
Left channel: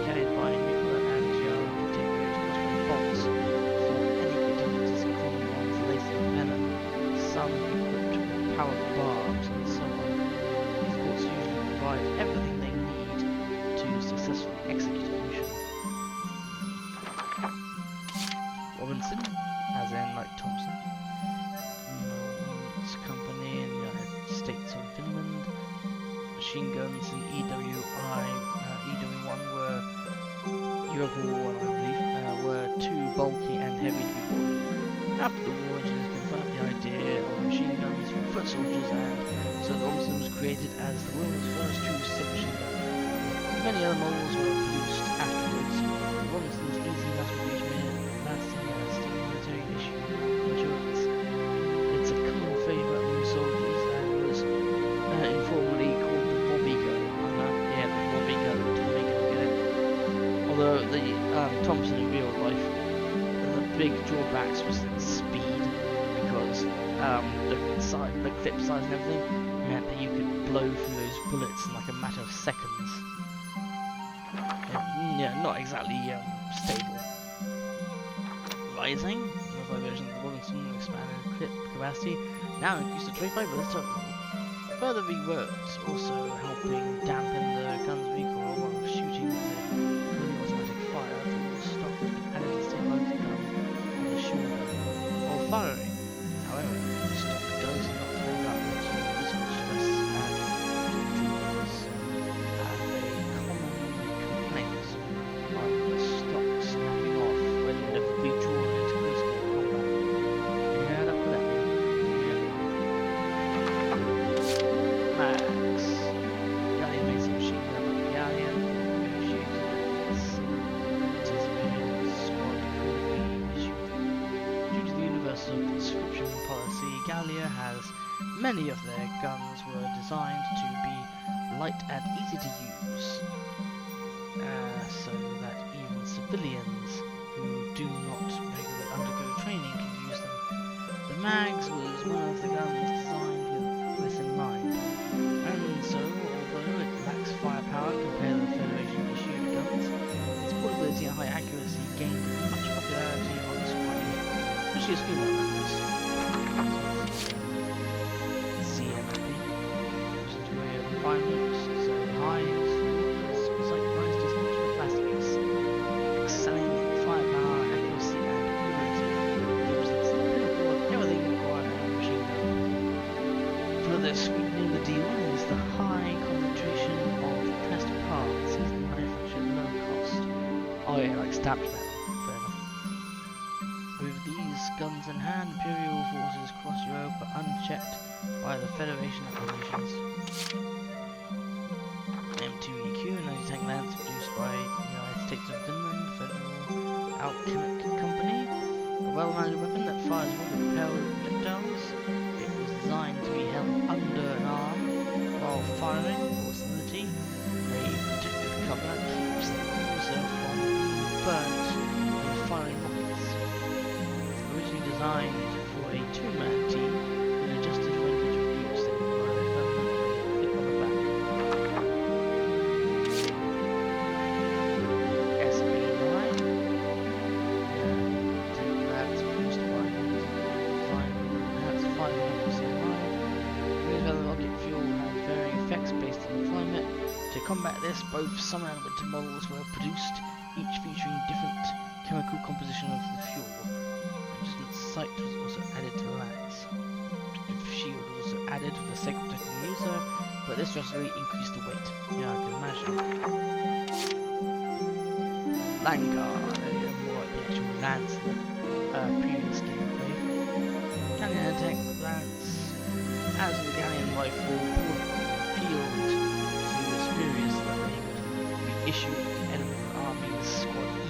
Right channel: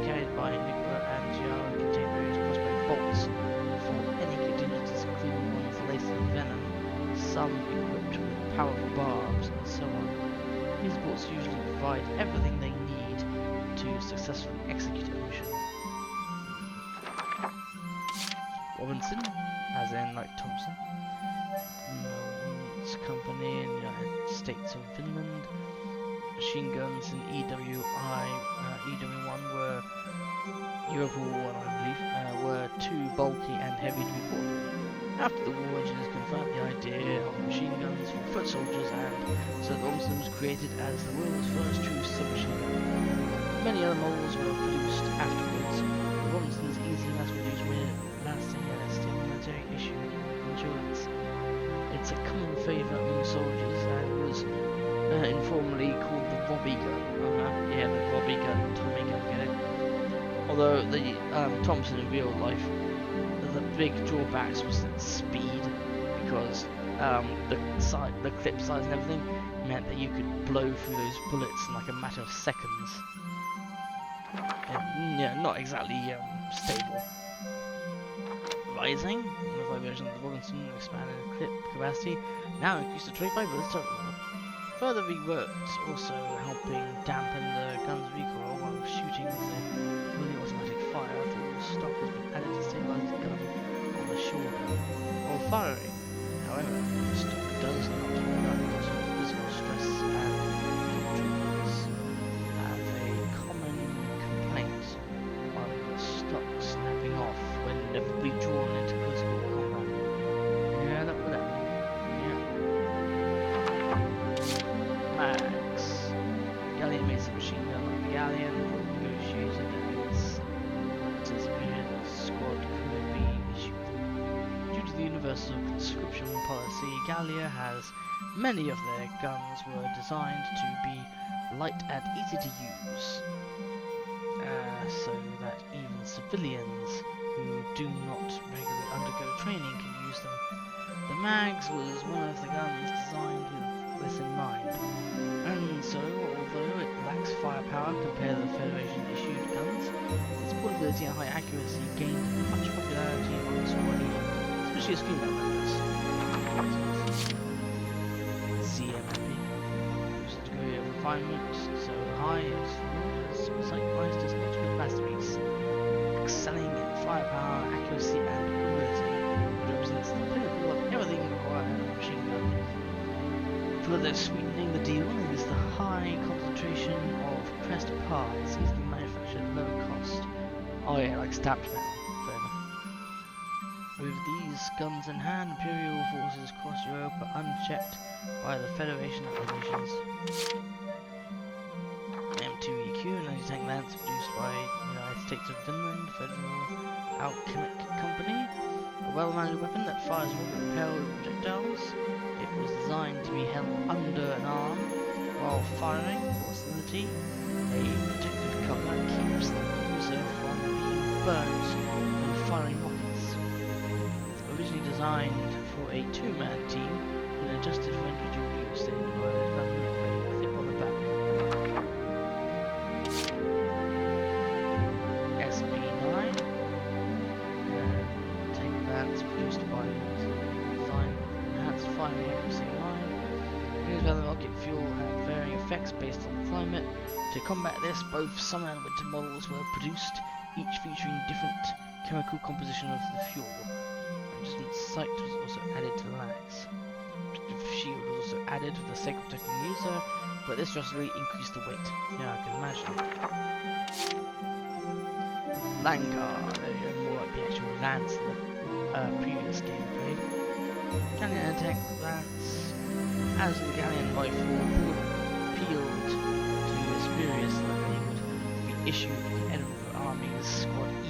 carried by Nicola and Giara, contain various crossbow bolts for any contingencies, including ones laced with venom, some equipped with powerful barbs, and so on. These bolts usually provide everything they need to successfully execute a mission. Robinson, as in like Thompson. Its company in the United States of Finland. Machine guns in EW1 were Europe War 1, I believe, were too bulky and heavy to be portable. After the war, engineers confirmed the idea of machine guns for foot soldiers, and so the Robinson was created as the world's first true submachine gun. Many other models were produced afterwards. The Robinson's easy mass-produced made it lasting a steel military issue insurance. It's a common favourite among soldiers and was informally called the Robbie gun. Yeah, the Robbie gun, Tommy gun, get it? Although the Thompson in real life, the big drawbacks was its speed, because the clip size and everything meant that you could blow through those bullets in like a matter of seconds. Yeah, not exactly stable. Rising, the version of the Robinson expanded clip capacity, now increased to 25 bullets total. Further reworked, also helping dampen the gun's recoil while shooting with a fully automatic fire. Full stock has been added to stabilize the gun on the shoulder while firing. However, the stock does not hold up to physical stress and treatments. Have a common complaint on the stock snapping off when inevitably drawn into close combat. Yeah, that would happen. Max. Galleon made some machine gun like the Galleon, negotiated that its anticipated squad could be issued. Due to the universal conscription policy, Gallia has many of their guns were designed to be light and easy to use, so that even civilians who do not regularly undergo training can use them. The Mags was one of the guns designed with this in mind, and so, although it lacks firepower compared to the Federation-issued guns, its portability and high accuracy gained much popularity among squad E, especially as female members. CMMP, whose degree of refinement so high its rulers was likewise his ultimate masterpiece, excelling in firepower, accuracy, and portability. It represents the pinnacle of everything required in a machine gun. Further sweetening the deal is the high concentration of pressed parts easily manufactured at low cost. Oh yeah, like stamped metal. Fair enough. With these guns in hand, Imperial forces across Europe are unchecked by the Federation applications. M2EQ, an anti-tank lance produced by the United States of Finland Federal Alchemic Company, a well-managed weapon that fires rocket-propelled projectiles. It was designed to be held under an arm while firing for stability. A protective cover keeps the user from being burnt when firing rockets. Originally designed for a two-man team, it adjusted for individual use in the development of a firing accuracy in mind. News about the rocket fuel had varying effects based on climate. To combat this, both summer and winter models were produced, each featuring different chemical composition of the fuel. Adjustment sight was also added to the lance. Protective shield was also added for the sake of protecting the user, but this drastically increased the weight. Yeah, I can imagine. Langar, there you go, more like the actual lance in the previous gameplay. Galleon attack lance. As with the Galleon rifle, bullet peeled to superiors so that they would be issued to the Edinburgh Army's Squad E.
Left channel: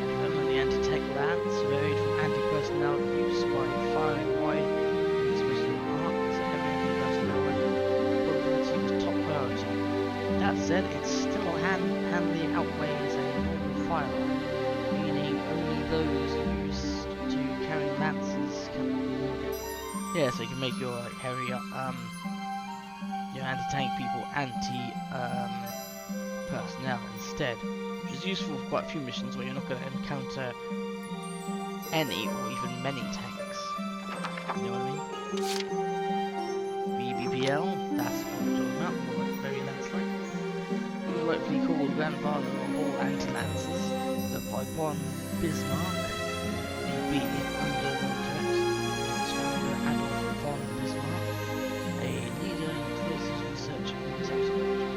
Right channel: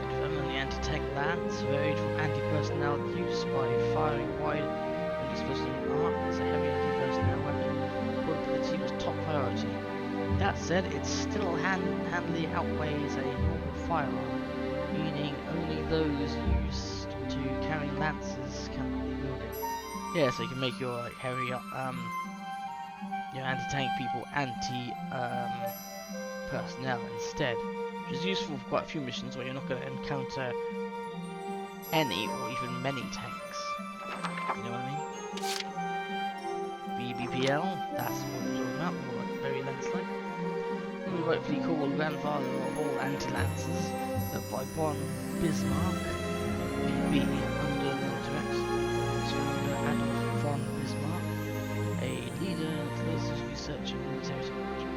The development of the anti-tank lance varied from anti-personnel use by firing wide and explosive arc as a heavy anti-personnel weapon. Portability was top priority. That said, it still handily outweighs a normal firearm, meaning only those used to carry lances cannot be wielded. Yeah, so you can make your like heavy, your anti-tank people anti-personnel instead, which is useful for quite a few missions where you're not going to encounter any or even many tanks. You know what I mean? BBPL, that's what we're talking about, more like very lance-like. Rightfully called grandfather of all anti-lancers, but by von Bismarck, BB, under the direction of its founder Adolf von Bismarck, a leader in explosives research and military technology.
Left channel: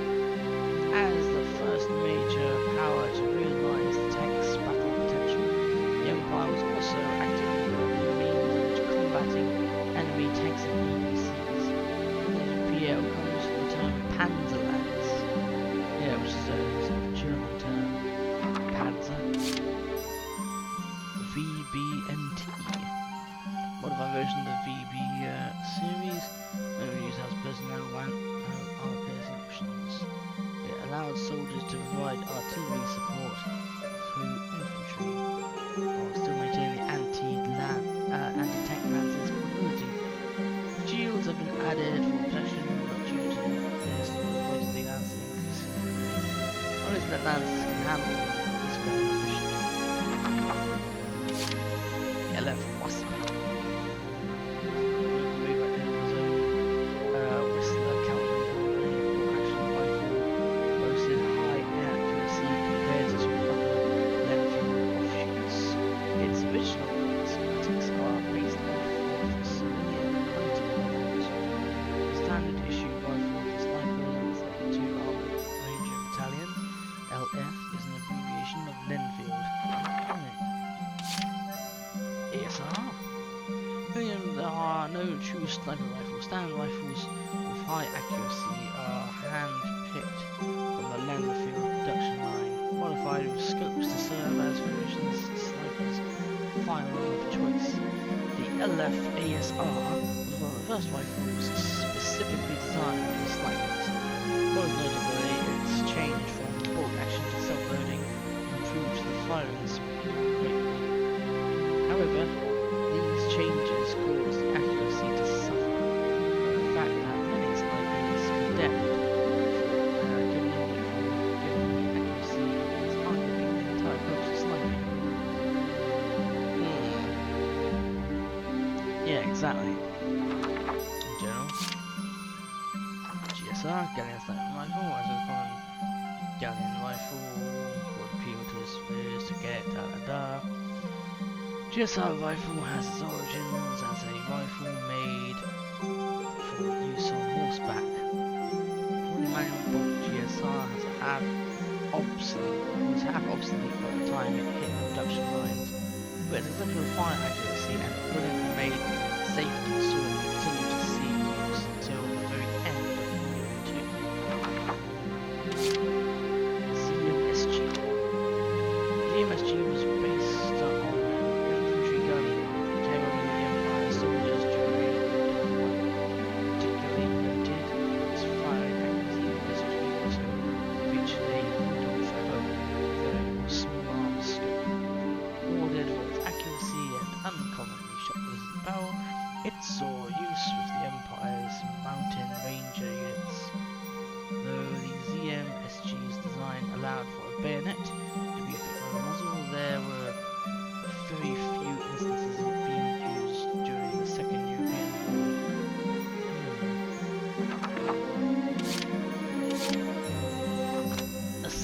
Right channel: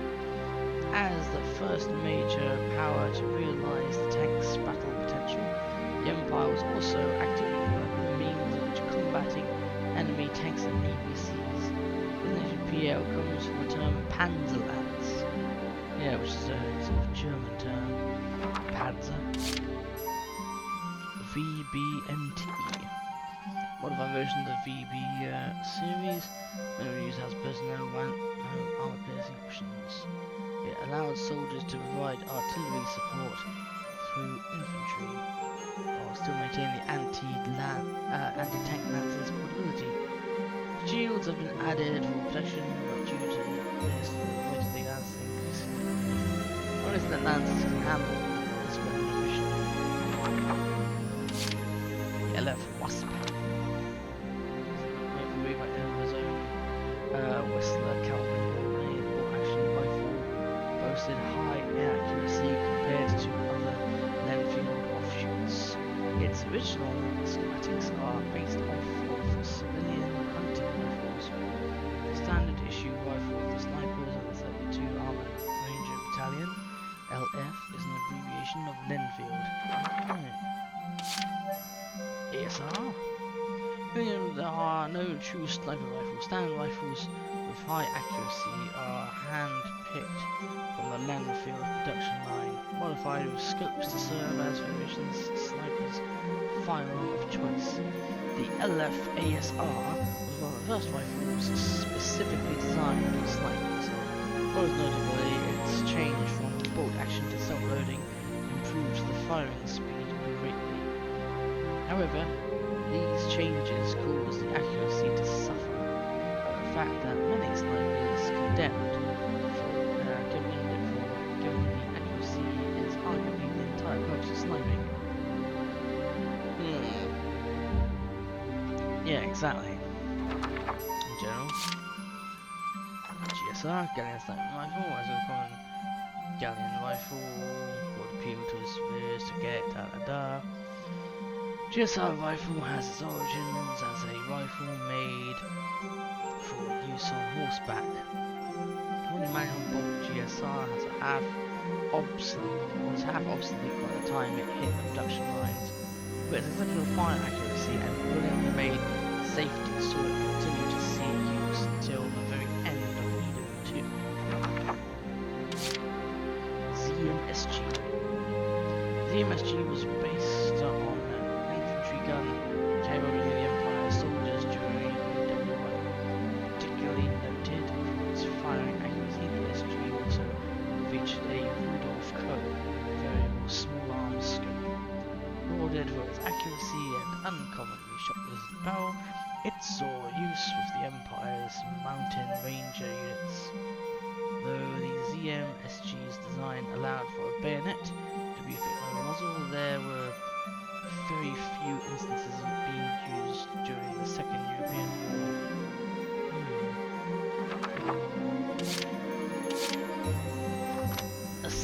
As the first major power to realise the tank's battle potential, the Empire was also actively developing means of which combating enemy tanks and ABCs. The nation PL comes from the term Panzerlance. Yeah, which is a sort of German term. Panzer. VBNT. Modified version of the VB series. Mainly used as personnel armor piercing options. It allows soldiers to provide artillery support through infantry, while still maintaining the anti-tank lance's portability. Shields have been added for protection, but due to this, the weight of the lance is increasing. Only that lances can handle this weapon efficiently. LF Wasp. Made by Edinburgh's own Whistler Calvin Company, a bolt-action rifle boasted high accuracy compared to other Lenfield offshoots. Its original schematics are based off of civilian hunting rifles. The standard issue rifle of the snipers and the 32 Armoured Ranger Battalion, LF, is an abbreviation of Lenfield. ASR? There are no true sniper rifles. Standard rifles with high accuracy are hand-picked from the Lenfield production line, modified with scopes to serve as Federation's snipers' firearm of choice. The LF ASR was one of the first rifles specifically designed for snipers. Most notably, its change from bolt action to self-loading improved the firing speed greatly. However, these changes caused the accuracy to suffer, a fact that many snipers condemned it for, given the accuracy is arguably the entire purpose of sniping. Yeah, exactly. In general, GSR, Galleon Sniper Rifle, as a common Galleon Rifle, would appeal to the spheres to get da-da-da. GSR rifle has its origins as a rifle made for use on horseback. The manual bolt GSR was half obsolete by the time it hit the production lines, but its exceptional fire accuracy and brilliantly made safety saw it continue to see use until the very end of EW2. ZMSG. ZMSG was based on gun came over the Empire soldiers during EW1, particularly noted for its firing accuracy. The SG also featured a Rudolph Co. variable small arms scope. Lauded for its accuracy and uncommonly shock-resistant barrel, it saw use with the Empire's mountain ranger units. Though the ZM-SG's design allowed for a bayonet to be fixed on the muzzle, there were very few instances of it being used during the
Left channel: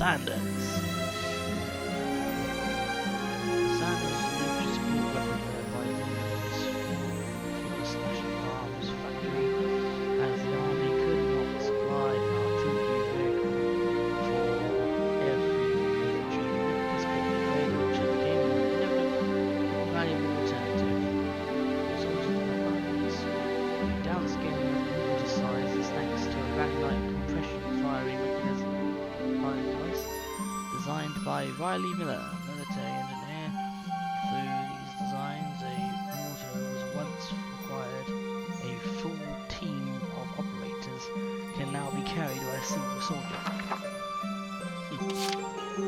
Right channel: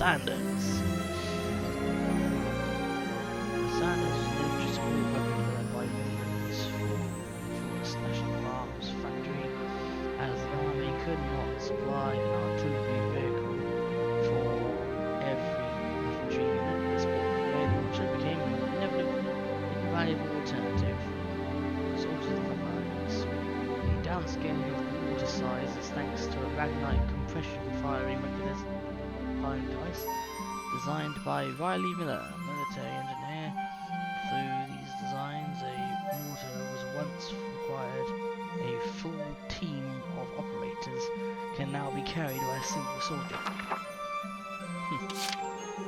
Sanders. The Sanders was an infantry support weapon developed by Finland's Forest National Arms Factory, as the army could not supply an artillery vehicle for every infantry unit. This portable ray launcher became an invaluable alternative for soldiers of the front lines. The downscaling of the mortar size is thanks to a Ragnite compression firing device designed by Riley Miller, military engineer. Through these designs, a mortar was once required. A full team of operators can now be carried by a single soldier.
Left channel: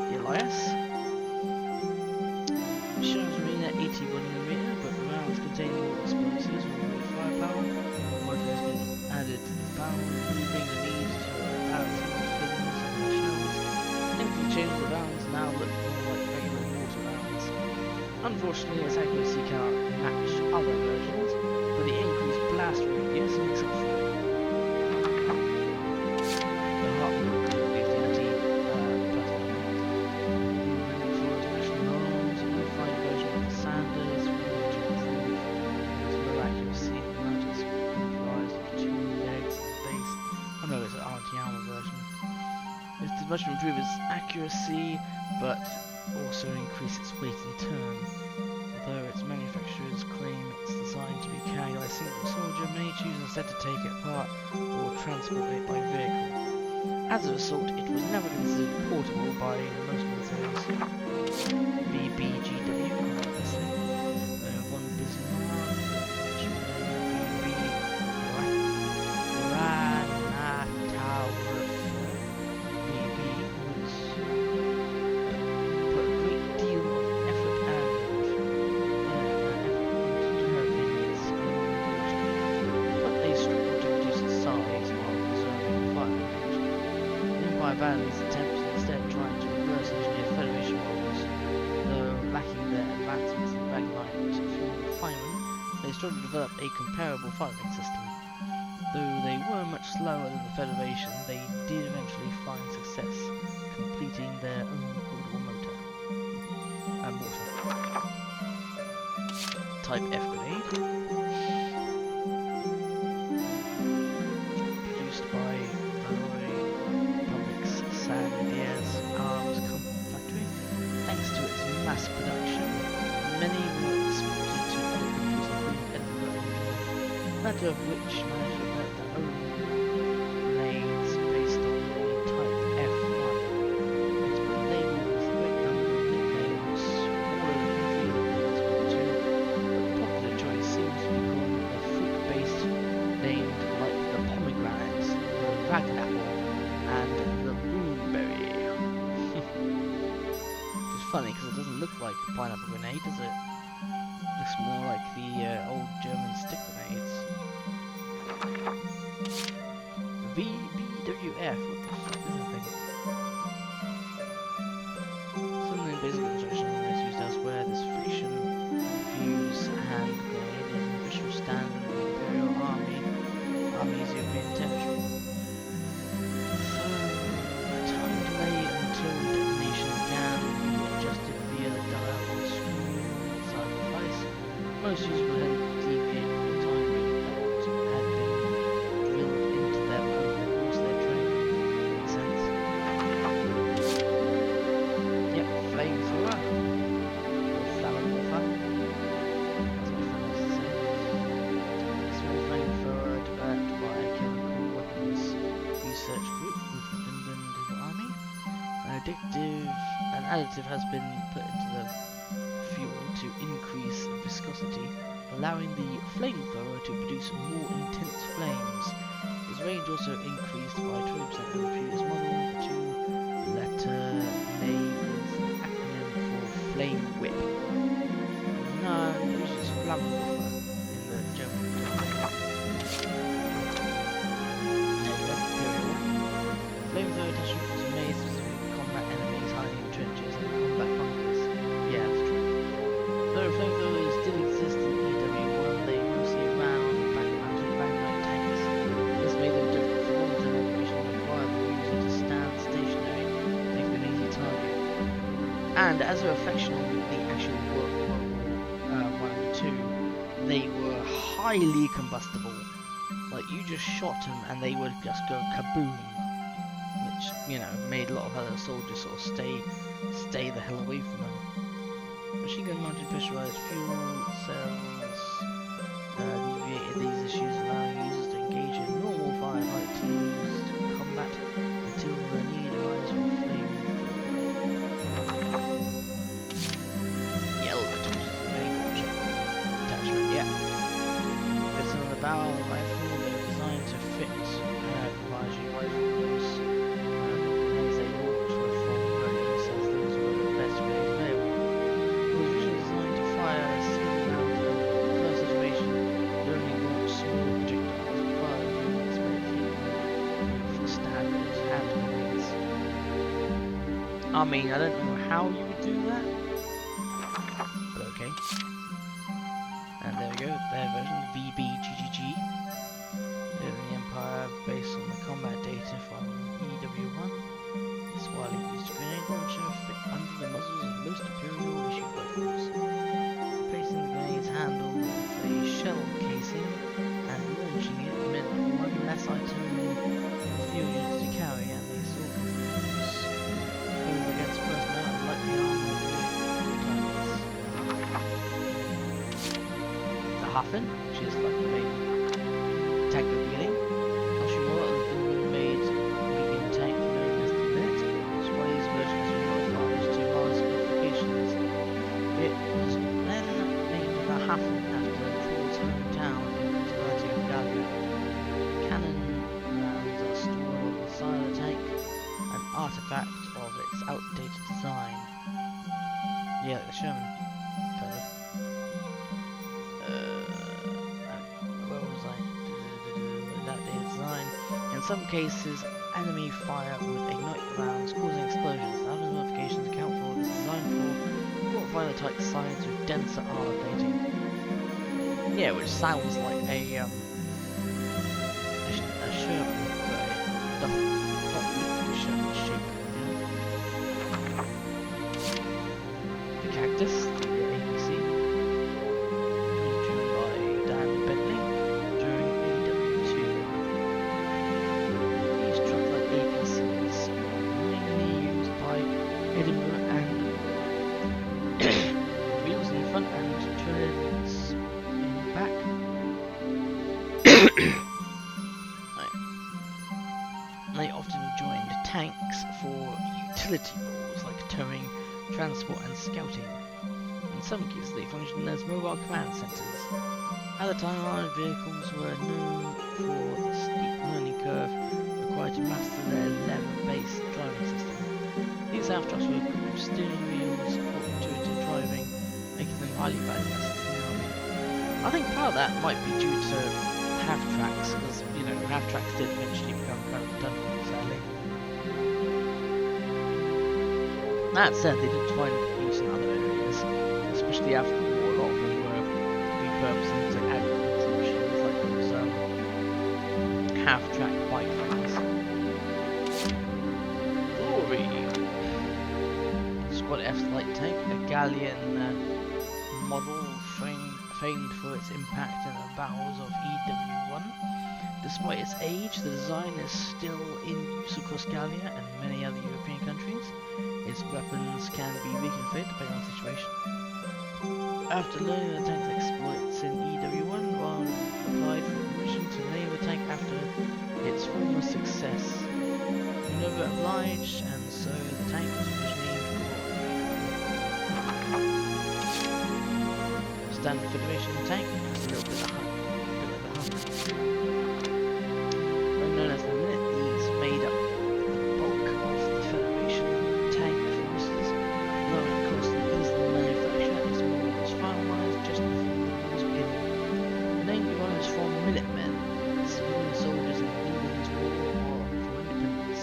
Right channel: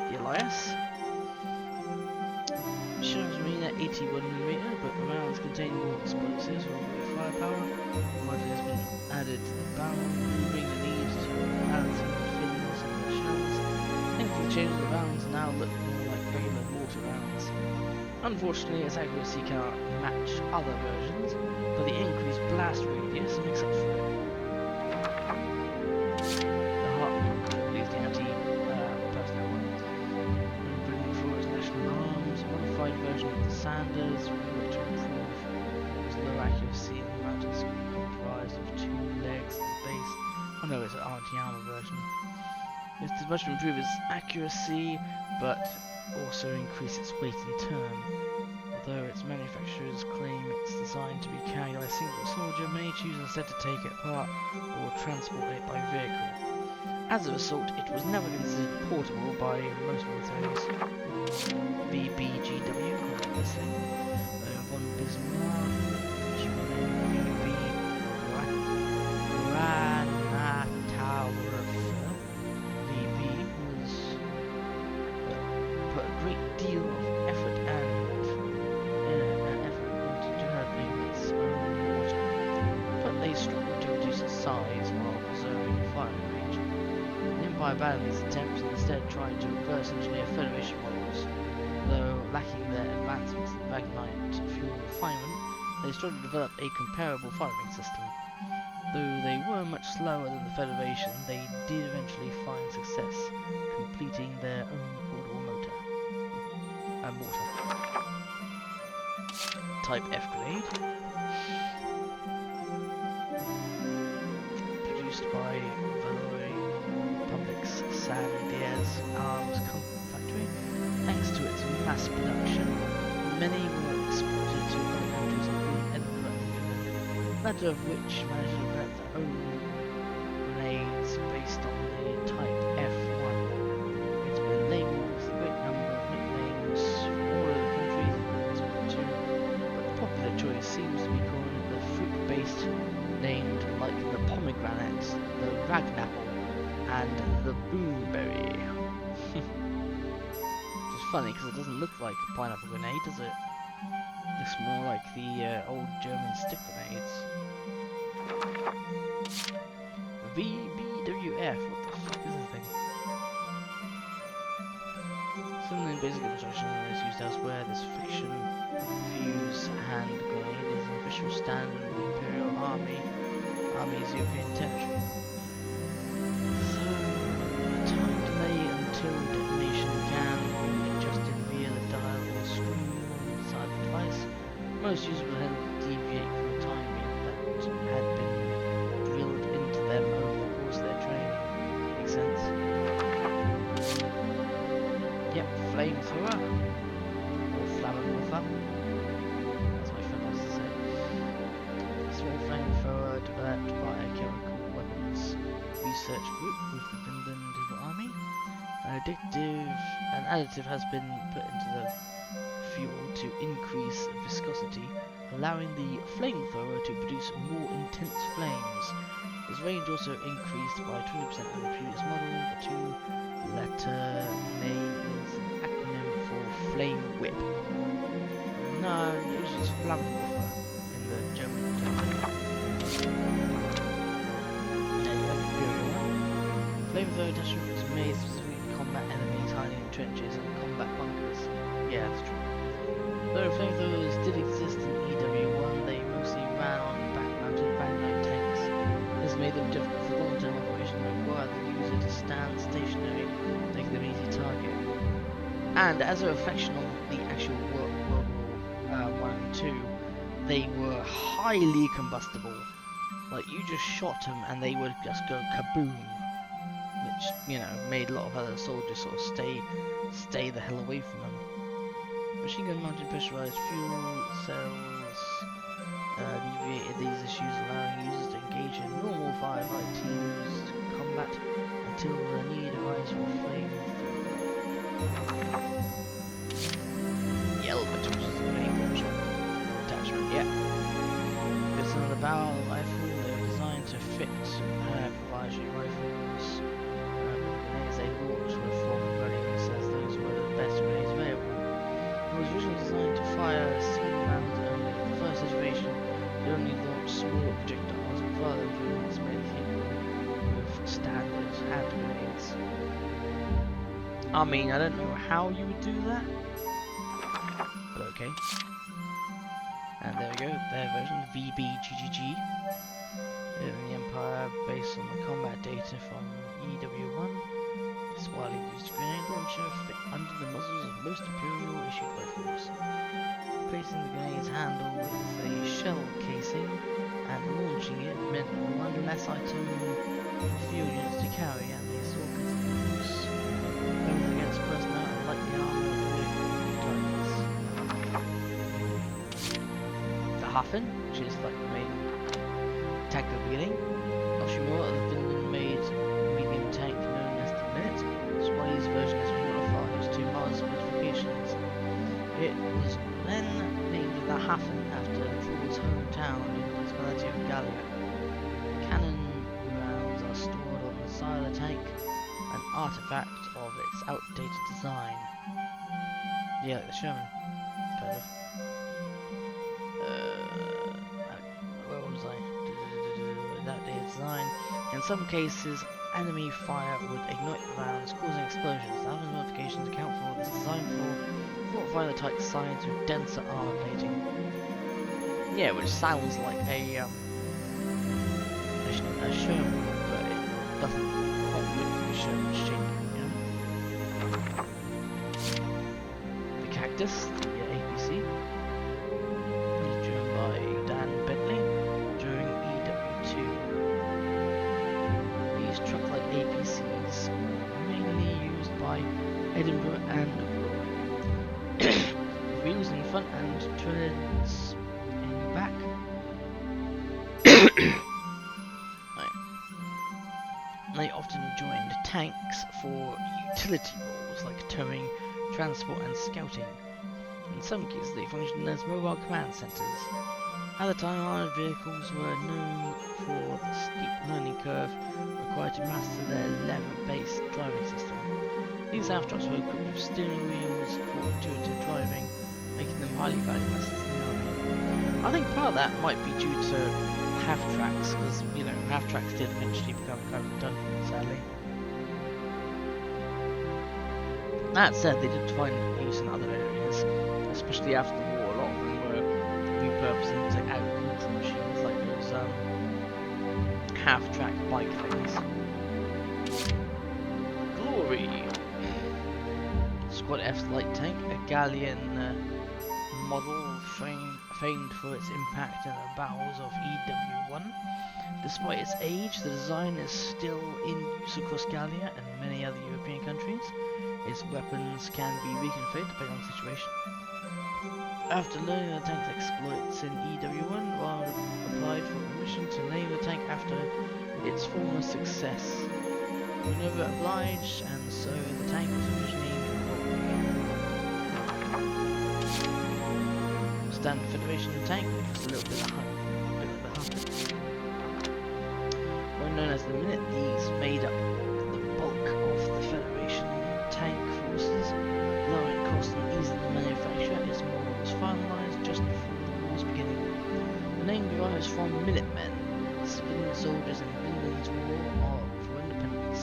The Elias shows Marine at 81mm, but the rounds contain more explosives or great firepower. Rifle has been added to the barrel, removing the need to balancing the fins on the shells. Anything changes, the rounds now look more like regular mortar rounds. Unfortunately, its accuracy cannot match other versions, but the increased blast radius makes up for it. The Hartman, at least the anti-personnel one, bringing forward national arms, a modified version of the Sanders, we want to improve its low accuracy, and the mount is comprised of 2 legs and base. Oh no, it's an anti-armor version. It did much to improve its accuracy, but also increase its weight in turn. Although its manufacturers claim it's designed to be carried by a single soldier, many choose instead to take it apart or transport it by vehicle. As a result, it was never considered portable by most militaries. VBGW, this thing. Von Bismarck, VB Granatwerfer. VB was put a great deal of effort into developing its own mortar, but they struggled to reduce its size while preserving firing range. The Empire abandoned these attempts and instead tried to reverse engineer Federation models. Though lacking their advancements in Ragnite fuel refinement, they struggled to develop a comparable firing system. Though they were much slower than the Federation, they did eventually find success, completing their own portable mortar. Type F grenade, produced by Valkyria Republic's San Diaz Arms Factory. Thanks to its mass production, many were exported to other countries including Edinburgh and England, latter of which managed to develop their own grenades based on the Type F1. It's been labelled with a great number of nicknames from all over the countries it was exported to, but the popular choice seems to be calling it the fruit-based, named like the pomegranate, the ragnapple, and the boomberry. Which is funny because it doesn't look like a pineapple grenade, does it? It looks more like the old German stick grenades. VBWF, what the fuck is this thing? Similar in basic construction is used elsewhere. This fiction fuse hand grenade is an official standard of the Imperial Army's European territory. So, the time delay until detonation can be adjusted via the dial or screw inside the device. Most users will then deviate from the timing that had been drilled into them over the course of their training. Makes sense? Yep, flamethrower. Or flammenwerfer, as my friend likes to say. A small flamethrower developed by a chemical weapons research group with the Finland Army. An additive has been put into the fuel to increase viscosity, allowing the flamethrower to produce more intense flames. Its range also increased by 20% over the previous model. The two-letter name is an acronym for Flame Whip. No, it uses Flammenwerfer in the German term. There you go, Imperial one. Flamethrower attachment was made specifically to combat enemies hiding in trenches and combat bunkers. Yeah, that's true. Though flamethrowers did exist in EW1, they mostly ran on back-mounted Ragnite tanks. This made them difficult for long-term operation and required the user to stand stationary, making them And as a reflection on the actual World War 1 and 2, they were highly combustible. Like, you just shot them and they would just go kaboom. Which, you know, made a lot of other soldiers sort of stay the hell away from them. Machine gun mounted pressurized fuel cells alleviated these issues, allowing users to engage in normal firefight teams combat until the need arises for flamethrower. The element, which is the main launcher attachment, yeah. Fits under the barrel of the rifle. They were designed to fit proprietary rifles. The grenades they launched were from variants as those were the best grenades available. It was originally designed to fire single rounds only. The first iteration could only launch smaller projectiles, but further improvements made it capable of standard hand grenades. I mean, I don't know how you would do that, but okay. And there we go, their version, VBGGG. In the Empire, based on the combat data from EW1, this widely used grenade launcher fit under the muzzles of most Imperial issued rifles. Replacing the grenade's handle with a shell casing and launching it meant one less item for few units to carry, and they saw continued use both against personnel and lightly armored targets. The Hafen, which is like the main tank at the beginning. Oshimura, the Finland-made medium tank known as the Minute. Squaddy's version has been modified to Mars specifications. It was then named the Hafen after Thor's hometown in the Principality of Gallia. Cannon rounds are stored on the side of the tank, an artifact of its outdated design. Yeah, like the Sherman, kind of. Where was I? Outdated design. In some cases, enemy fire would ignite the rounds, causing explosions. Other modifications account for this design for fortifying the tank's sides with denser armor plating. Yeah, which sounds like a Sherman, but it doesn't quite look like a Sherman shape, you know? The Cactus, the APC, is driven by Dan Bentley during EW2. These truck-like APCs were mainly used by Edinburgh and Warwick. Wheels in front and treads in back. They often joined tanks for utility roles like towing, transport and scouting. In some cases they functioned as mobile command centres. At the time, armoured vehicles were known for the steep learning curve required to master their lever-based driving system. These half-trucks were equipped with steering wheels for intuitive driving, making them highly valuable assets in the army. I think part of that might be due to half-tracks, because, you know, half-tracks did eventually become kind of redundant, sadly. That said, they did find use in other areas, especially after the war. A lot of them were repurposed into agricultural machines, like those half-track bike things. Glory! Squad F's light tank, a Gallian model famed for its impact in the battles of EW1. Despite its age, the design is still in use across Gallia and many other European countries. Its weapons can be reconfigured depending on the situation. After learning the tank's exploits in EW1, Wild applied for permission to name the tank after its former success. Minerva obliged, and so the tank was originally named Standard Federation tank, just a little bit like the Hunt. Known as the Minute, these made up the bulk of the Federation tank forces. Lowering cost and ease of manufacture, its model was finalized just before the war's beginning. The name derives from Minutemen, civilian soldiers in England's war for independence.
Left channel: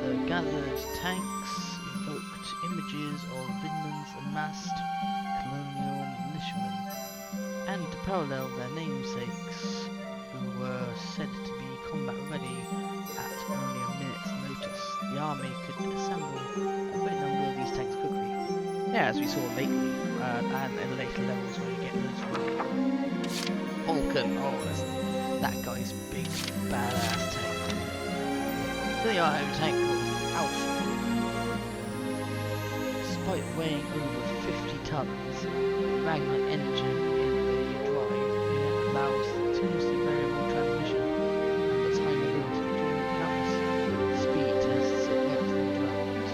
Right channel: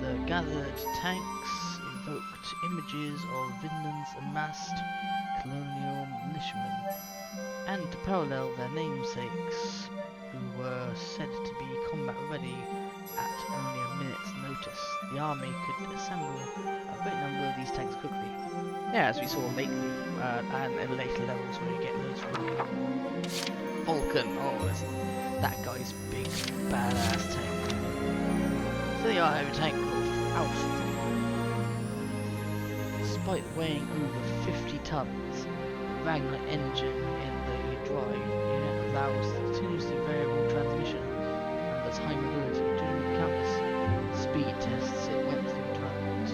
The gathered tanks evoked images of Vinland's amassed colonial militiamen, and to parallel their namesakes, who were said to be combat ready at only a minute's notice. The army could assemble a great number of these tanks quickly, yeah, as we saw lately, and in later levels where you get loads of Vulcan. Oh, that guy's big, badass tank. So the heavy tank called Alpha. Despite weighing over 50 tons, the Magnite engine in the drive unit allows continuously variable transmission and the time ability to do countless speed tests it went through development.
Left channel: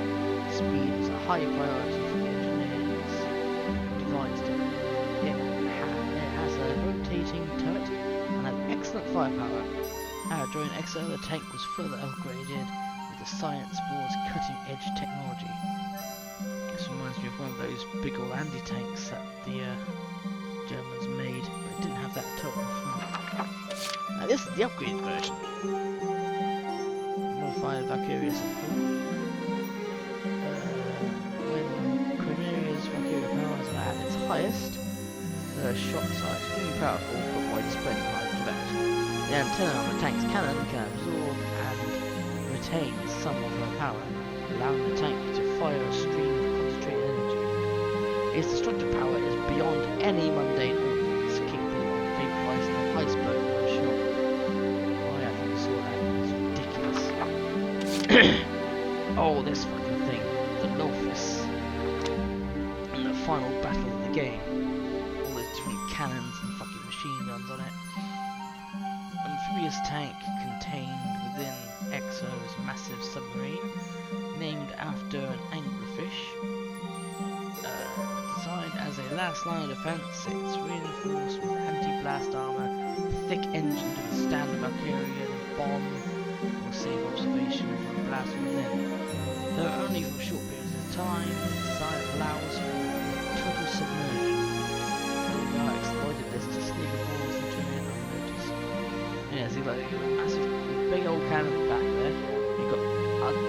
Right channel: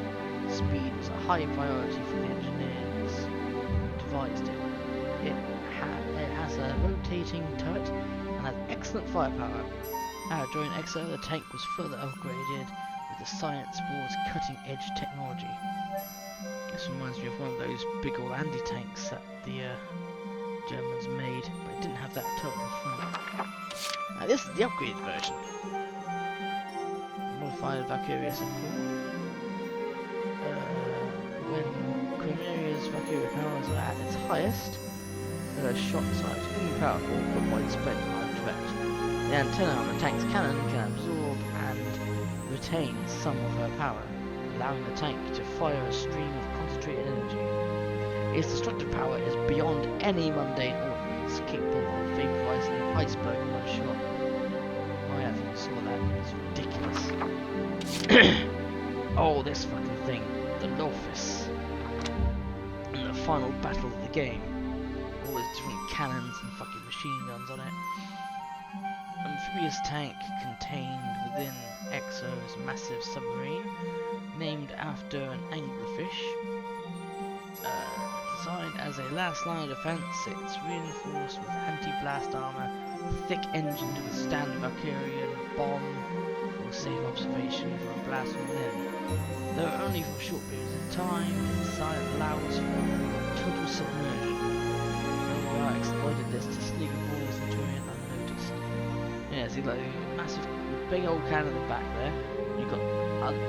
Speed was a high priority for the engineers who devised it. It has a rotating turret and has excellent firepower. During XO, the tank was further upgraded with the Science Board's cutting-edge technology. This reminds me of one of those big old anti-tanks that the Germans made, but it didn't have that turret in front. Now this is the upgraded version. Modified Valkyria support. When Chimera's Valkyria powers are at its highest, the shot size is extremely powerful but widespread and hard to direct. The antenna on the tank's cannon can absorb and retain some of her power, allowing the tank to fire a stream of concentrated energy. Its destructive power is beyond any mundane ordnance, capable of vaporizing an iceberg in one shot. Oh yeah, I think we saw that. It's ridiculous. Oh, this fucking thing. The Lofus. And the final battle of the game. All those different cannons and fucking machine guns on it. Amphibious tank contained within Exo's massive submarine, named after an anglerfish. Designed as a last line of defense, it's reinforced with anti-blast armor, thick engine to withstand a Valkyrian bomb or safe observation from a blast from within. Though only for short periods of time, its design allows for total submersion. Elgar exploited this to sneak aboard the Centurion unnoticed. Yeah, see, like, you've got a massive, big old cannon at the back there. You've got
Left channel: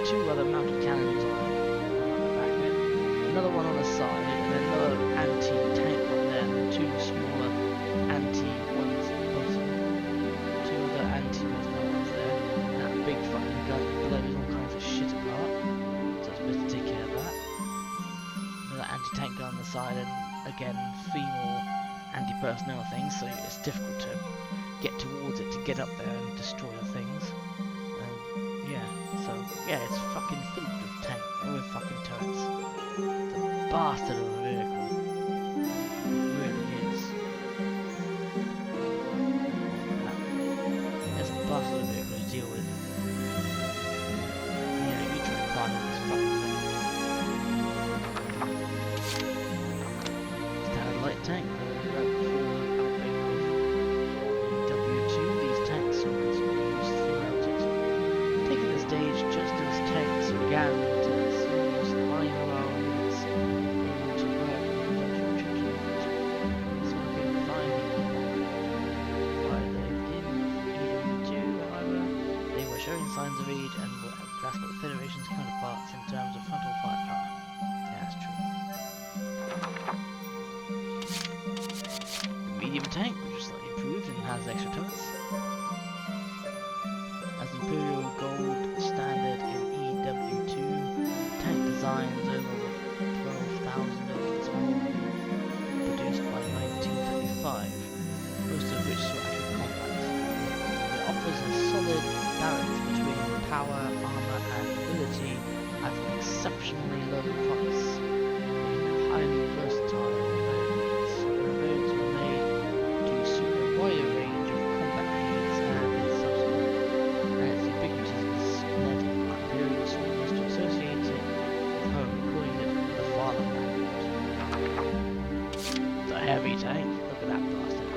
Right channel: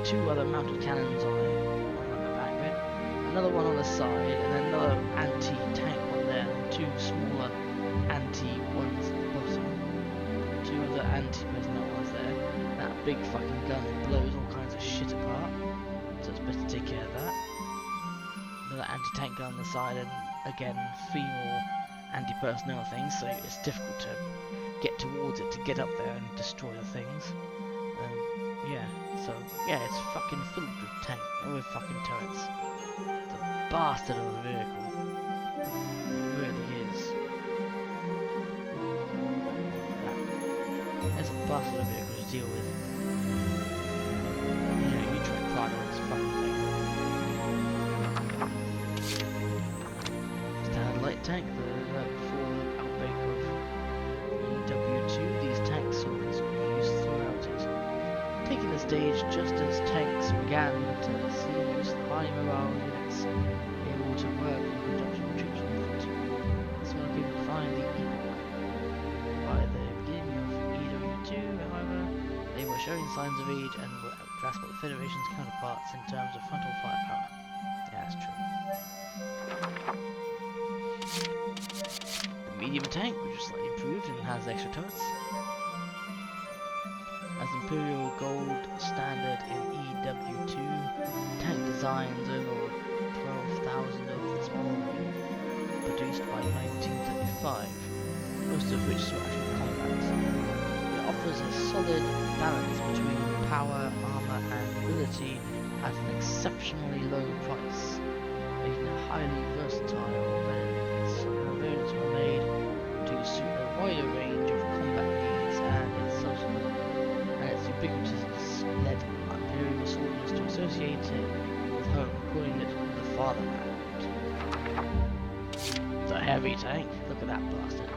two other mounted cannons on it, one at the back of it, another one on the side, and then another anti-tank one there, and then two smaller anti-ones at the bottom. Two other anti-personnel ones there. And that big fucking gun that blows all kinds of shit apart. So it's better to take care of that. Another anti-tank gun on the side, and again, 3 more anti-personnel things, so it's difficult to get towards it to get up there and destroy the things. Yeah, so yeah, it's fucking filled with fucking turrets. It's a bastard of a vehicle. It really is. It's a bastard of a vehicle to deal with. You know, you try and climb on this fucking thing. Standard light tank, before the outbreak of EW2, these tanks saw considerable use throughout it. Taking the stage just as tanks began to see use of high morale units able to work in conjunction with troops on foot. This market defined the epoch. By the beginning of EW2, however, they were showing signs of age and were outclassed by the Federation's counterparts in terms of frontal firepower. Yeah, that's true. The medium tank, which was slightly improved and has extra turrets. As Imperial Gold standard in EW2, tank designs over 12,000 of the small have been produced by 1935, most of which saw actual combat. It offers a solid balance between power, armor and ability at an exceptionally low price, making it highly versatile variants. Variants were made to suit a wider range of combat needs, and its ubiquitousness led Imperial soldiers to associate it with home, calling it the fatherland. The heavy tank, look at that bastard.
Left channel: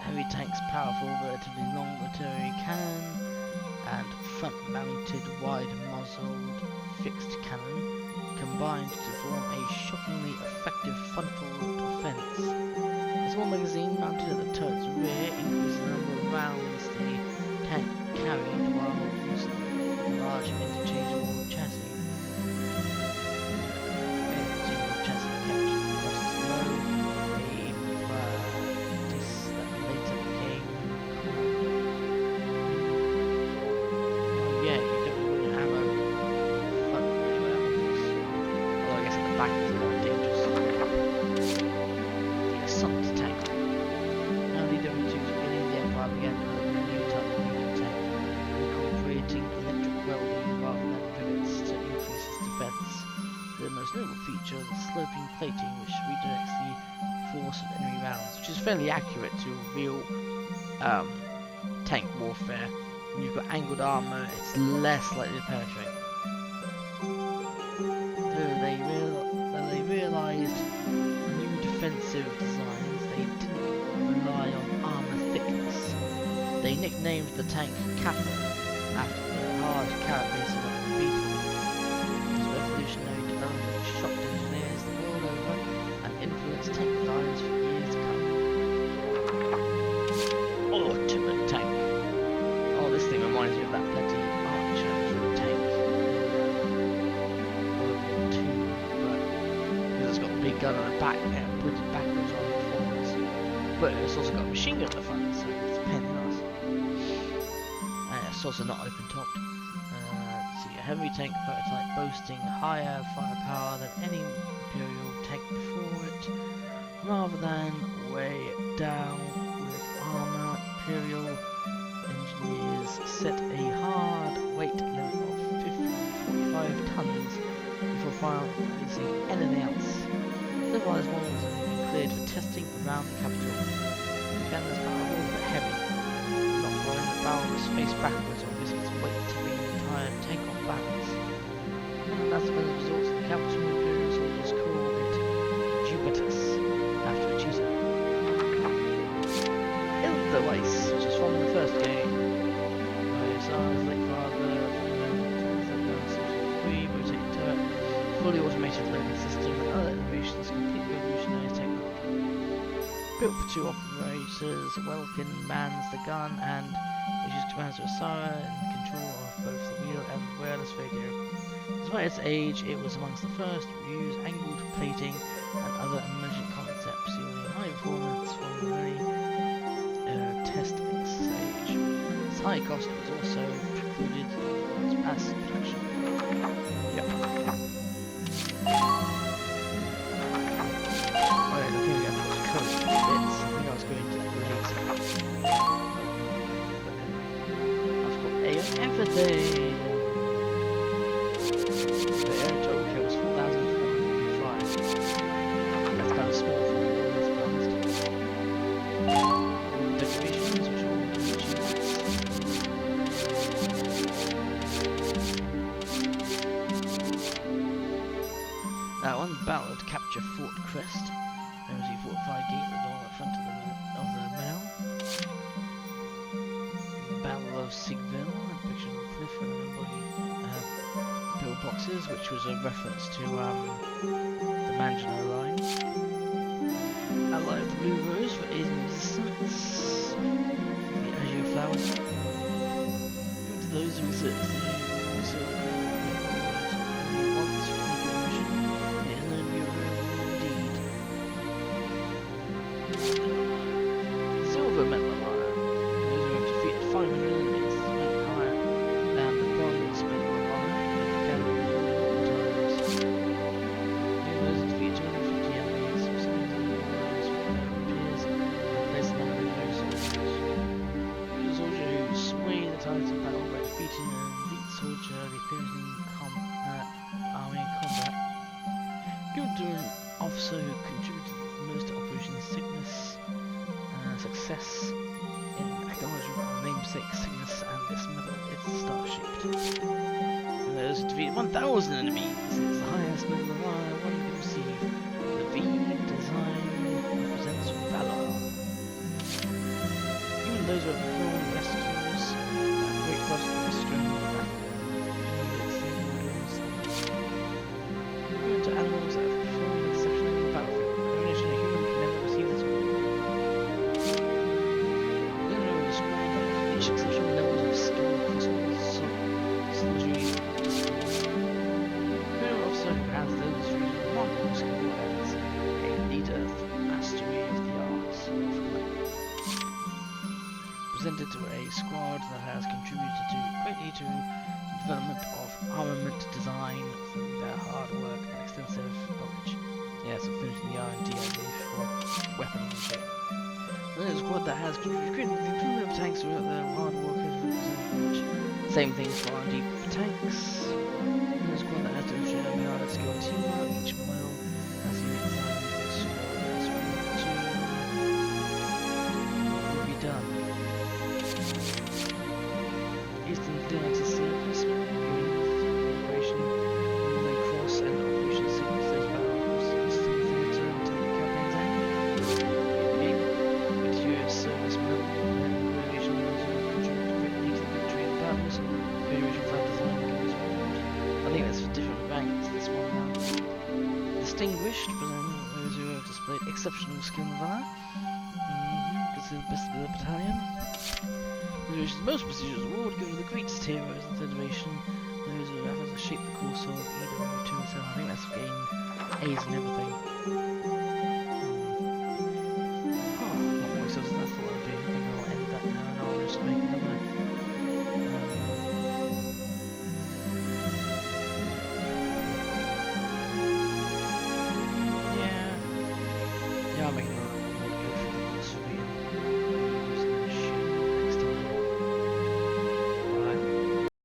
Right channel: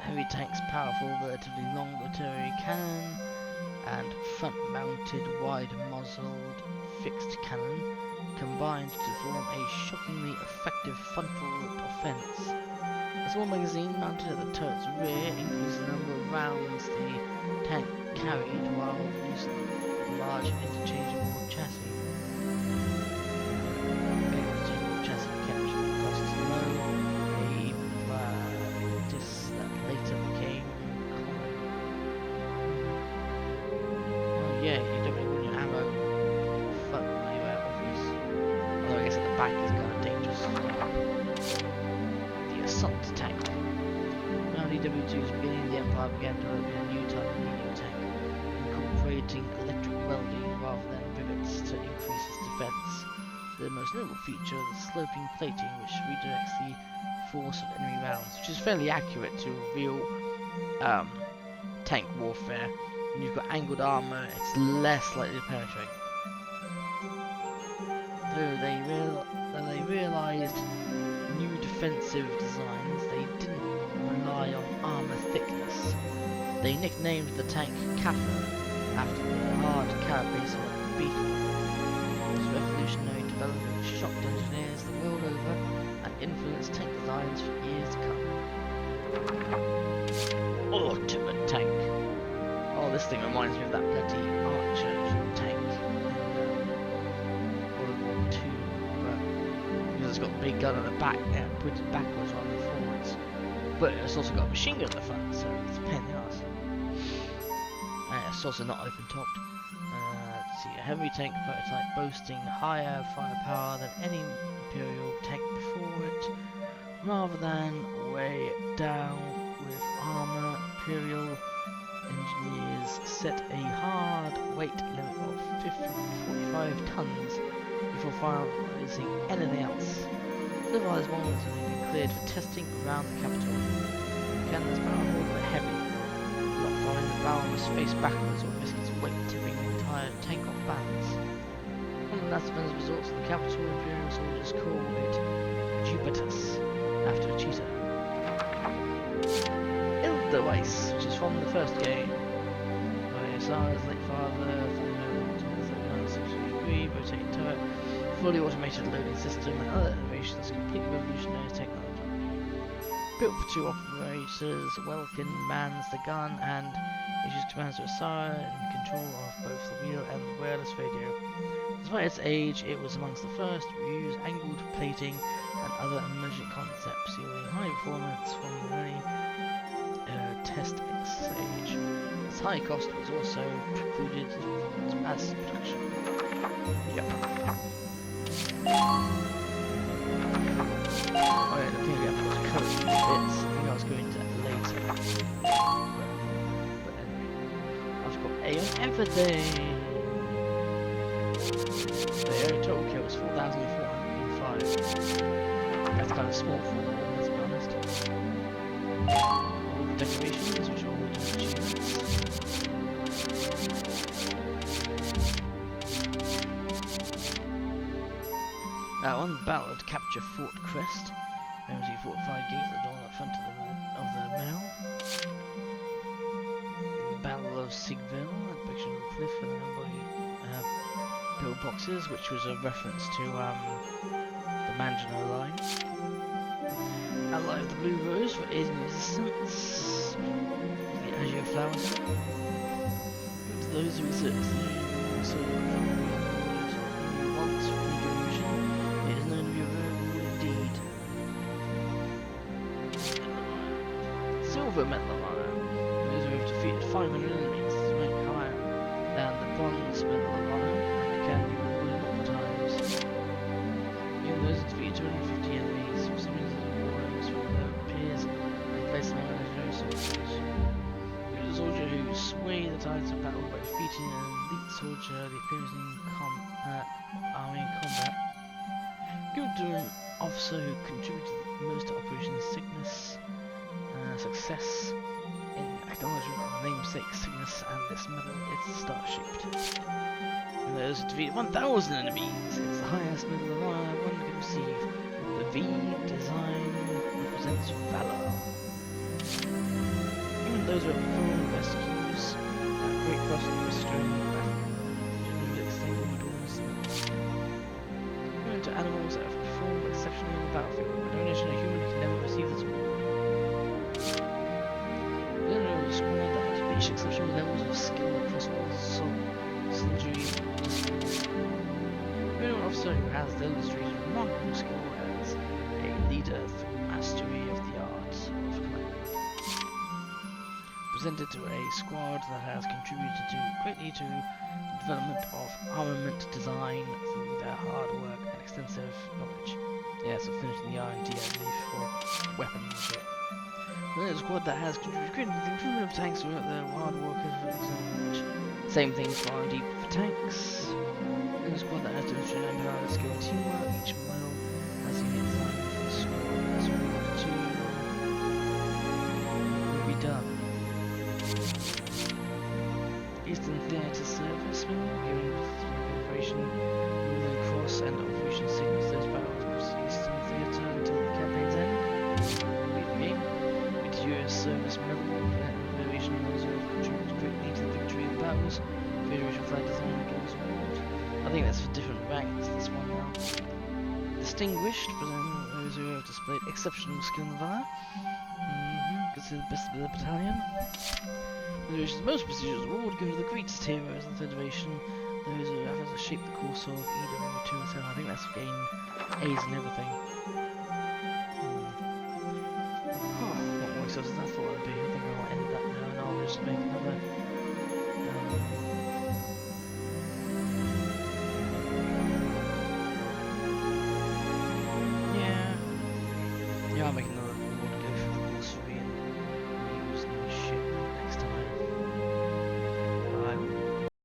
Heavy tank's powerful, relatively long rotary cannon and front-mounted, wide-muzzled fixed cannon combined to form a shockingly effective frontal offense. A small magazine mounted at the turret's rear increased the number of rounds the tank carried while using a large interchangeable chassis. Interchangeable chassis kept costs low, a practice that later became common. Oh yeah, you don't really want your ammo front anywhere, or back is kind of dangerous as well. The assault tank. Around EW2's beginning, the Empire began developing a new type of medium tank, incorporating electric welding rather than rivets to increase its defense. The most notable feature is the sloping plating, which redirects the force of enemy rounds, which is fairly accurate to real tank warfare. When you've got angled armor, it's less likely to penetrate. Though they realized new defensive designs, they didn't rely on armor thickness. They nicknamed the tank Cather, after the hard carapace of a beetle. This revolutionary development shocked engineers the world over and influenced tank designs for years to come. Ultimate tank. Oh, this thing reminds me of that bloody Archer tank in World War II, but because it's got a big gun on the back, pointed backwards rather than forwards. But it's also got a machine gun at the front, so it's a pain in the ass. It's also not open-topped. Let's see, a heavy tank prototype boasting higher firepower than any Imperial tank before it, rather than weigh it down with armor. Imperial engineers set a hard weight limit of 45 tons before finalizing anything else. So far, this model has only been cleared for testing around the capital. The cannon is powerful but heavy. Not firing the barrel must face backwards or risk its weight tipping the entire tank off balance. One of the last defensive resorts of the capital, Imperial soldiers call it Jupitus, after a cheetah. Ildewice, which is from the first game. By Sarah's late father, rotating turret, fully automated loading system, and other innovations completely revolutionised technology. Built for two operators, Welkin mans the gun and issues commands to Asara in control of both the wheel and the wireless radio. Despite its age, it was amongst the first to use angled plating and other emergent concepts, yielding high performance from the early test stage. Its high cost was also precluded from its mass production. Yep. Oh yeah, looking again for the code bits. I think I was going to that later. But anyway, I've got A on everything. The total kill was 4,405. That's kind of small for war, let's be honest. All the decorations, which are all different achievements. On the battle to capture Fort Crest, there was a fortified gate at the door at the front of the mill. The Battle of Sigville, a depiction of a cliff and a number of pillboxes, which was a reference to the Maginot Line. Ally of the Blue Rose for aiding resistance. The Azure Flowers. Given to those who exert the also only once for any conversion. It is known to be a rare rule indeed. Silver Medal of Honor. Those who have defeated 500 enemies rank higher than the Bronze Medal of Honor and can be rewarded multiple times. Even those who defeat 250 enemies, recipients of the awards from their peers and place them on legendary soldiers. Use a soldier who sway the tides of battle by defeating an elite soldier, the opposing army in combat. Given to an officer who contributed most to Operation Cygnus, success in acknowledgement of the namesake Cygnus and this medal is star-shaped. And those who defeat 1,000 enemies, it's the highest medal of honor one can receive. The V design represents valor. Even those who have performed rescues at great cost in the during the battle, to animals that have performed exceptionally in the battlefield. A donation a human can never receive this award. The leader of a squad that has reached exceptional levels of skill across all soldiery disciplines. An officer who has demonstrated remarkable skill as a leader through mastery of the art of command. Presented to a squad that has contributed greatly to the development of armament design through their hard work and extensive knowledge. Yeah, so finishing the R&D, I believe, for weapons and shit. Then there's a squad that has contributed to the improvement of tanks throughout their hard work and knowledge. Same things for R&D for tanks. Then there's a squad that has demonstrated empowered skill and teamwork. Each model has a unique design for the squad. That's what will be done. Eastern Theatre Service Mill, given Operation Northern Cross and Operation Cygnus, those battles across the Eastern Theatre until the campaign's end. Read the game. Meteor Service Mill, and Federation Reserve contributes greatly to the victory of the battles. Federation flag design goes forward. I think that's for different ranks, this one now. Distinguished, presenting those who have displayed exceptional skill and valor. Considered the best of the battalion. The Federation's most prestigious award given to the greatest heroes of the Federation, those who have shaped the course of EW2, so I think that's for getting A's and everything. Not more excited as I thought it would be. I think I'll end that now and I'll just make another. Yeah, I'll make another award go through the course of being